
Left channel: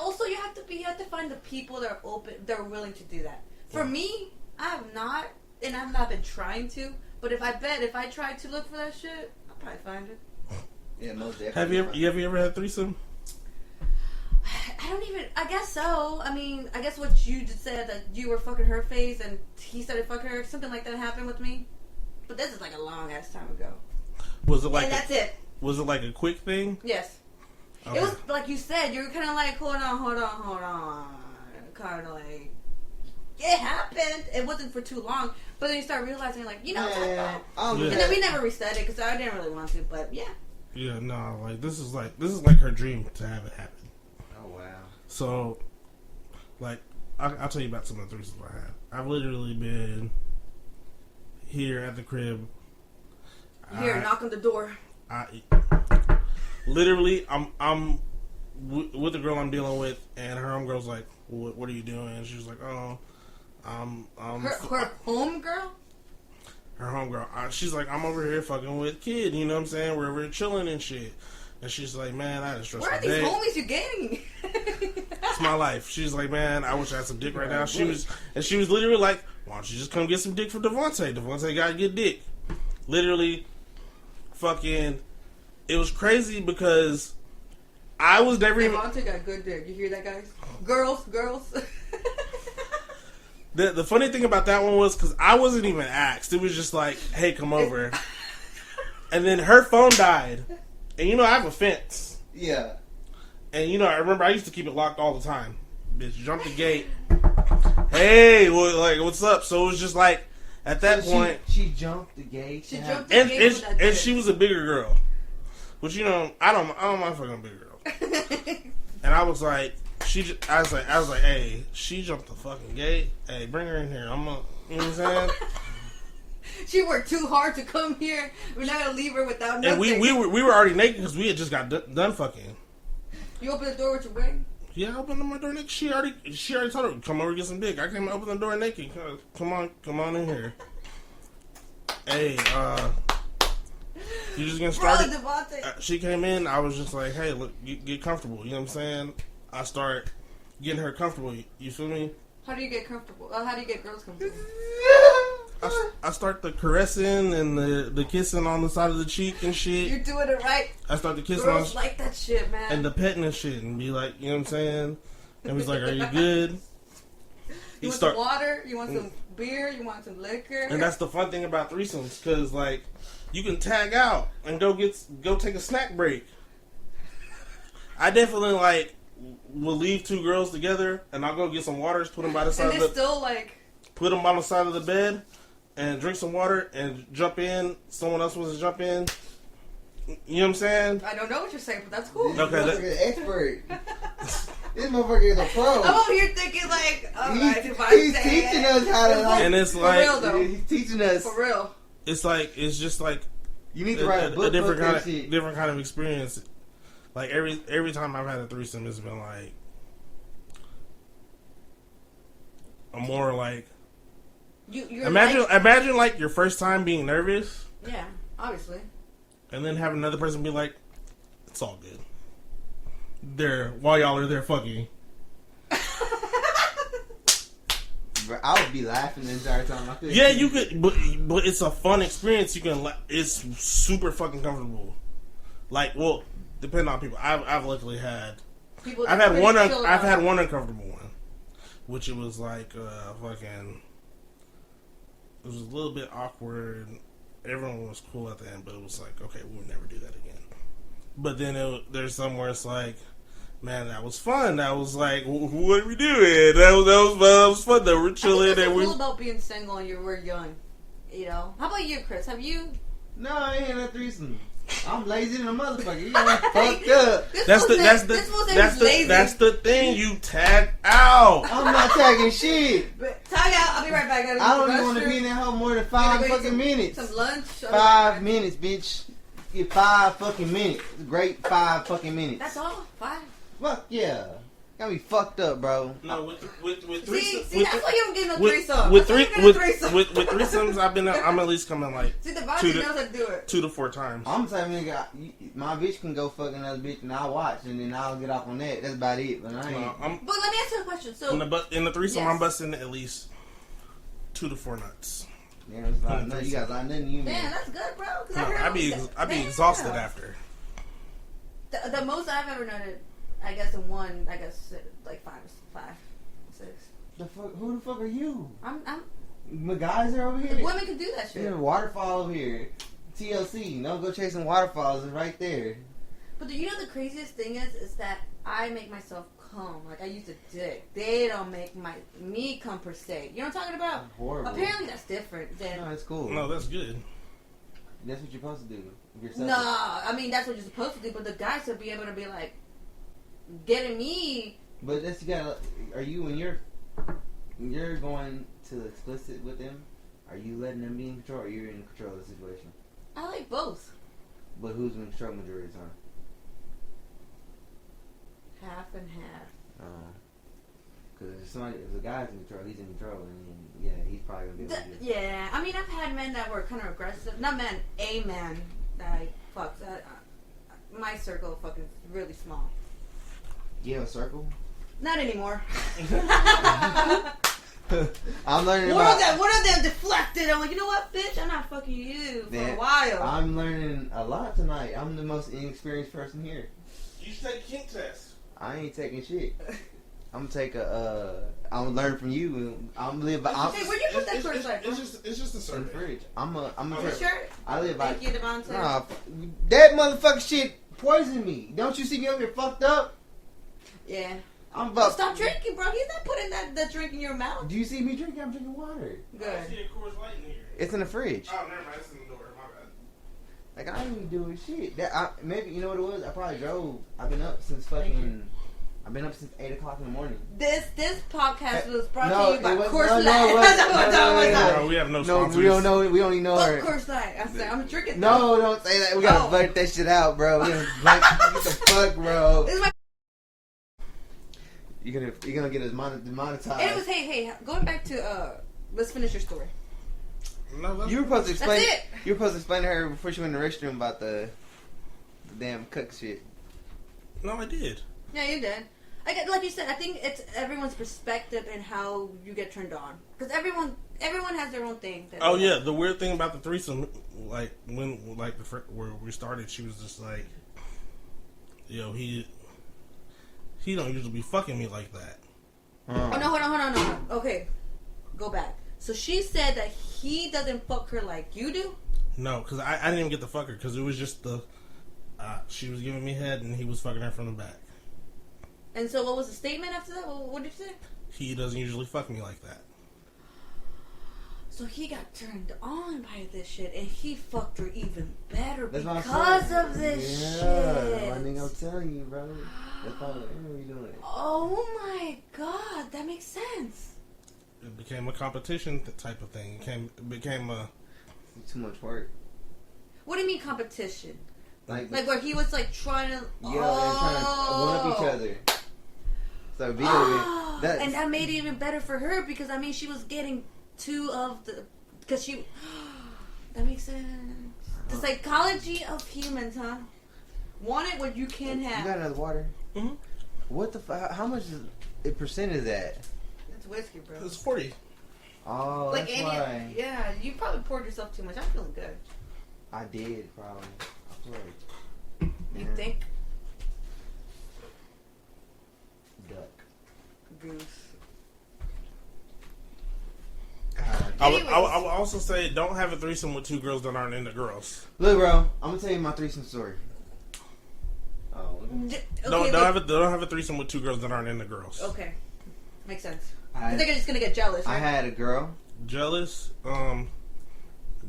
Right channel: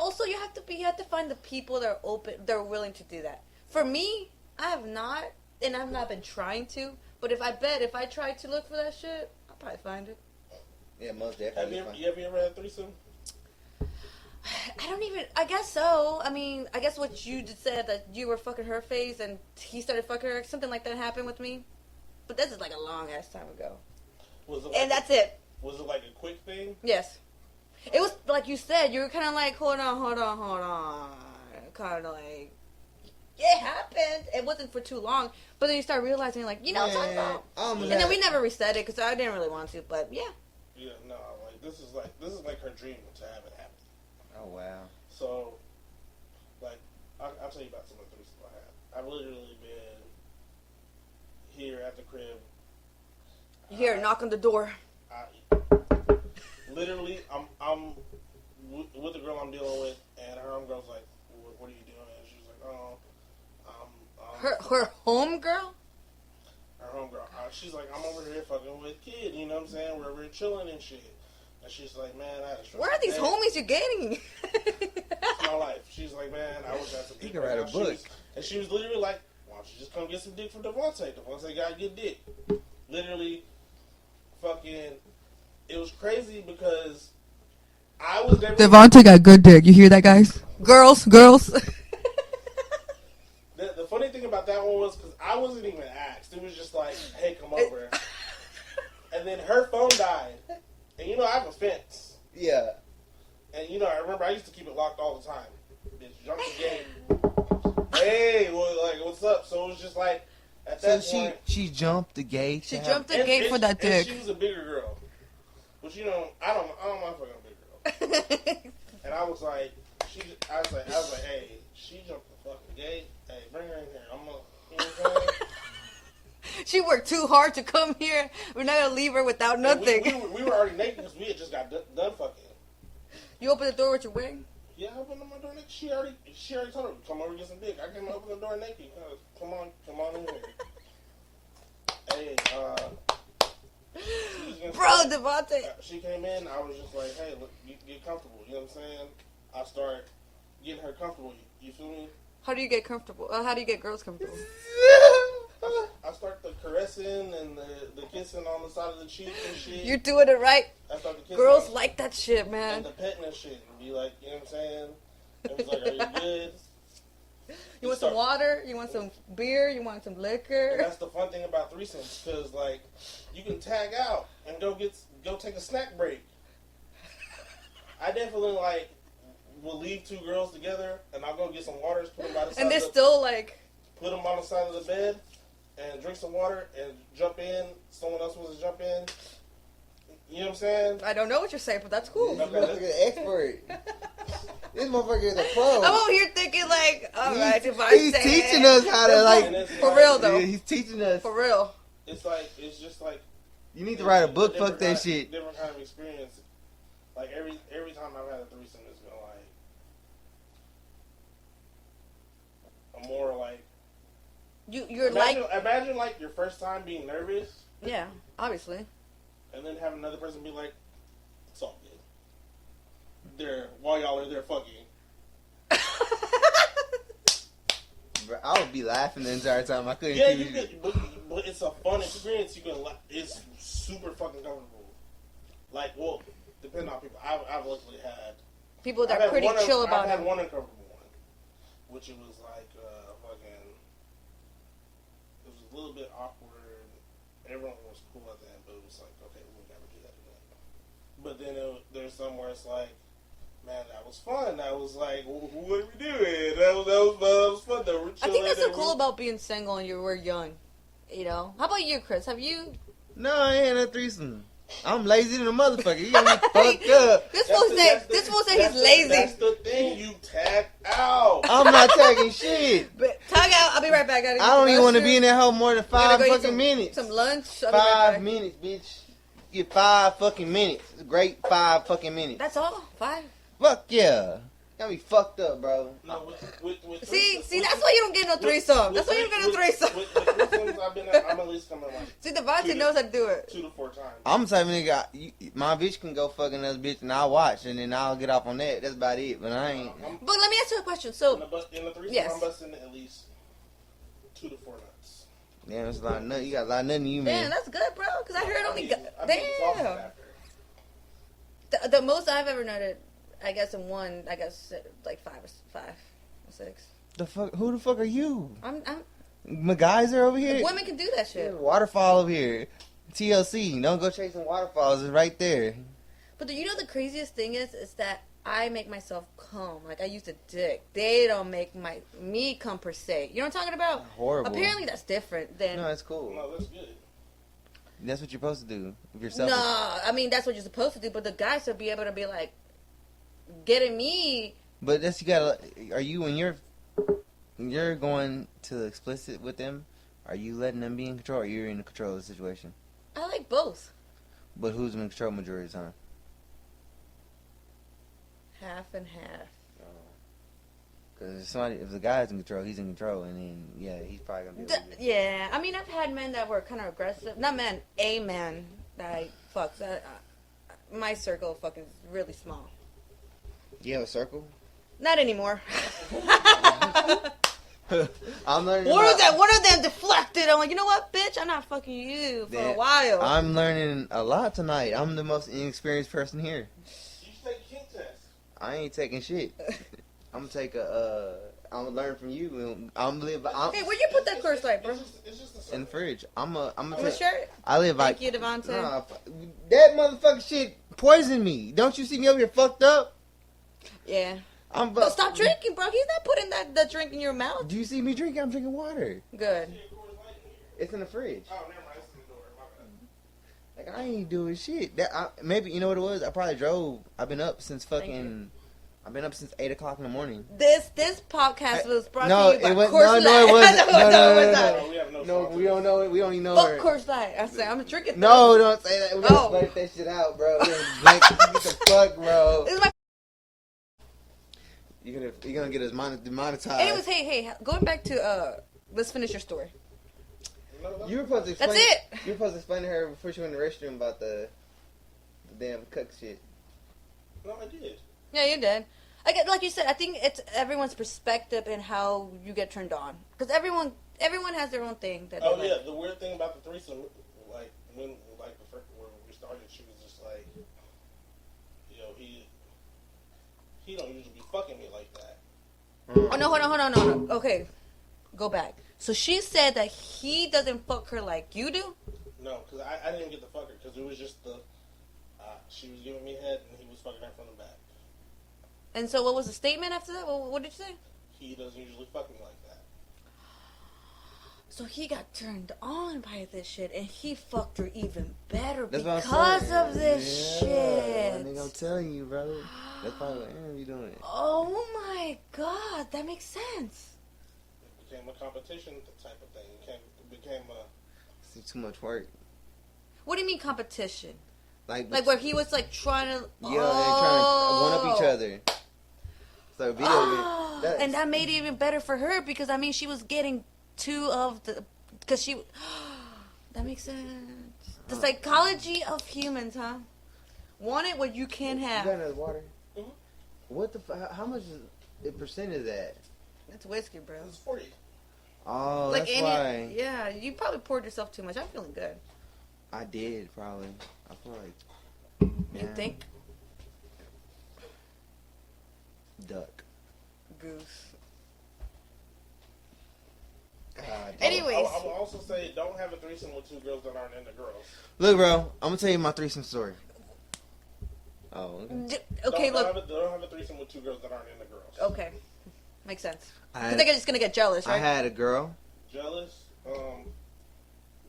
Also, you have to find the people that are open, that are willing to do that. For me, I have not. And I've not been trying to, but if I tried to look for that shit, I'll probably find it. Yeah, most definitely. Have you ever had a threesome? I guess so. I mean, I guess what you just said, that you were fucking her face and he started fucking her, something like that happened with me. But this is like a long ass time ago. Was it like? And that's it. Was it like a quick thing? Yes. Okay. It was like you said, you were kind of like, hold on. Kind of like, it happened. It wasn't for too long. But then you start realizing, like, what I'm talking about. And then we never reset it because I didn't really want to. But yeah. Yeah, no, like this is like her dream to have it happen. Oh wow. So, like, I'll tell you about some of the threesomes I had. I've literally been here at the crib. Here, knock on the door. Literally, I'm with the girl I'm dealing with, and her homegirl's like, "What are you doing?" And she's like, "Oh, her home girl." Her homegirl. She's like, "I'm over here fucking with kid. You know what I'm saying? We're over here chilling and shit." And she's like, "Man, I had a stressful day. Where are these homies you're getting?" It's my life. She's like, "Man, I wish I had some dick right now." She was literally like, "Why don't don't you just come get some dick from Devontae? Devontae gotta get dick. Literally, fucking, it was crazy because I was never... Devontae got good dick. You hear that, guys? Girls. The funny thing about that one was because I wasn't even asked. It was just like, hey, come over. And then her phone died. And you know, I have a fence. Yeah. And you know, I remember I used to keep it locked all the time. Bitch, jump the gate. Hey, well, like, what's up? So it was just like, at that point... She jumped the gate. She jumped the gate for that dick. And she was a bigger girl. Which, you know, I don't mind fucking a bigger girl. And I was like... I was like, hey, she jumped the fucking gate. Hey, bring her in here. You know what I'm saying? She worked too hard to come here. We're not gonna leave her without nothing. And we were already naked because we had just got done fucking. You opened the door with your wig? Yeah, I opened my door naked. She already told her, come over and get some dick. I came and opened the door naked. Come on in here. Hey, you just getting started? She came in. I was just like, hey, look, get comfortable. You know what I'm saying? I start getting her comfortable. You feel me? How do you get comfortable? How do you get girls comfortable? I start the caressing and the kissing on the side of the cheek and shit. You're doing it right. I start the kissing. Girls like that shit, man. And the petting and shit and be like, you know what I'm saying? And he's like, are you good? You want some water? You want some beer? You want some liquor? And that's the fun thing about threesomes, because like you can tag out and go take a snack break. I definitely like will leave two girls together and I'll go get some waters, put them by the side. And they're still like put them on the side of the bed and drink some water and jump in. Someone else wants to jump in. You know what I'm saying? I don't know what you're saying, but that's cool. Okay, that's an expert. This motherfucker is a pro. I'm over here thinking like, alright, he's teaching us how to like. And it's for like, real though. He's teaching us for real. It's just like you need to write a book. Different kind of experience. Like every time I've had a threesome, it's been like a more like. You're imagine like your first time being nervous. Yeah, obviously. And then have another person be like, "It's all good." While y'all are there fucking. Bro, I would be laughing the entire time. I couldn't. Yeah, you could, but it's a fun experience. You can, it's super fucking comfortable. Like, well, depending on people. I've luckily had. People I've had one. I've had one uncomfortable one, which it was like fucking. It was a little bit awkward. Everyone was cool at the end, but it was like, okay, we'll never do that again. But then there's somewhere it's like, man, that was fun. That was like, what are we doing? That was fun. That we're chilling. I think that's so cool about being single and you were young. You know. How about you, Chris? Have you? No, I ain't had a threesome. I'm lazy than a motherfucker. You got me fucked up. This was lazy. That's the thing. You tag out. I'm not tagging shit. But tag out. I'll be right back. I don't even want to be in that hole more than 5 fucking minutes. Some lunch. 5 minutes, bitch. You 5 fucking minutes. Great 5 fucking minutes. That's all? 5? Fuck yeah. Got me fucked up, bro. No, with see, that's why you don't get no threesome. That's why you don't get a threesome. With threesomes, I'm at least coming like. See, Devontae knows how to do it. 2 to 4 times. I'm the type of nigga. My bitch can go fuck another bitch and I'll watch and then I'll get off on that. That's about it. But I ain't. But let me ask you a question. So in the threesome, yes. I'm busting at least 2 to 4 nuts. Damn, that's a lot of nuts. You got a lot of nothing you man. Damn, that's good, bro. Because I heard I'd be exhausted after. The most I've ever noted. I guess in one, like 5 or 6. The fuck? Who the fuck are you? I'm MacGyver over here. Women can do that shit. Yeah, waterfall over here. TLC. Don't go chasing waterfalls. It's right there. But you know the craziest thing is that I make myself come. Like I use a dick. They don't make me come per se. You know what I'm talking about? Horrible. Apparently that's different than. No, that's cool. No, that's good. That's what you're supposed to do with yourself. No, I mean that's what you're supposed to do. But the guy should be able to be like. Getting me, but that's you gotta. Are you when you're going to explicit with them? Are you letting them be in control, or you're in control of the situation? I like both. But who's in control majority of the time? Half and half. Because if the guy's in control, he's in control, and then yeah, he's probably gonna be. Yeah, I mean I've had men that were kind of aggressive. Not men, a man that I fucked. My circle of fucking is really small. You have a circle? Not anymore. I'm learning. One of them deflected. I'm like, you know what, bitch? I'm not fucking you for a while. I'm learning a lot tonight. I'm the most inexperienced person here. You should take a kink test. I ain't taking shit. I'm gonna take I'm gonna learn from you. And I'm live. Hey, where you put that first light, bro? It's just a survey. In the fridge. I'm a shirt. I live by. Thank you, Devontae. That motherfucking shit poisoned me. Don't you see me over here fucked up? Yeah. Well, stop drinking, bro. He's not putting that drink in your mouth. Do you see me drinking? I'm drinking water. Good. I see a Coors Light in here. It's in the fridge. Oh, never mind. It's in the door. My bad. Like, I ain't doing shit. Maybe, you know what it was? I probably drove. I've been up since 8 o'clock in the morning. This podcast was brought to you by Coors Light. No, we have no sponsors. No, we don't know it. We don't even know it. Fuck Coors Light. I said, I'm drinking. No, don't say that. We gotta blurt that shit out, bro. What the fuck, bro? This is my... You're gonna get us demonetized. Anyways, hey, going back to let's finish your story. No, you were supposed to explain. That's it. You were supposed to explain to her before she went in the restroom about the damn cook shit. No, I did. Yeah, you did. Like you said, I think it's everyone's perspective and how you get turned on. Because everyone has their own thing. Oh yeah, the weird thing about the threesome, like when where we started, she was just like, "Yo, he don't usually be fucking me like that." Oh no, hold on. Okay, go back. So she said that he doesn't fuck her like you do? No, because I didn't even get to fuck her because it was just she was giving me head and he was fucking her from the back. And so what was the statement after that? What did you say? He doesn't usually fuck me like that. So he got turned on by this shit and he fucked her even better That's because of this shit. I think I'm telling you, brother. That's how you doing it. Oh my god, that makes sense. It became a competition type of thing. It became a... It's too much work. What do you mean competition? Like where he was like trying to... You know, they're trying to one up each other. So video and that made it even better for her because, I mean, she was getting two of the... Because she... That makes sense. The psychology of humans, huh? Want it what you can't have. You got another water? Mm-hmm. What the... How much percent is that? It's whiskey, bro. It's 40. Oh, like that's why. Yeah, you probably poured yourself too much. I'm feeling good. I did, probably. You think? Duck. Goose. I would also say don't have a threesome with two girls that aren't into girls. Look, bro, I'm gonna tell you my threesome story. Oh. Okay. Don't have a threesome with two girls that aren't into girls. Okay, makes sense. I think I'm just gonna get jealous, right? I had a girl. Jealous.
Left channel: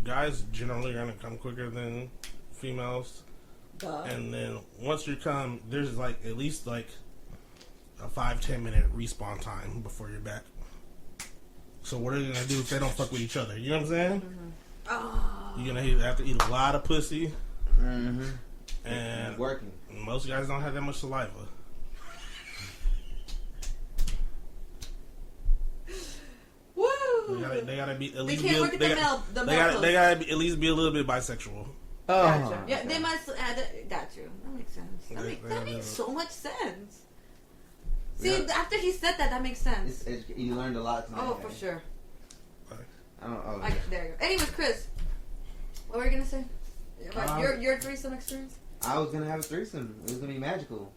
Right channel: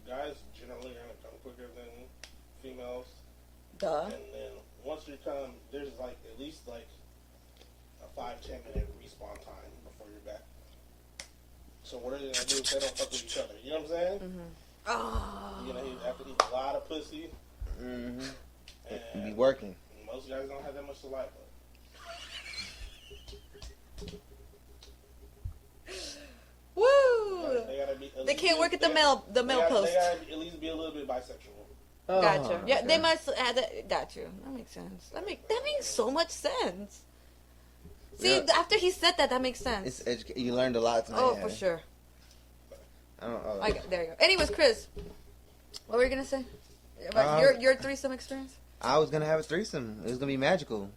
Guys generally are gonna come quicker than females. Duh. And then once you come, there's like at least like a 5-10 minute respawn time before you're back. So what are you gonna do if they don't fuck with each other? You know what I'm saying? Mm-hmm. Oh. You're gonna have to eat a lot of pussy. Mm-hmm. And working. Most guys don't have that much saliva. Woo! They gotta be. At they least can't work at the male. They gotta be, at least be a little bit bisexual. Oh, gotcha. Yeah, they must add that. Gotcha. That makes sense. That makes so much sense. See, after he said that makes sense. You learned a lot tonight. Oh, for sure. I don't know. There you go. Anyways, Chris, what were you gonna say about your threesome experience? I was gonna have a threesome. It was gonna be magical,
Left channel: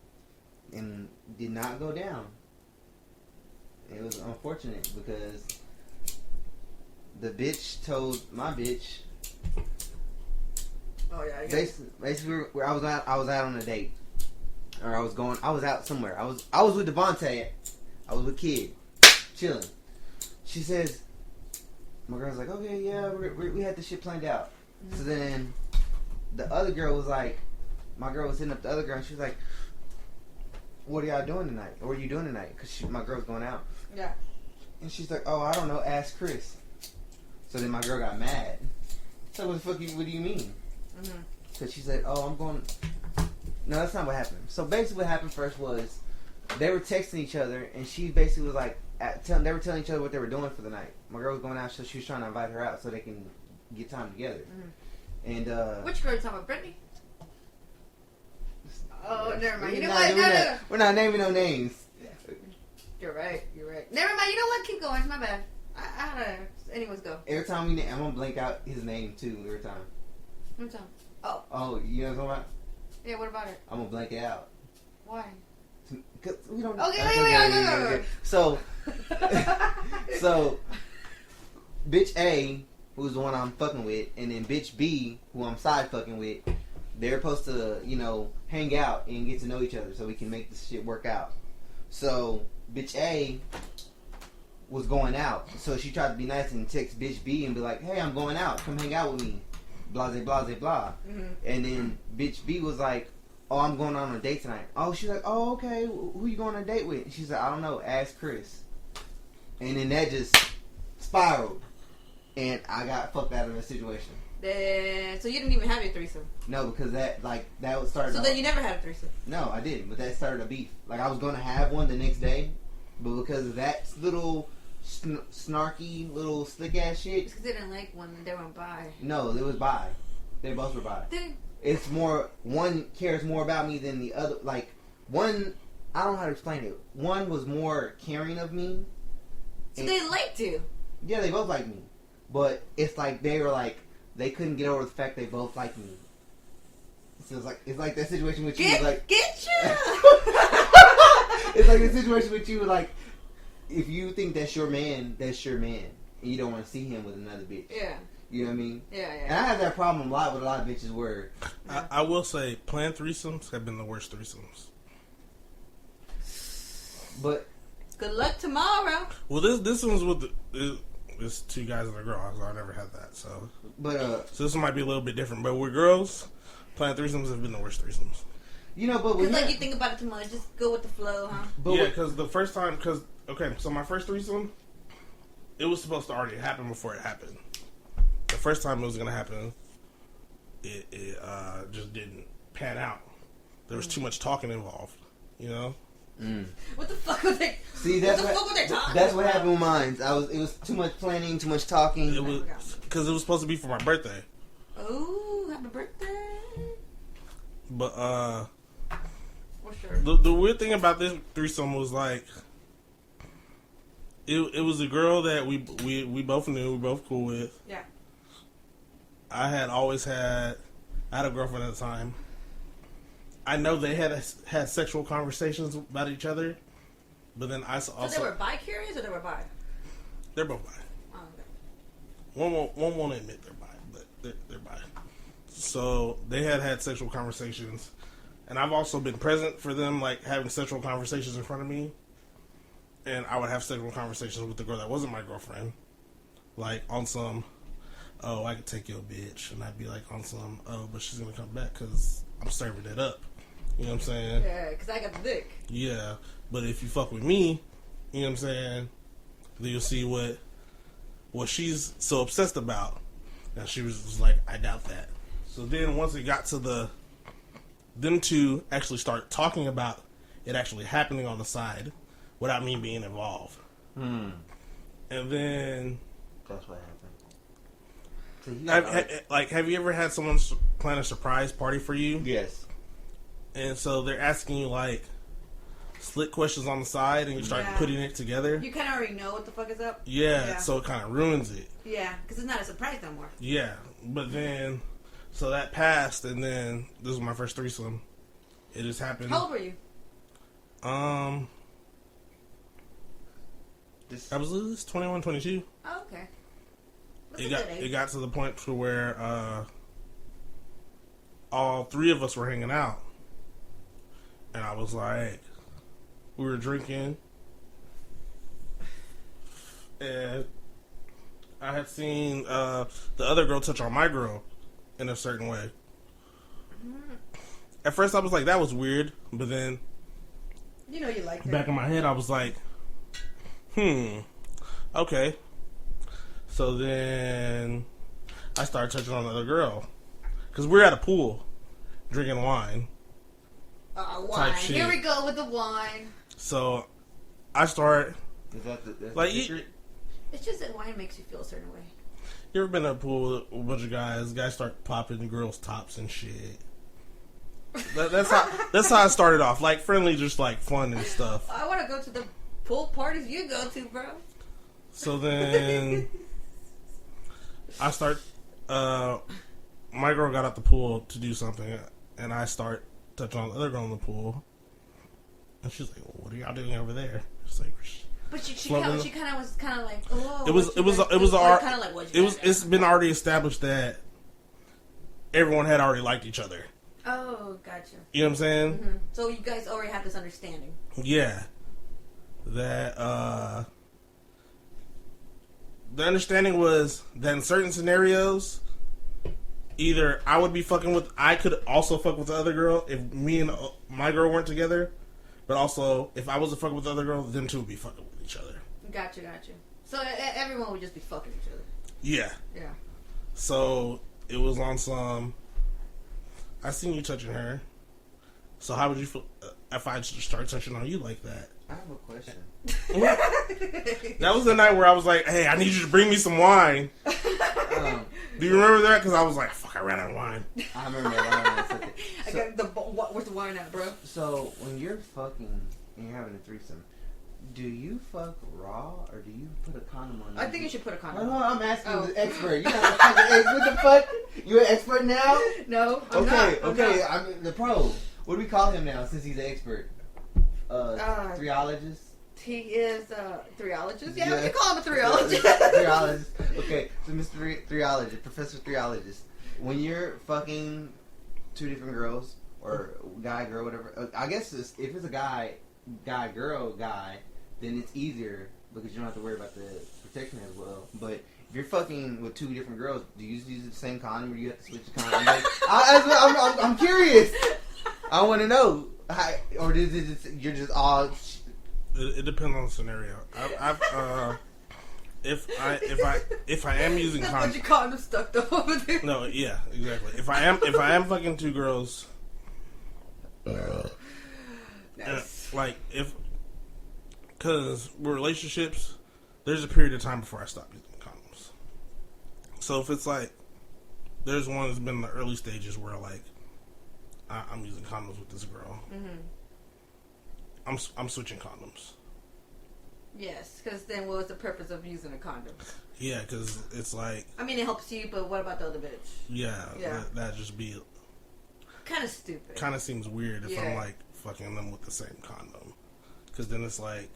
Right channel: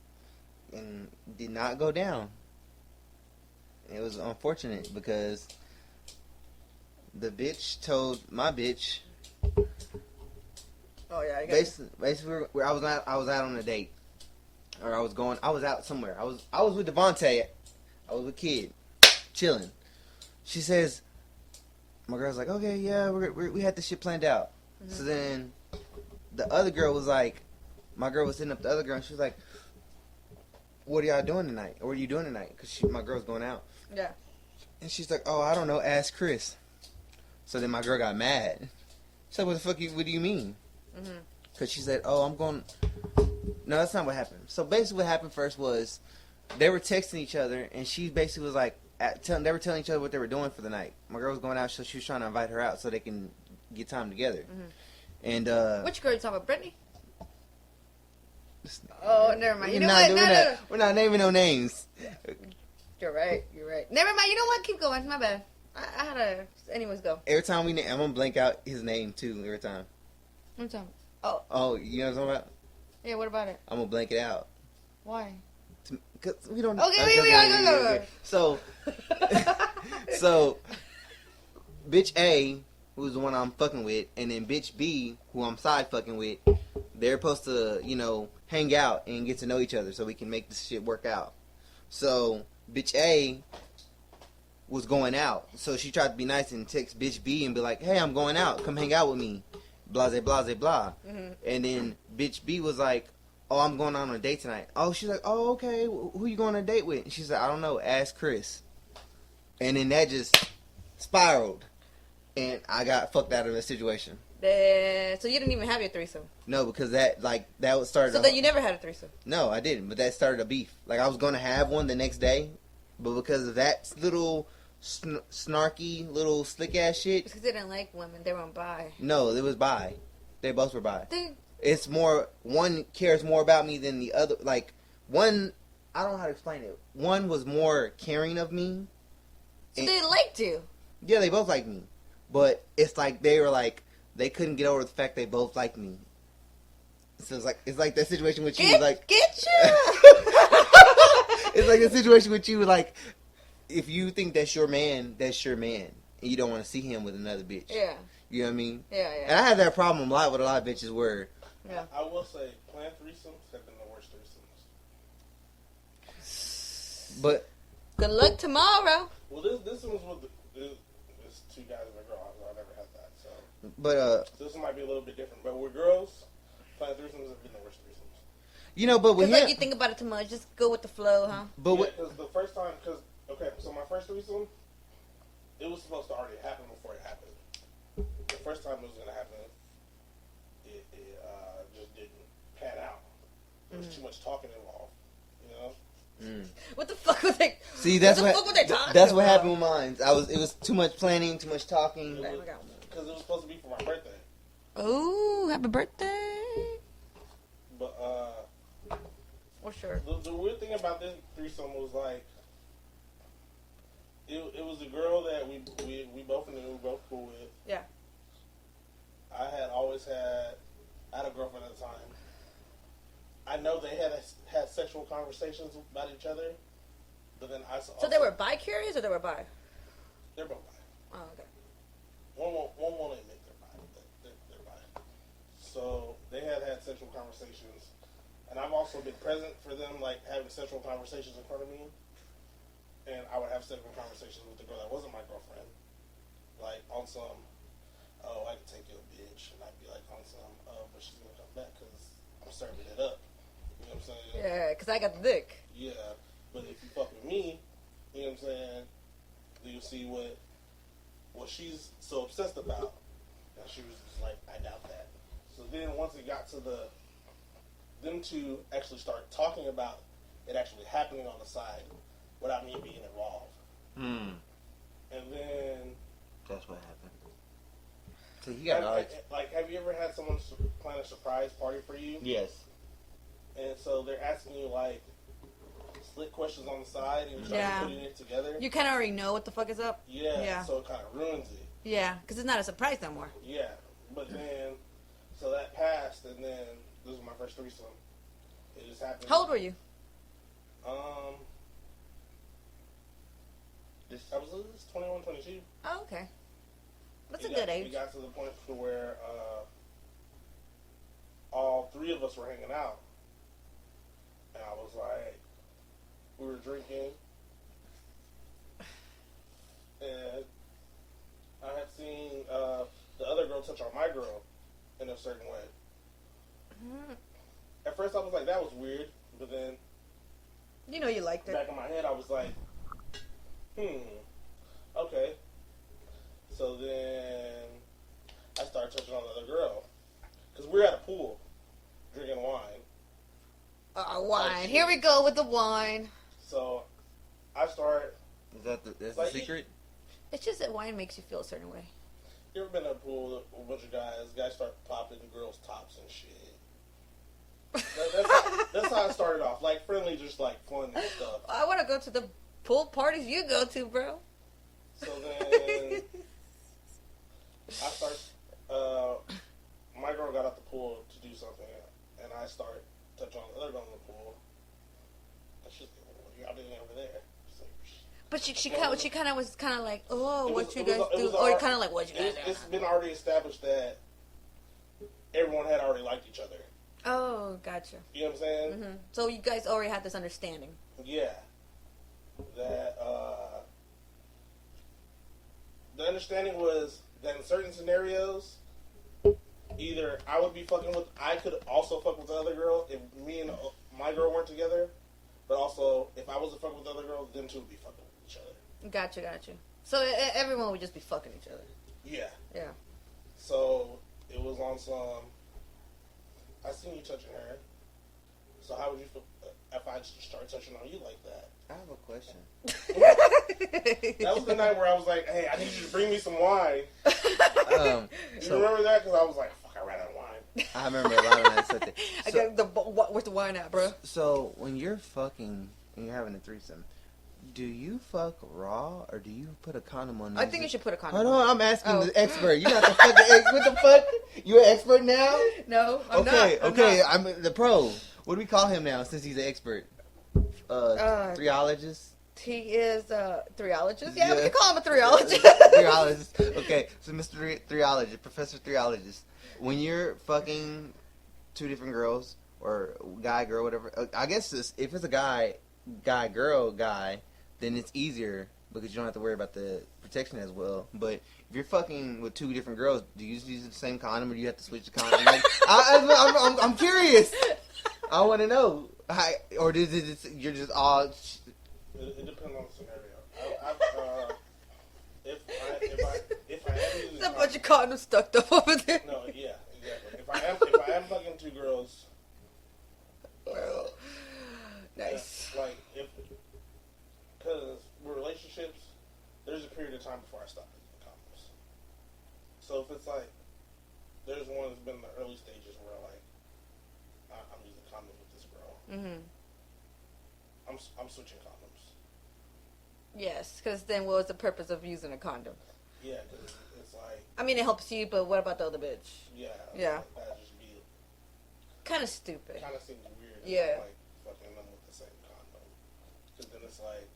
and did not go down. It was unfortunate because the bitch told my bitch. Oh yeah. Basically, I was out on a date, or I was out somewhere. I was with Devontae. I was with Kid, chilling. She says, my girl's like, okay, yeah, we had this shit planned out. Mm-hmm. So then the other girl was like, my girl was sitting up the other girl, and she was like, what are y'all doing tonight? Or what are you doing tonight? Because my girl's going out. Yeah. And she's like, oh, I don't know, ask Chris. So then my girl got mad. She's like, what do you mean? Because she said, oh, I'm going... No, that's not what happened. So basically what happened first was they were texting each other, and she basically was like, they were telling each other what they were doing for the night. My girl was going out, so she was trying to invite her out so they can get time together. Mm-hmm. And which girl are you talking about, Brittany? Oh, never mind. You know what? We're not naming no names. You're right. Never mind. You know what? Keep going. My bad. I had to... Anyways, go. Every time I'm going to blank out his name, too, every time. What time? Oh. Oh, you know what I'm talking about? Yeah, what about it? I'm going to blank it out. Why? Because we don't... Okay, wait. So, bitch A, who's the one I'm fucking with, and then bitch B, who I'm side fucking with, they're supposed to, hang out and get to know each other so we can make this shit work out. So, bitch A was going out. So she tried to be nice and text bitch B and be like, hey, I'm going out. Come hang out with me. Blase, blase, blah. Mm-hmm. And then bitch B was like, oh, I'm going on a date tonight. Oh, she's like, oh, okay. Who you going on a date with? And she's like, I don't know. Ask Chris. And then that just spiraled. And I got fucked out of the situation. So you didn't even have your threesome? No, because that started... So then you never had a threesome? No, I didn't. But that started a beef. Like, I was going to have one the next day. But because of that little snarky, little slick-ass shit... It's because they didn't like women. They weren't bi. No, it was bi. They both were bi. It's more... One cares more about me than the other. Like, one... I don't know how to explain it. One was more caring of me. So they liked you? Yeah, they both liked me. But it's like they were like... They couldn't get over the fact they both liked me. So it's like that situation with you. Get you! It's like the situation with you, like, if you think that's your man, that's your man. And you don't want to see him with another bitch. Yeah. You know what I mean? Yeah. And I have that problem a lot with a lot of bitches where... I will say, planned threesomes have been the worst threesomes. But... Good luck tomorrow. Well, this one's with... It's two guys and a girl, so I never had that. So this one might be a little bit different. But with girls, planned threesomes have been the worst threesomes. But when you think about it too much, just go with the flow, huh? But yeah, because the first time, so my first threesome, it was supposed to already happen before it happened. The first time it was gonna happen, it just didn't pan out. There was too much talking involved, What the fuck was they? See, that's what were they talking That's about? what happened with mine. It was too much planning, too much talking. It was because it was supposed to be for my birthday. Ooh, happy birthday! But well, sure. The weird thing about this threesome was like, it was a girl that we both knew, we both cool with. Yeah. I had a girlfriend at the time. I know they had sexual conversations about each other, but then I also... So they were bi-curious or they were bi? They're both bi. Oh, okay. One won't admit they're bi, but they're bi. So they had sexual conversations, and I've also been present for them, like having sexual conversations in front of me, and I would have sexual conversations with the girl that wasn't my girlfriend, like on some, oh, I could take your bitch, and I'd be like on some, oh, but she's gonna come back because I'm serving it up. You know what I'm saying? Yeah, because I got the dick. Yeah, but if you fuck with me, you know what I'm saying, then you'll see what she's so obsessed about. And she was like, I doubt that. So then once it got to them two actually start talking about it actually happening on the side without me being involved. And then... That's what happened. Have you ever had someone plan a surprise party for you? Yes. And so they're asking you, like, slick questions on the side, and you start putting it together. You kind of already know what the fuck is up. Yeah. So it kind of ruins it. Yeah, because it's not a surprise no more. Yeah, but then, so that passed, and then this was my first threesome. It just happened. How old were you? I was 21, 22. Oh, okay. That's a good age. It got to the point to where all three of us were hanging out. And I was like, we were drinking. And I had seen the other girl touch on my girl in a certain way. At first I was like, that was weird. But then... You know you liked it. Back in my head I was like, okay. So then I started touching on the other girl. Because we're at a pool drinking wine. Wine. Here we go with the wine. So I start... Is that the secret? It's just that wine makes you feel a certain way. You ever been in a pool with a bunch of guys? Guys start popping girls' tops and shit. That's how it started off. Like friendly, just like fun and stuff. I want to go to the pool parties you go to, bro. So then I start. My girl got out the pool to do something, and I start touching on the other girl in the pool, and she's like, well, "What are y'all doing over there?" It's like, but she kind of was kind of like, "Oh." It's been already established that everyone had already liked each other. Oh, gotcha. You know what I'm saying? Mm-hmm. So you guys already have this understanding. Yeah. That the understanding was that in certain scenarios, either I could also fuck with the other girl if me and my girl weren't together, but also if I wasn't fucking with the other girl, them two would be fucking with each other. Gotcha. So everyone would just be fucking each other. Yeah. Yeah. So it was on some. I seen you touching her. So how would you feel if I just start touching on you like that? I have a question. That was the night where I was like, "Hey, I need you to bring me some wine." Do you remember that? Because I was like, "Fuck, I ran out of wine." I remember a lot of that stuff. I got where's the wine at, bro? So when you're fucking and you're having a threesome, do you fuck raw or do you put a condom on? I think you should put a condom. Hold on, I'm asking the expert. You got the fucking expert. What the fuck? You an expert now? No, I'm not. I'm the pro. What do we call him now since he's an expert? 3ologist? He is a 3ologist? Yeah, we can call him a 3ologist. 3ologist. Okay, so Mr. 3ologist, Professor 3ologist, when you're fucking two different girls, or guy, girl, whatever, I guess if it's a guy, girl, then it's easier because you don't have to worry about the protection as well. But if you're fucking with two different girls, do you use the same condom or do you have to switch the condom? I'm curious. I want to know. Or is it you're just all... It depends on the scenario. If I am using condoms, bunch of condoms stuck up over there. No, yeah, exactly. If I am fucking two girls, nice. Because with relationships, there's a period of time before I stop using condoms. So if it's like, there's one that's been in the early stages where like I'm using condoms with this girl. Mm-hmm. I'm switching condoms. Yes, because then what was the purpose of using a condom? Yeah, because it's like... I mean, it helps you, but what about the other bitch? Yeah. That'd just be... kind of stupid. Kind of seems weird if I'm like fucking them with the same condom. Because then it's like...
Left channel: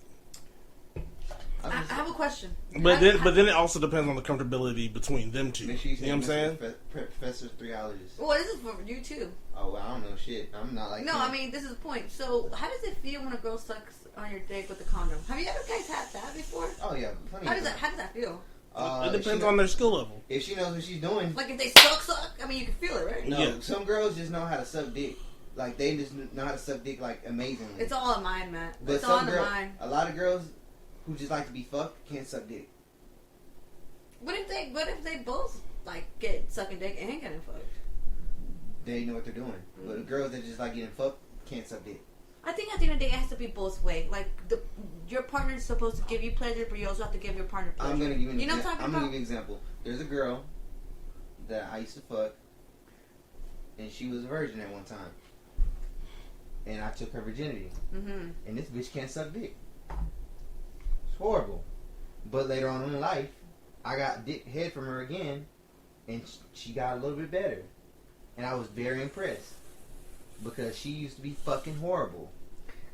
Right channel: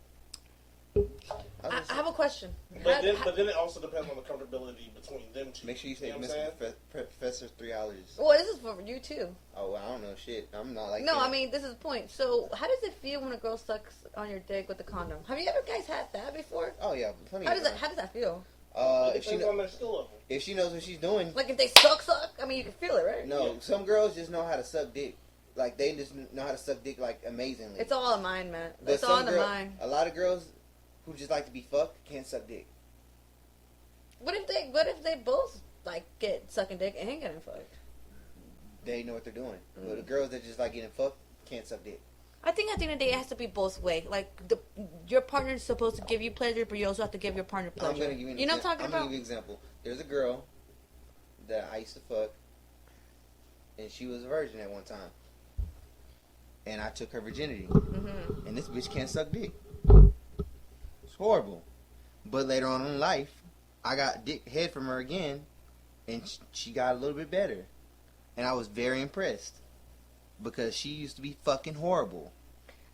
I have a question. But then it also depends on the comfortability between them two. Make sure you know what I'm saying? Professor 3ologist. Well, this is for you too. Oh, well, I don't know shit. I'm not like... No, I mean, this is the point. So, how does it feel when a girl sucks on your dick with a condom? Have you ever guys had that before? Oh, yeah. Plenty How does that feel? It depends on their skill level. If she knows what she's doing. Like, if they suck, I mean, you can feel it, right? No, some girls just know how to suck dick. Like, they just know how to suck dick, like, amazingly. It's all in mind, man. But it's all in the mind. A lot of girls who just like to be fucked can't suck dick. What if they both, like, get sucking dick and getting fucked? They know what they're doing. But the girls that just like getting fucked can't suck dick. I think at the end of the day, it has to be both ways. Like, your partner is supposed to give you pleasure, but you also have to give your partner pleasure. I'm going to give you what I'm talking about? I'm going to give you an example. There's a girl that I used to fuck, and she was a virgin at one time. And I took her virginity. Mm-hmm. And this bitch can't suck dick. It's horrible. But later on in life, I got dick head from her again, and she got a little bit better. And I was very impressed. Because she used to be fucking horrible.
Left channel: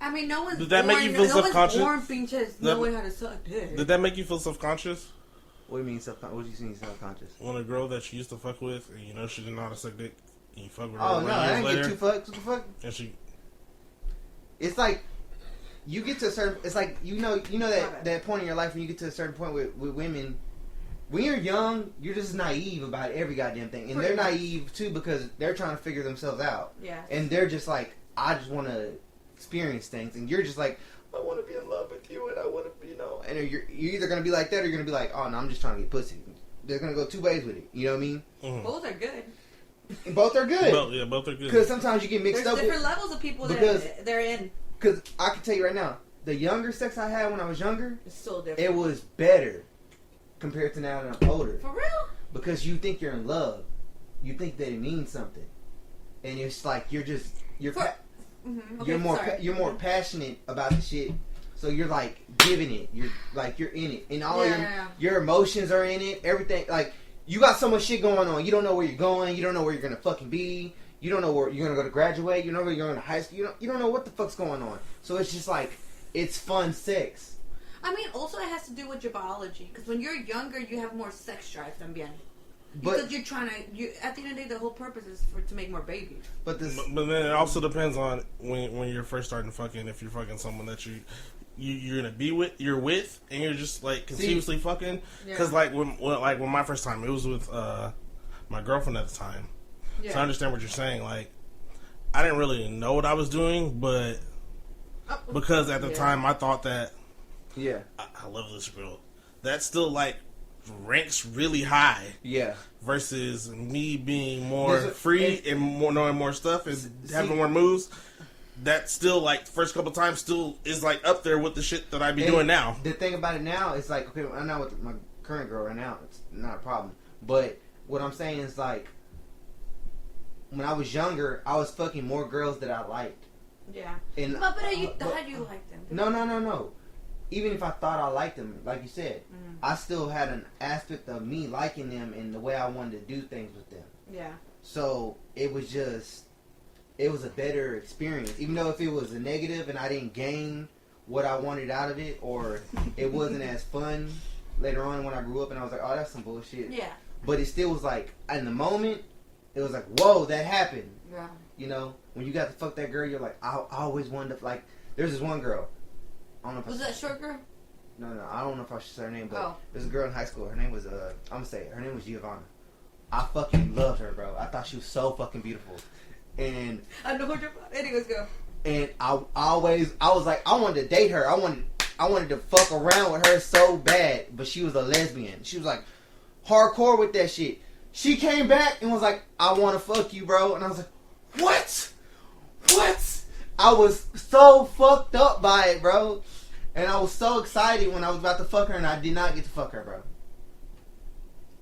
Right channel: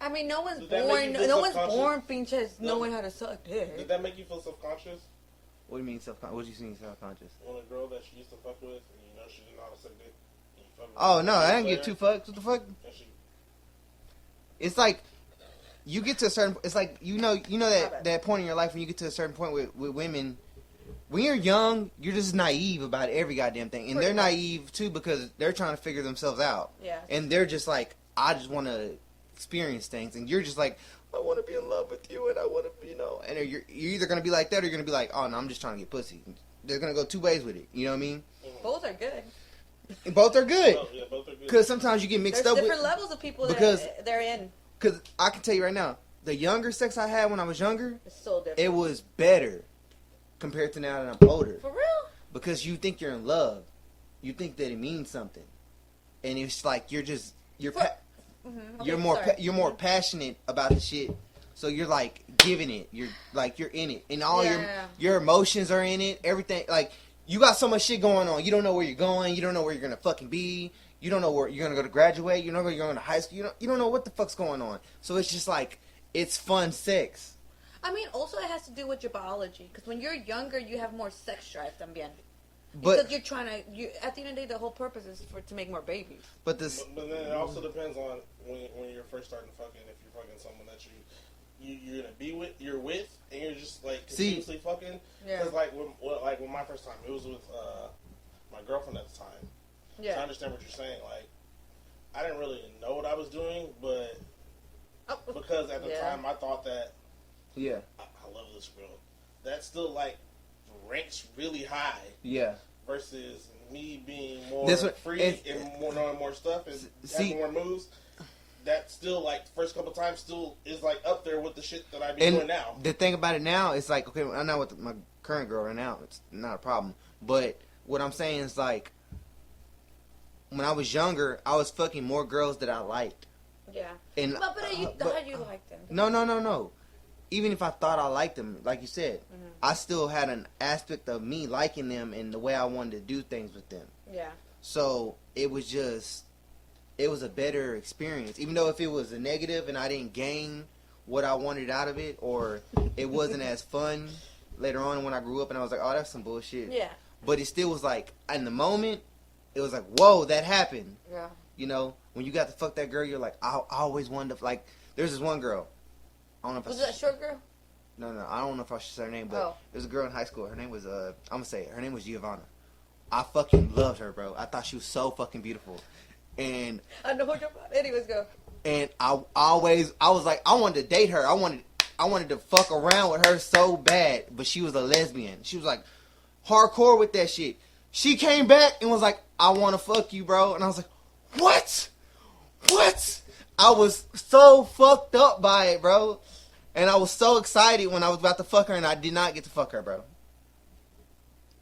I mean, no one's Did that make you feel self-conscious? born being just knowing how to suck dick. Did that make you feel self-conscious? What do you mean self-conscious? What do you mean self-conscious? When a girl that you used to fuck with, and you know she didn't know how to suck dick, and you fuck with her. Oh, no, I didn't get two fucks. What the fuck? And she... It's like, you get to a certain... It's like, you know that point in your life when you get to a certain point with women... When you're young, you're just naive about every goddamn thing. And they're naive, too, because they're trying to figure themselves out. Yeah. And they're just like, I just want to experience things. And you're just like, I want to be in love with you, and I want to, And you're either going to be like that, or you're going to be like, oh, no, I'm just trying to get pussy. They're going to go two ways with it. You know what I mean? Mm-hmm. Both are good. Both are good. Both are good. Because sometimes you get mixed up with... There's different levels of people that they're in. Because I can tell you right now, the younger sex I had when I was younger... It's so different. It was better. Compared to now that I'm older. For real? Because you think you're in love. You think that it means something. And it's like you're more passionate about the shit. So you're like giving it. You're in it, and all your emotions are in it. Everything, like, you got so much shit going on. You don't know where you're going. You don't know where you're gonna fucking be. You don't know where you're gonna go to graduate. You don't know where you're going to high school. You don't know what the fuck's going on. So it's just like, it's fun sex. I mean, also it has to do with your biology. Because when you're younger, you have more sex drive también. But because you're trying to, at the end of the day, the whole purpose is to make more babies. But then it also depends on when you're first starting fucking. If you're fucking someone that you're gonna be with, and you're just like continuously fucking. Because like when my first time, it was with my girlfriend at the time. Yeah. So I understand what you're saying. Like, I didn't really know what I was doing, but because at the time I thought that I love this girl. That still like ranks really high. Yeah. Versus me being more free and more knowing more stuff and having more moves. That still, like, the first couple times still is, like, up there with the shit that I be doing now. The thing about it now is, like, okay, I'm not with my current girl right now. It's not a problem. But what I'm saying is, like, when I was younger, I was fucking more girls that I liked. Yeah. And, but how do you like them? No. Even if I thought I liked them, like you said, I still had an aspect of me liking them and the way I wanted to do things with them. Yeah. So it was a better experience. Even though if it was a negative and I didn't gain what I wanted out of it, or it wasn't as fun later on when I grew up and I was like, oh, that's some bullshit. Yeah. But it still was like, in the moment, it was like, whoa, that happened. Yeah. You know, when you got to fuck that girl, you're like, I always wanted to, like, there's this one girl. I don't know if was that short girl? No, I don't know if I should say her name, but there's a girl in high school. Her name was, I'm gonna say it. Her name was Giovanna. I fucking loved her, bro. I thought she was so fucking beautiful. And I know what you're about. Anyways, go. And I was like, I wanted to date her. I wanted to fuck around with her so bad, but she was a lesbian. She was like hardcore with that shit. She came back and was like, I want to fuck you, bro. And I was like, what? I was so fucked up by it, bro. And I was so excited when I was about to fuck her, and I did not get to fuck her, bro.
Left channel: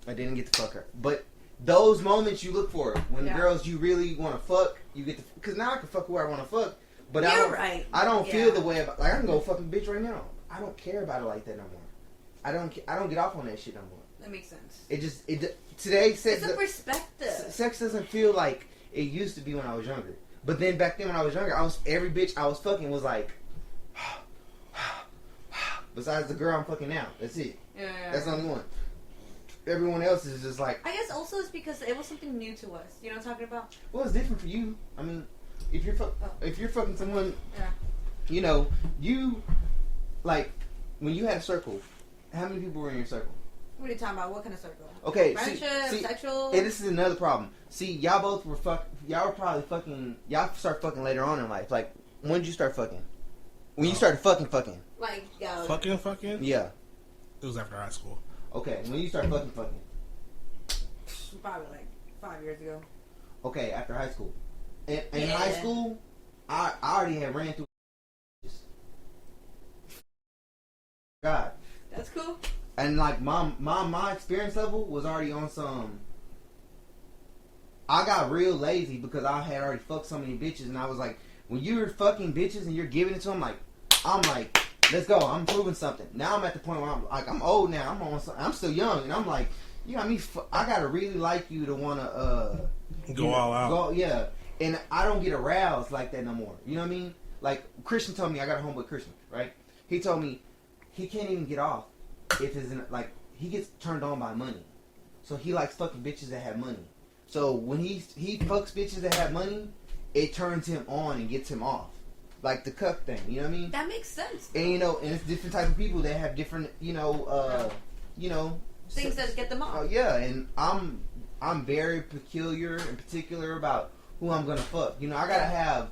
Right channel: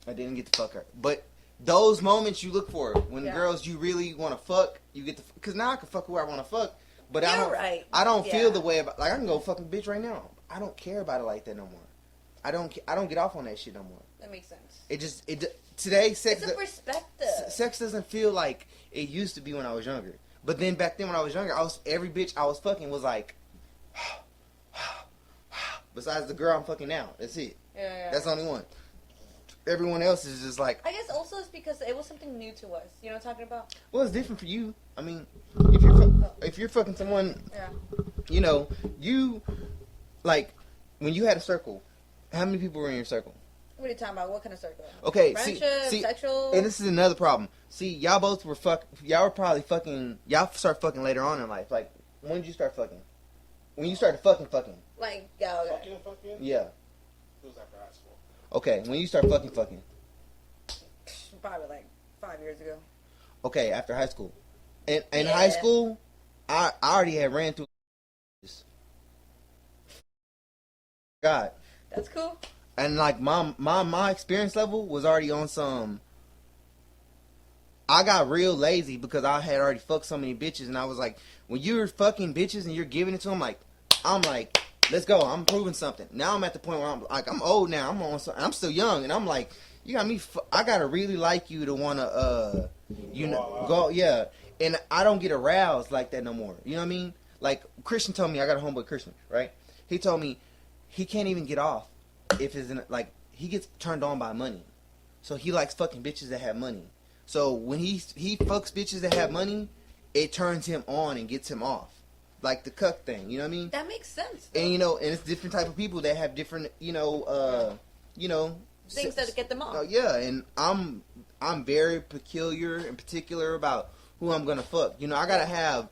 I didn't get to fuck her. But those moments you look for, when girls you really want to fuck, you get to, because now I can fuck who I want to fuck, but I don't feel the way about, like, I can go fuck a bitch right now. I don't care about it like that no more. I don't get off on that shit no more. That makes sense. Today, sex, it's a perspective. Sex doesn't feel like it used to be when I was younger. But then back then when I was younger, every bitch I was fucking was like, besides the girl I'm fucking now. That's it. Yeah. That's the only one. Everyone else is just like... I guess also it's because it was something new to us. You know what I'm talking about? Well, it's different for you. I mean, if you're fucking someone, you know, you, like, when you had a circle, how many people were in your circle? What are you talking about? What kind of circle? Okay, friendship, see, sexual? And this is another problem. See, y'all both were y'all were probably fucking, y'all start fucking later on in life. Like, when did you start fucking? When you started fucking? Like, fucking? Yeah. It was after high school. Okay, when you start fucking? Probably like 5 years ago. Okay, after high school. In high school, I already had ran through God. That's cool. And like my experience level was already on some. I got real lazy because I had already fucked so many bitches, and I was like, when you're fucking bitches and you're giving it to them, I'm like, let's go. I'm proving something. Now I'm at the point where I'm old now. I'm still young, and I'm like, you got me. I gotta really like you to wanna go all out. Yeah, and I don't get aroused like that no more. You know what I mean? Like Christian told me, I got a homeboy Christian, right? He told me he can't even get off if it's like he gets turned on by money. So he likes fucking bitches that have money. So when he fucks bitches that have money, it turns him on and gets him off. Like the cuck thing, you know what I mean? That makes sense. Though. And you know, and it's different type of people that have different, things that get them off. Yeah, and I'm very peculiar and particular about who I'm gonna fuck. You know, I gotta have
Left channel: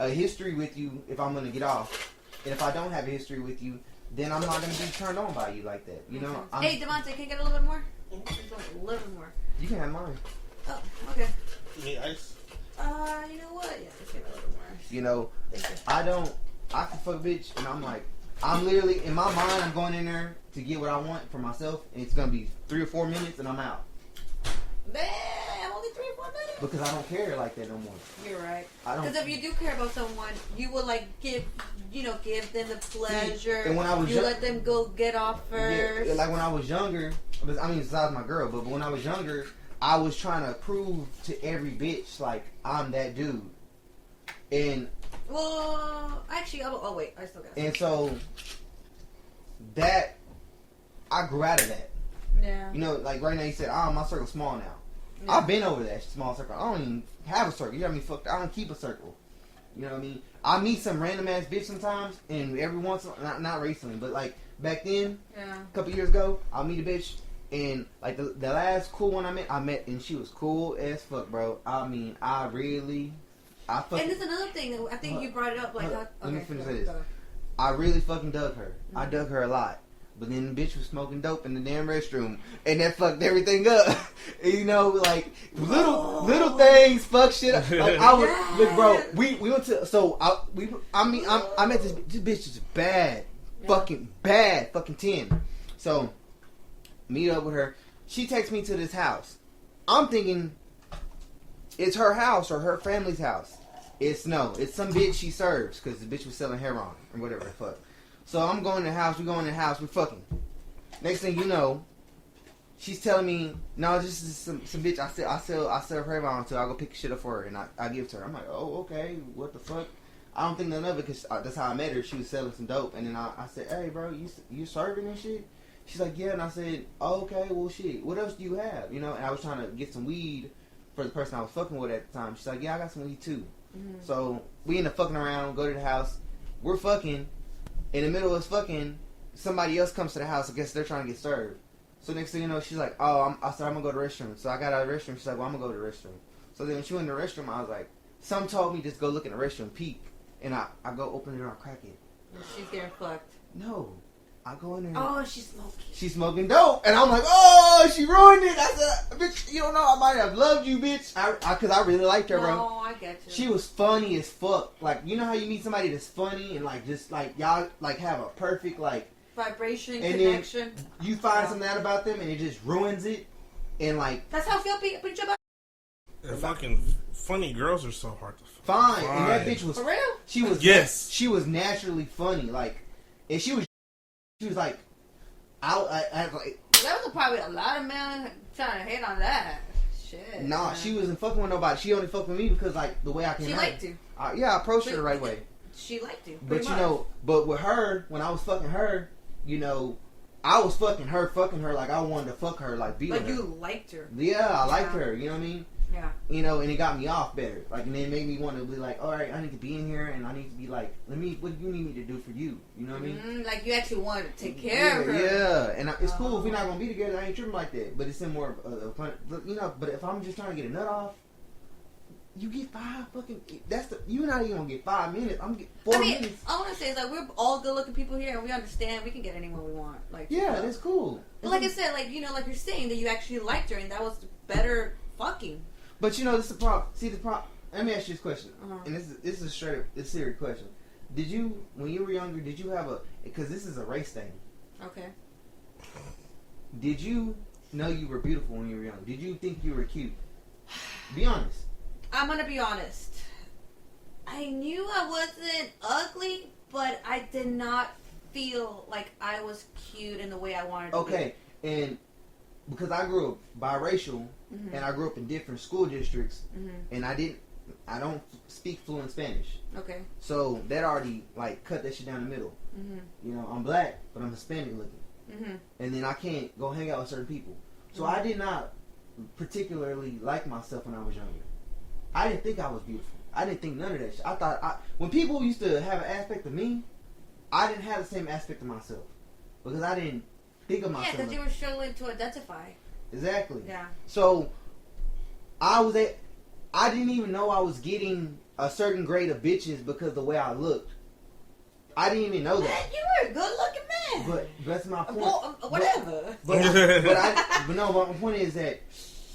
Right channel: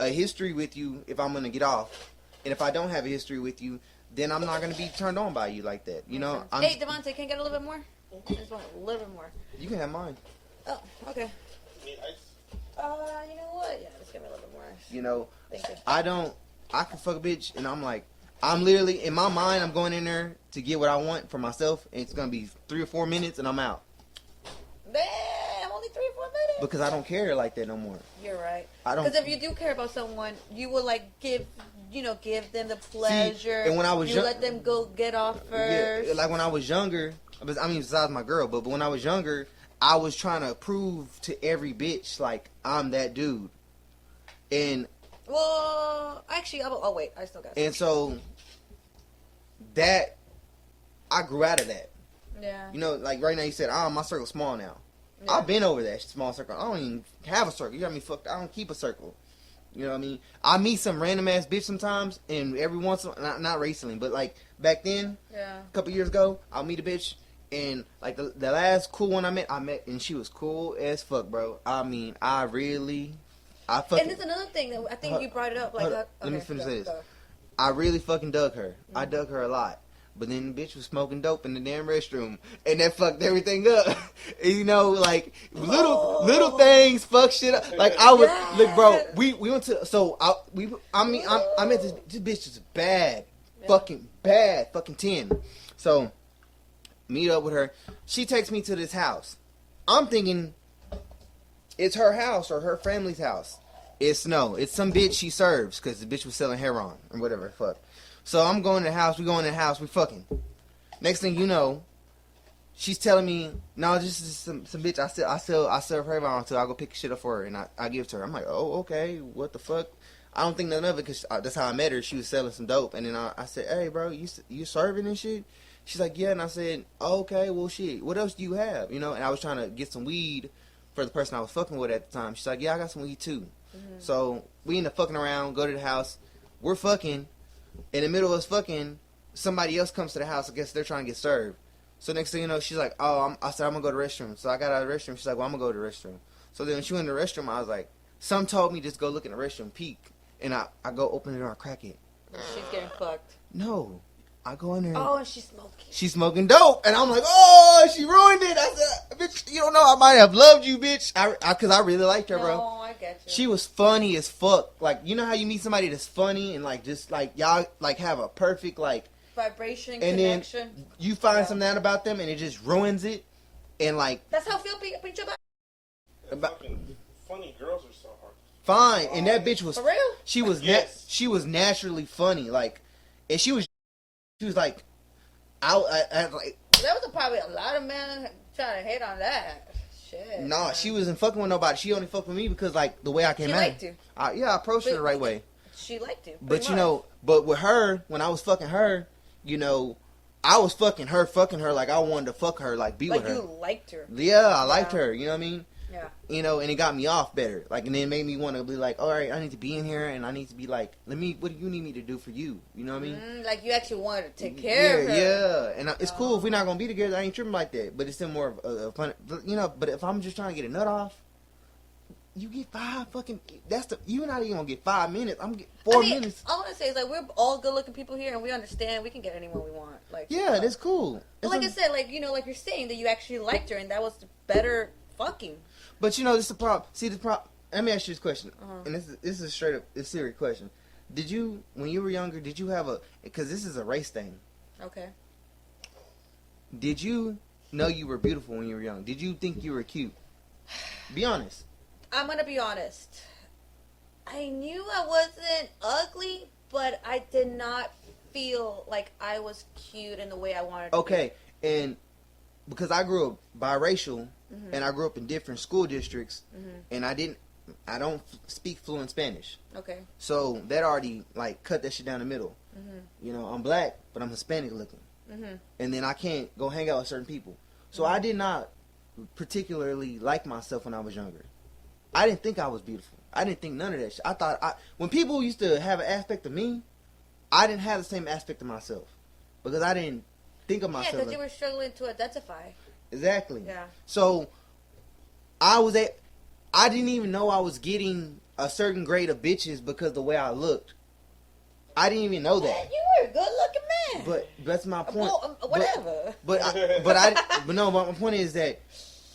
a history with you if I'm gonna get off. And if I don't have a history with you, then I'm not gonna be turned on by you like that. You know. Hey, Devontae, can I get a little bit more? I just want a little bit more. You can have mine. Oh, okay. You need ice? You know what? Yeah, just give me a little bit more. You know, thank you. I can fuck a bitch, and I'm literally in my mind. I'm going in there to get what I want for myself, and it's gonna be 3 or 4 minutes, and I'm out. Man, only 3 or 4 minutes. Because I don't care like that no more. You're right. I don't. Because if you do care about someone, you will like give give them the pleasure. See, and when I was let them go get off first. Yeah, like when I was younger, I mean, besides my girl, but when I was younger, I was trying to prove to every bitch, like, I'm that dude. And... Well, actually, wait, I still got And so, that... I grew out of that. Yeah. Like right now you said, my circle's small now. Yeah. I've been over that small circle. I don't even have a circle. You got me fucked. I don't keep a circle. You know what I mean? I meet some random ass bitch sometimes, and every once in a while, not recently, but like back then, a couple years ago, I'll meet a bitch, and like the last cool one I met, and she was cool as fuck, bro. I mean, I fucking. And there's another thing that I think you brought it up. Like, let me finish this. I really fucking dug her. Mm-hmm. I dug her a lot. But then the bitch was smoking dope in the damn restroom, and that fucked everything up. Like little things fuck shit up. Like I was, look, bro. We went to I met this bitch is bad, fucking bad, fucking 10. So meet up with her. She takes me to this house. I'm thinking it's her house or her family's house. It's some bitch she serves because the bitch was selling heroin or whatever the fuck. So I'm going to the house, we fucking. Next thing you know, she's telling me, no, this is some bitch I serve her on, so I'll go pick shit up for her, and I give it to her. I'm like, oh, okay, what the fuck? I don't think nothing of it, because that's how I met her. She was selling some dope, and then I said, hey, bro, you serving and shit? She's like, yeah, and I said, oh, okay, well, shit, what else do you have? And I was trying to get some weed for the person I was fucking with at the time. She's like, yeah, I got some weed, too. Mm-hmm. So we end up fucking around, go to the house, we're fucking. In the middle of us fucking, somebody else comes to the house. I guess they're trying to get served. So next thing you know, she's like, I said, I'm going to go to the restroom. So I got out of the restroom. She's like, well, I'm going to go to the restroom. So then when she went in the restroom, I was like, some told me just go look in the restroom, peek. And I go open the door and crack it. She's getting fucked. No. I go in there. Oh, she's smoking. She's smoking dope. And I'm like, oh, she ruined it. I said, bitch, you don't know, I might have loved you, bitch. Because I really liked her, bro. Oh, I get you. She was funny as fuck. Like, you know how you meet somebody that's funny and, like, just, like, y'all, like, have a perfect, like... vibration, and connection. Then you find something out about them and it just ruins it. And, like... That's how Phil beat you up. Fucking funny girls are so hard to find. And that bitch was... For real? She was... Yes. She was naturally funny. Like, and she was like... I like, there was probably a lot of men trying to hate on that. Shit. Nah, man. She wasn't fucking with nobody. She only fucked with me because, like, the way I came out. She liked you. I approached her the right way. She liked you. But, but with her, when I was fucking her, I was fucking her like I wanted to fuck her, like, be with her. Like, you liked her. Yeah, I liked her, you know what I mean? Yeah. And it got me off better. Like, and then it made me want to be like, all right, I need to be in here, and I need to be like, what do you need me to do for you? You know what I mean? Like, you actually wanted to take care of her. Yeah, and it's cool if we're not going to be together. I ain't tripping like that. But it's still more of a fun, but if I'm just trying to get a nut off, you get 5 fucking, you're not even going to get 5 minutes. I'm going to get 4 minutes. All I want to say is, like, we're all good-looking people here, and we understand we can get anyone we want. Like, yeah, that's cool. But like I said, like, like you're saying that you actually liked her, and that was better fucking. But this is the problem. See, the problem. Let me ask you this question, and this is straight up a serious question. Did you, when you were younger, did you have because this is a race thing. Okay. Did you know you were beautiful when you were young? Did you think you were cute? Be honest. I'm gonna be honest. I knew I wasn't ugly, but I did not feel like I was cute in the way I wanted to be. Okay, and because I grew up biracial. Mm-hmm. And I grew up in different school districts, and I don't speak fluent Spanish. Okay. So that already, like, cut that shit down the middle. Mm-hmm. I'm black, but I'm Hispanic looking. Mm-hmm. And then I can't go hang out with certain people. So I did not particularly like myself when I was younger. I didn't think I was beautiful. I didn't think none of that shit. I thought, when people used to have an aspect of me, I didn't have the same aspect of myself. Because I didn't think of myself. Yeah, because you were struggling to identify. Exactly. Yeah. So I didn't even know I was getting a certain grade of bitches because the way I looked. I didn't even know that. Man, you were a good looking man. But that's my point. Well, whatever. But no, my point is that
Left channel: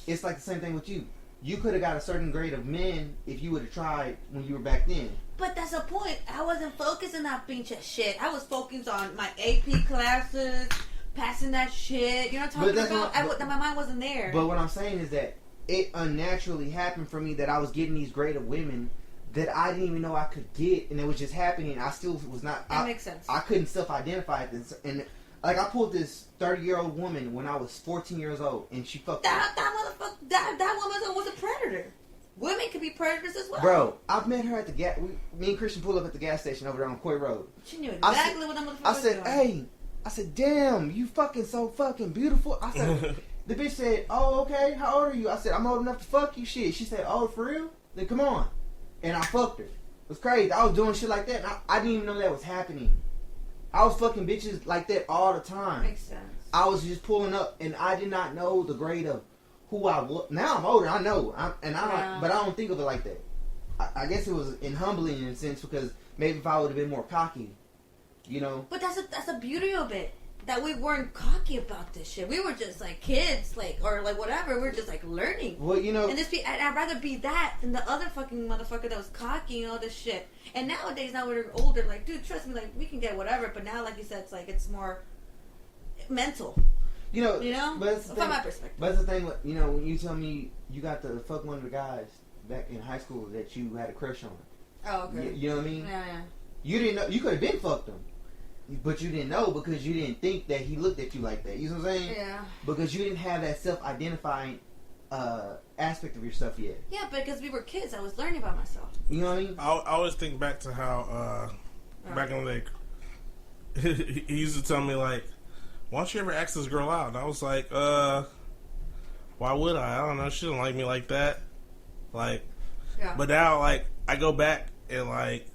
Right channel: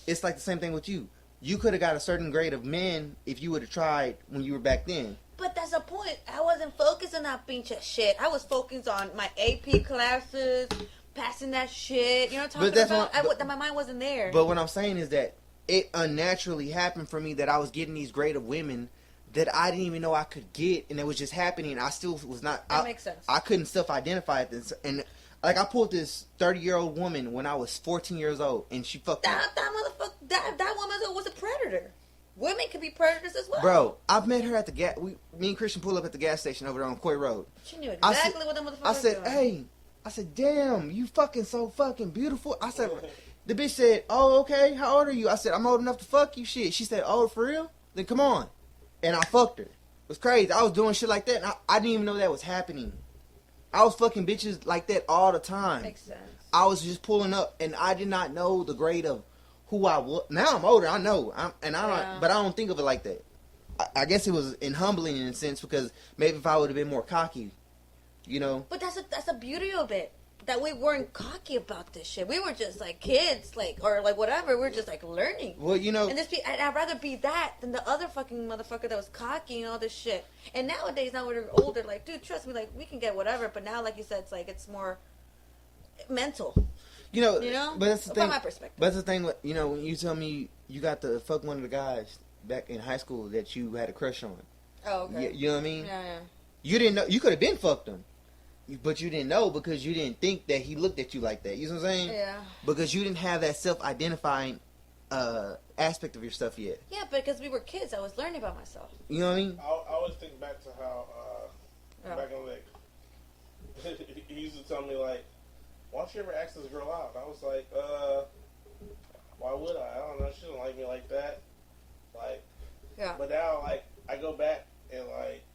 it's like the same thing with you. You could have got a certain grade of men if you would have tried when you were back then. But that's the point. I wasn't focusing on pinche shit. I was focused on my AP classes, passing that shit. You know what I'm talking about? My mind wasn't there. But what I'm saying is that it unnaturally happened for me that I was getting these grade of women that I didn't even know I could get, and it was just happening. I still was not. That makes sense. I couldn't self-identify this, and like I pulled this 30-year-old woman when I was 14 years old, and she fucked that motherfucker. That woman was a predator. Women can be predators as well. Bro, I've met her at the gas. Me and Christian pulled up at the gas station over there on Coy Road. She knew exactly what that motherfucker was doing. Hey, I said, damn, you fucking so fucking beautiful. I said, the bitch said, oh, okay, how old are you? I said, I'm old enough to fuck you. Shit. She said, oh, for real? Then come on. And I fucked her. It was crazy. I was doing shit like that. I didn't even know that was happening. I was fucking bitches like that all the time. Makes sense. I was just pulling up, and I did not know the grade of who I was. Now I'm older, I know, but I don't think of it like that. I guess it was humbling in a sense because maybe if I would have been more cocky, you know. But that's the beauty of it, that we weren't cocky about this shit. We were just like kids, or whatever. We were just like learning. Well, you know, and I'd rather be that than the other fucking motherfucker that was cocky and all this shit. And nowadays, now we're older, like, dude, trust me, like, we can get whatever. But now, like you said, it's more mental. You know, but that's the thing. From my perspective. But that's the thing. You know, when you tell me you got to fuck one of the guys back in high school that you had a crush on. Oh, okay. You know what I mean? Yeah. You didn't know. You could have been fucked him, but you didn't know because you didn't think that he looked at you like that. You know what I'm saying? Yeah. Because you didn't have that self-identifying aspect of yourself yet. Yeah, because we were kids. I was learning about myself. You know what I mean? I always think back to how back in the day, he used to tell me like, why don't you ever ask this girl out? And I was like, why would I? I don't know. She didn't like me like that. Like, yeah. But now, like, I go back and, like,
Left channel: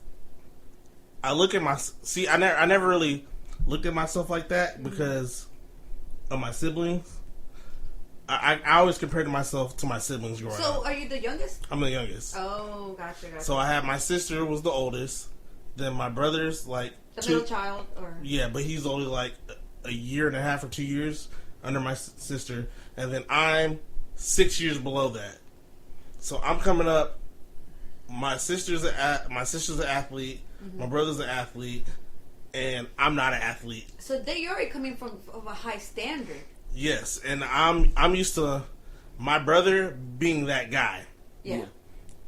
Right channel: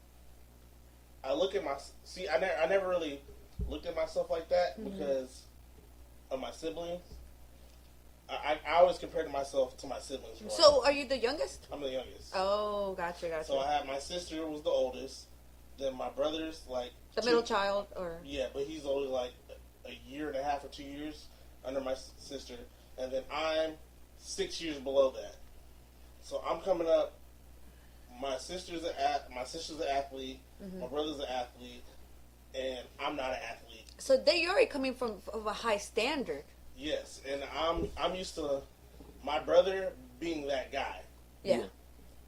I look at I never really looked at myself like that because of my siblings. I always compared myself to my siblings growing up. So, are you the youngest? I'm the youngest. Oh, gotcha. So, I had my sister was the oldest. Then my brother's, like... The middle child, or... Yeah, but he's only, like... a year and a half or 2 years under my sister, and then I'm 6 years below that. So I'm coming up. My sister's an athlete. Mm-hmm. My brother's an athlete, and I'm not an athlete. So you're already coming from a high standard. Yes, and I'm used to my brother being that guy. Yeah.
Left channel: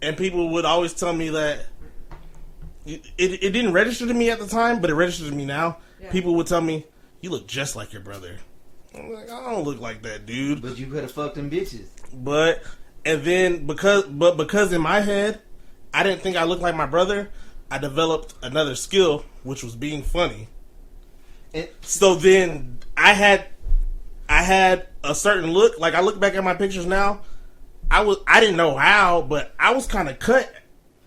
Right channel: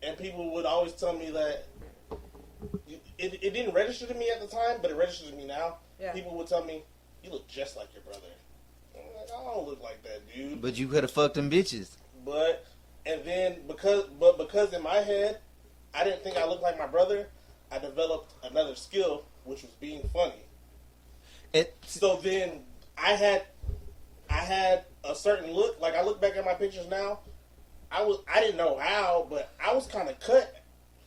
And people would always tell me that it didn't register to me at the time, but it registers to me now. Yeah. People would tell me, you look just like your brother. I'm like, I don't look like that, dude. But you could have fucked them bitches. Because in my head, I didn't think I looked like my brother, I developed another skill, which was being funny. So then I had a certain look. Like I look back at my pictures now, I didn't know how, but I was kind of cut.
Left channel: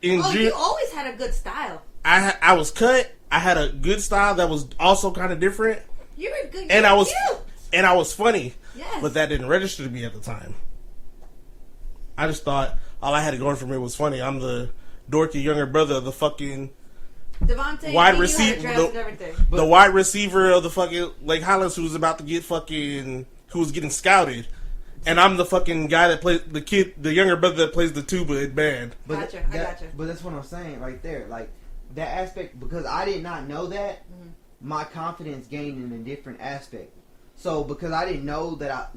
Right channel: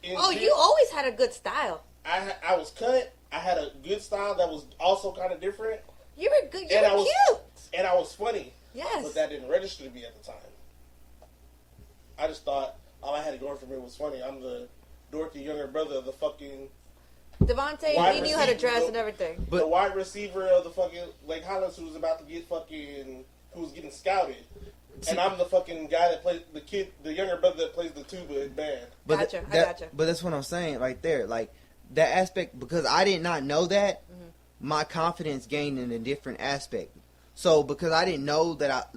You always had a good style. I was cut. I had a good style that was also kind of different. You were good. You were cute. And I was funny. Yes. But that didn't register to me at the time. I just thought all I had going for me was funny. I'm the dorky younger brother of the fucking Devontae, wide receiver, and everything. The wide receiver of the fucking Lake Highlands who was about to get who was getting scouted. And I'm the fucking guy that plays the younger brother that plays the tuba in band. I gotcha. But that's what I'm saying right there. Like, that aspect, because I did not know that, my confidence gained in a different aspect. So, because I didn't know that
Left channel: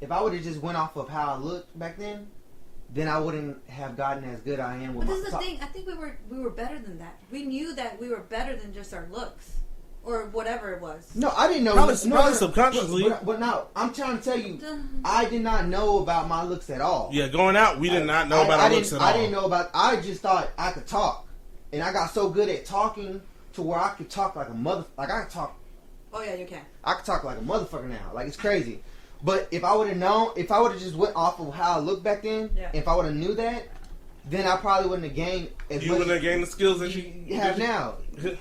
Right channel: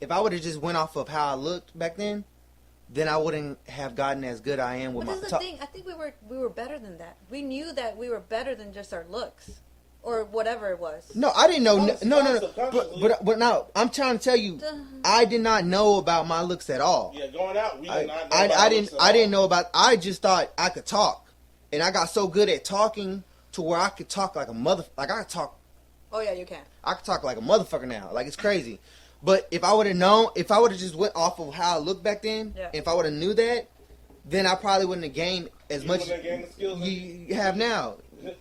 if I would have just went off of how I looked back then I wouldn't have gotten as good I am with my... But this is the thing, I think we were better than that. We knew that we were better than just our looks. Or whatever it was. No, I didn't know. Probably subconsciously. But no, I'm trying to tell you, I did not know about my looks at all. Yeah, going out, we did not know about our looks at all. I didn't know about... I just thought I could talk. And I got so good at talking to where I could talk like a mother... Like, I could talk... Oh, yeah, you can. I could talk like a motherfucker now. Like, it's crazy. But if I would have known... If I would have just went off of how I looked back then... Yeah. If I would have knew that... Then I probably wouldn't have gained as much... You wouldn't have gained the skills that you have now.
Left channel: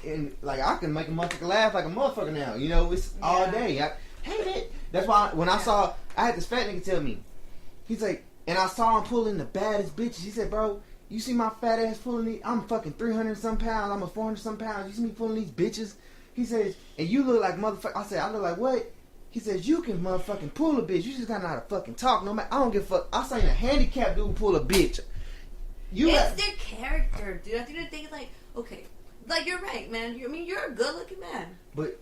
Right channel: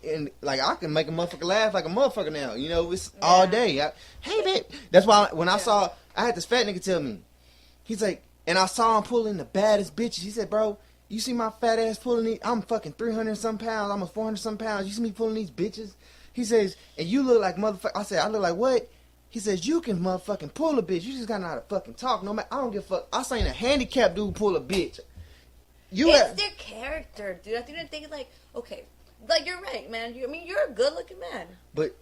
And, like, I can make a motherfucker laugh like a motherfucker now. You know, it's all day. Hey, man. That's why when I saw... I had this fat nigga tell me. He's like... And I saw him pulling the baddest bitches. He said, bro... You see my fat ass pulling these? I'm fucking 300 some pounds. I'm a 400 some pounds. You see me pulling these bitches? He says, and you look like motherfucker. I said, I look like what? He says, you can motherfucking pull a bitch. You just gotta know how to fucking talk. No matter, I don't give a fuck. I seen a handicapped dude pull a bitch. It's their character, dude. I think they think like, okay, like you're right, man. You're a good looking man. But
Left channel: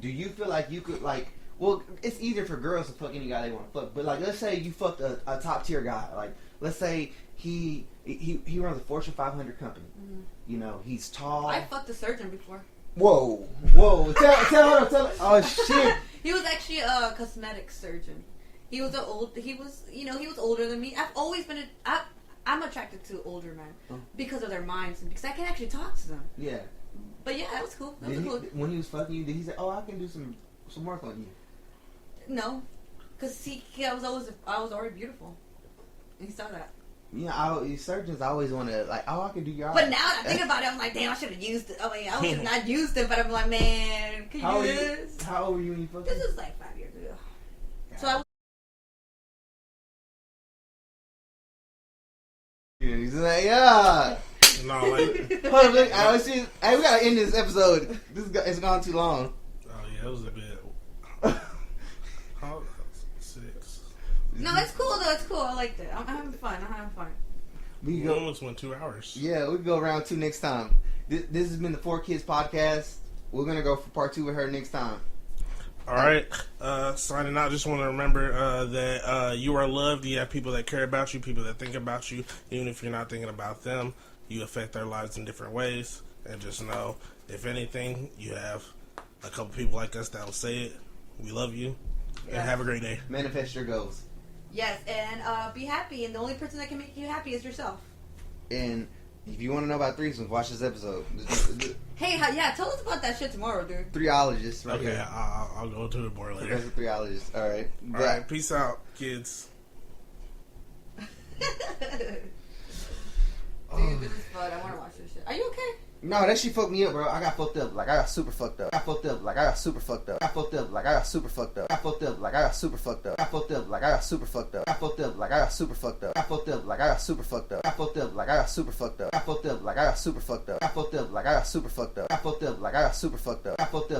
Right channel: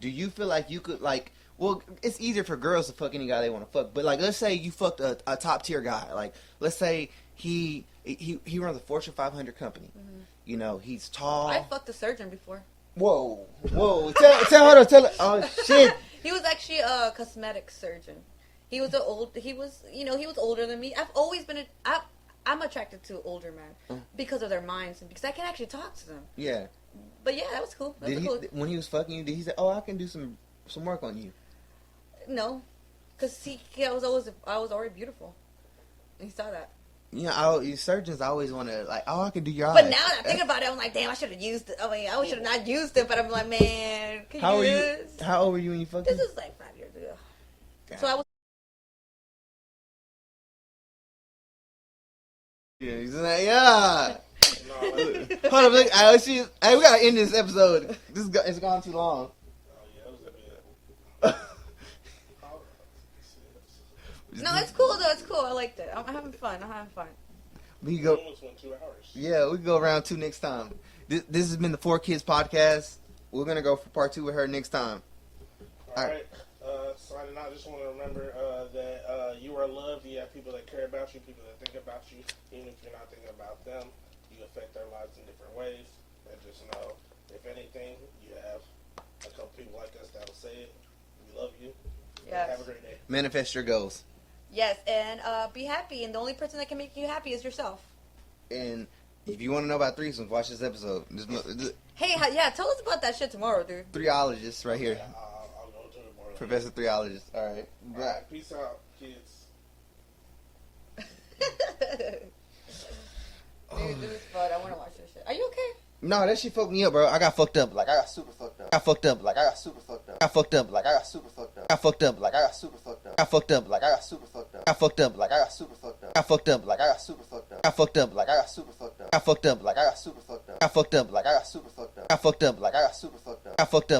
do you feel like you could like? Well, it's easier for girls to fuck any guy they want to fuck. But like, let's say you fucked a top tier guy. Like, let's say he runs a Fortune 500 company. You know, he's tall. I fucked a surgeon before. Whoa. Tell her. Oh shit. He was actually a cosmetic surgeon. He was older than me. I've always been I'm attracted to older men because of their minds and because I can actually talk to them. Yeah. But yeah, that was cool. When he was fucking you, did he say, "Oh, I can do some work on you"? No, because I was already beautiful. He saw that. Yeah, surgeons always want to I can do your eyes. But now that I think about it, I'm like, damn, I should have used it. I mean, I should have not used it. But I'm like, man, how old were you when you fucked? This is like 5 years ago. God. So I was. Yeah, he's like, yeah. No, hold on, look. We gotta end this episode. It's gone too long. Oh yeah, it was a bit. 6. No, it's cool though. It's cool. I liked it. I'm having fun. We almost went 2 hours. Yeah, we can go around 2 next time. This has been the 4 Kids podcast. We're gonna go for part 2 with her next time. All right. Signing out. Just want to remember that you are loved. You have people that care about you, people that think about you, even if you're not thinking about them. You affect their lives in different ways. And just know, if anything, you have a couple people like us that will say it. We love you. Yes. And have a great day. Manifest your goals. Yes, and be happy. And the only person that can make you happy is yourself. And if you want to know about threesomes, watch this episode. Hey, yeah, tell us about that shit tomorrow, dude. 3ologist right here. I'll go to it more later. Professor 3ologist. All right. All right. Peace out, kids. Dude, this is fun. I want to watch this shit. Are you okay? No, that shit fucked me up, bro. I got fucked up. I got super fucked up. I fucked up. I got super fucked up. I fucked up. I got super fucked up. I fucked up. I got super fucked up. I fucked up. I got super fucked up. I fucked up. I got super fucked up. I fucked up. I got super fucked up. I fucked up. I got super fucked up. I fucked up. I got super fucked up. I fucked up. I got super fucked up. I fucked up. I got super fucked up. I fucked up.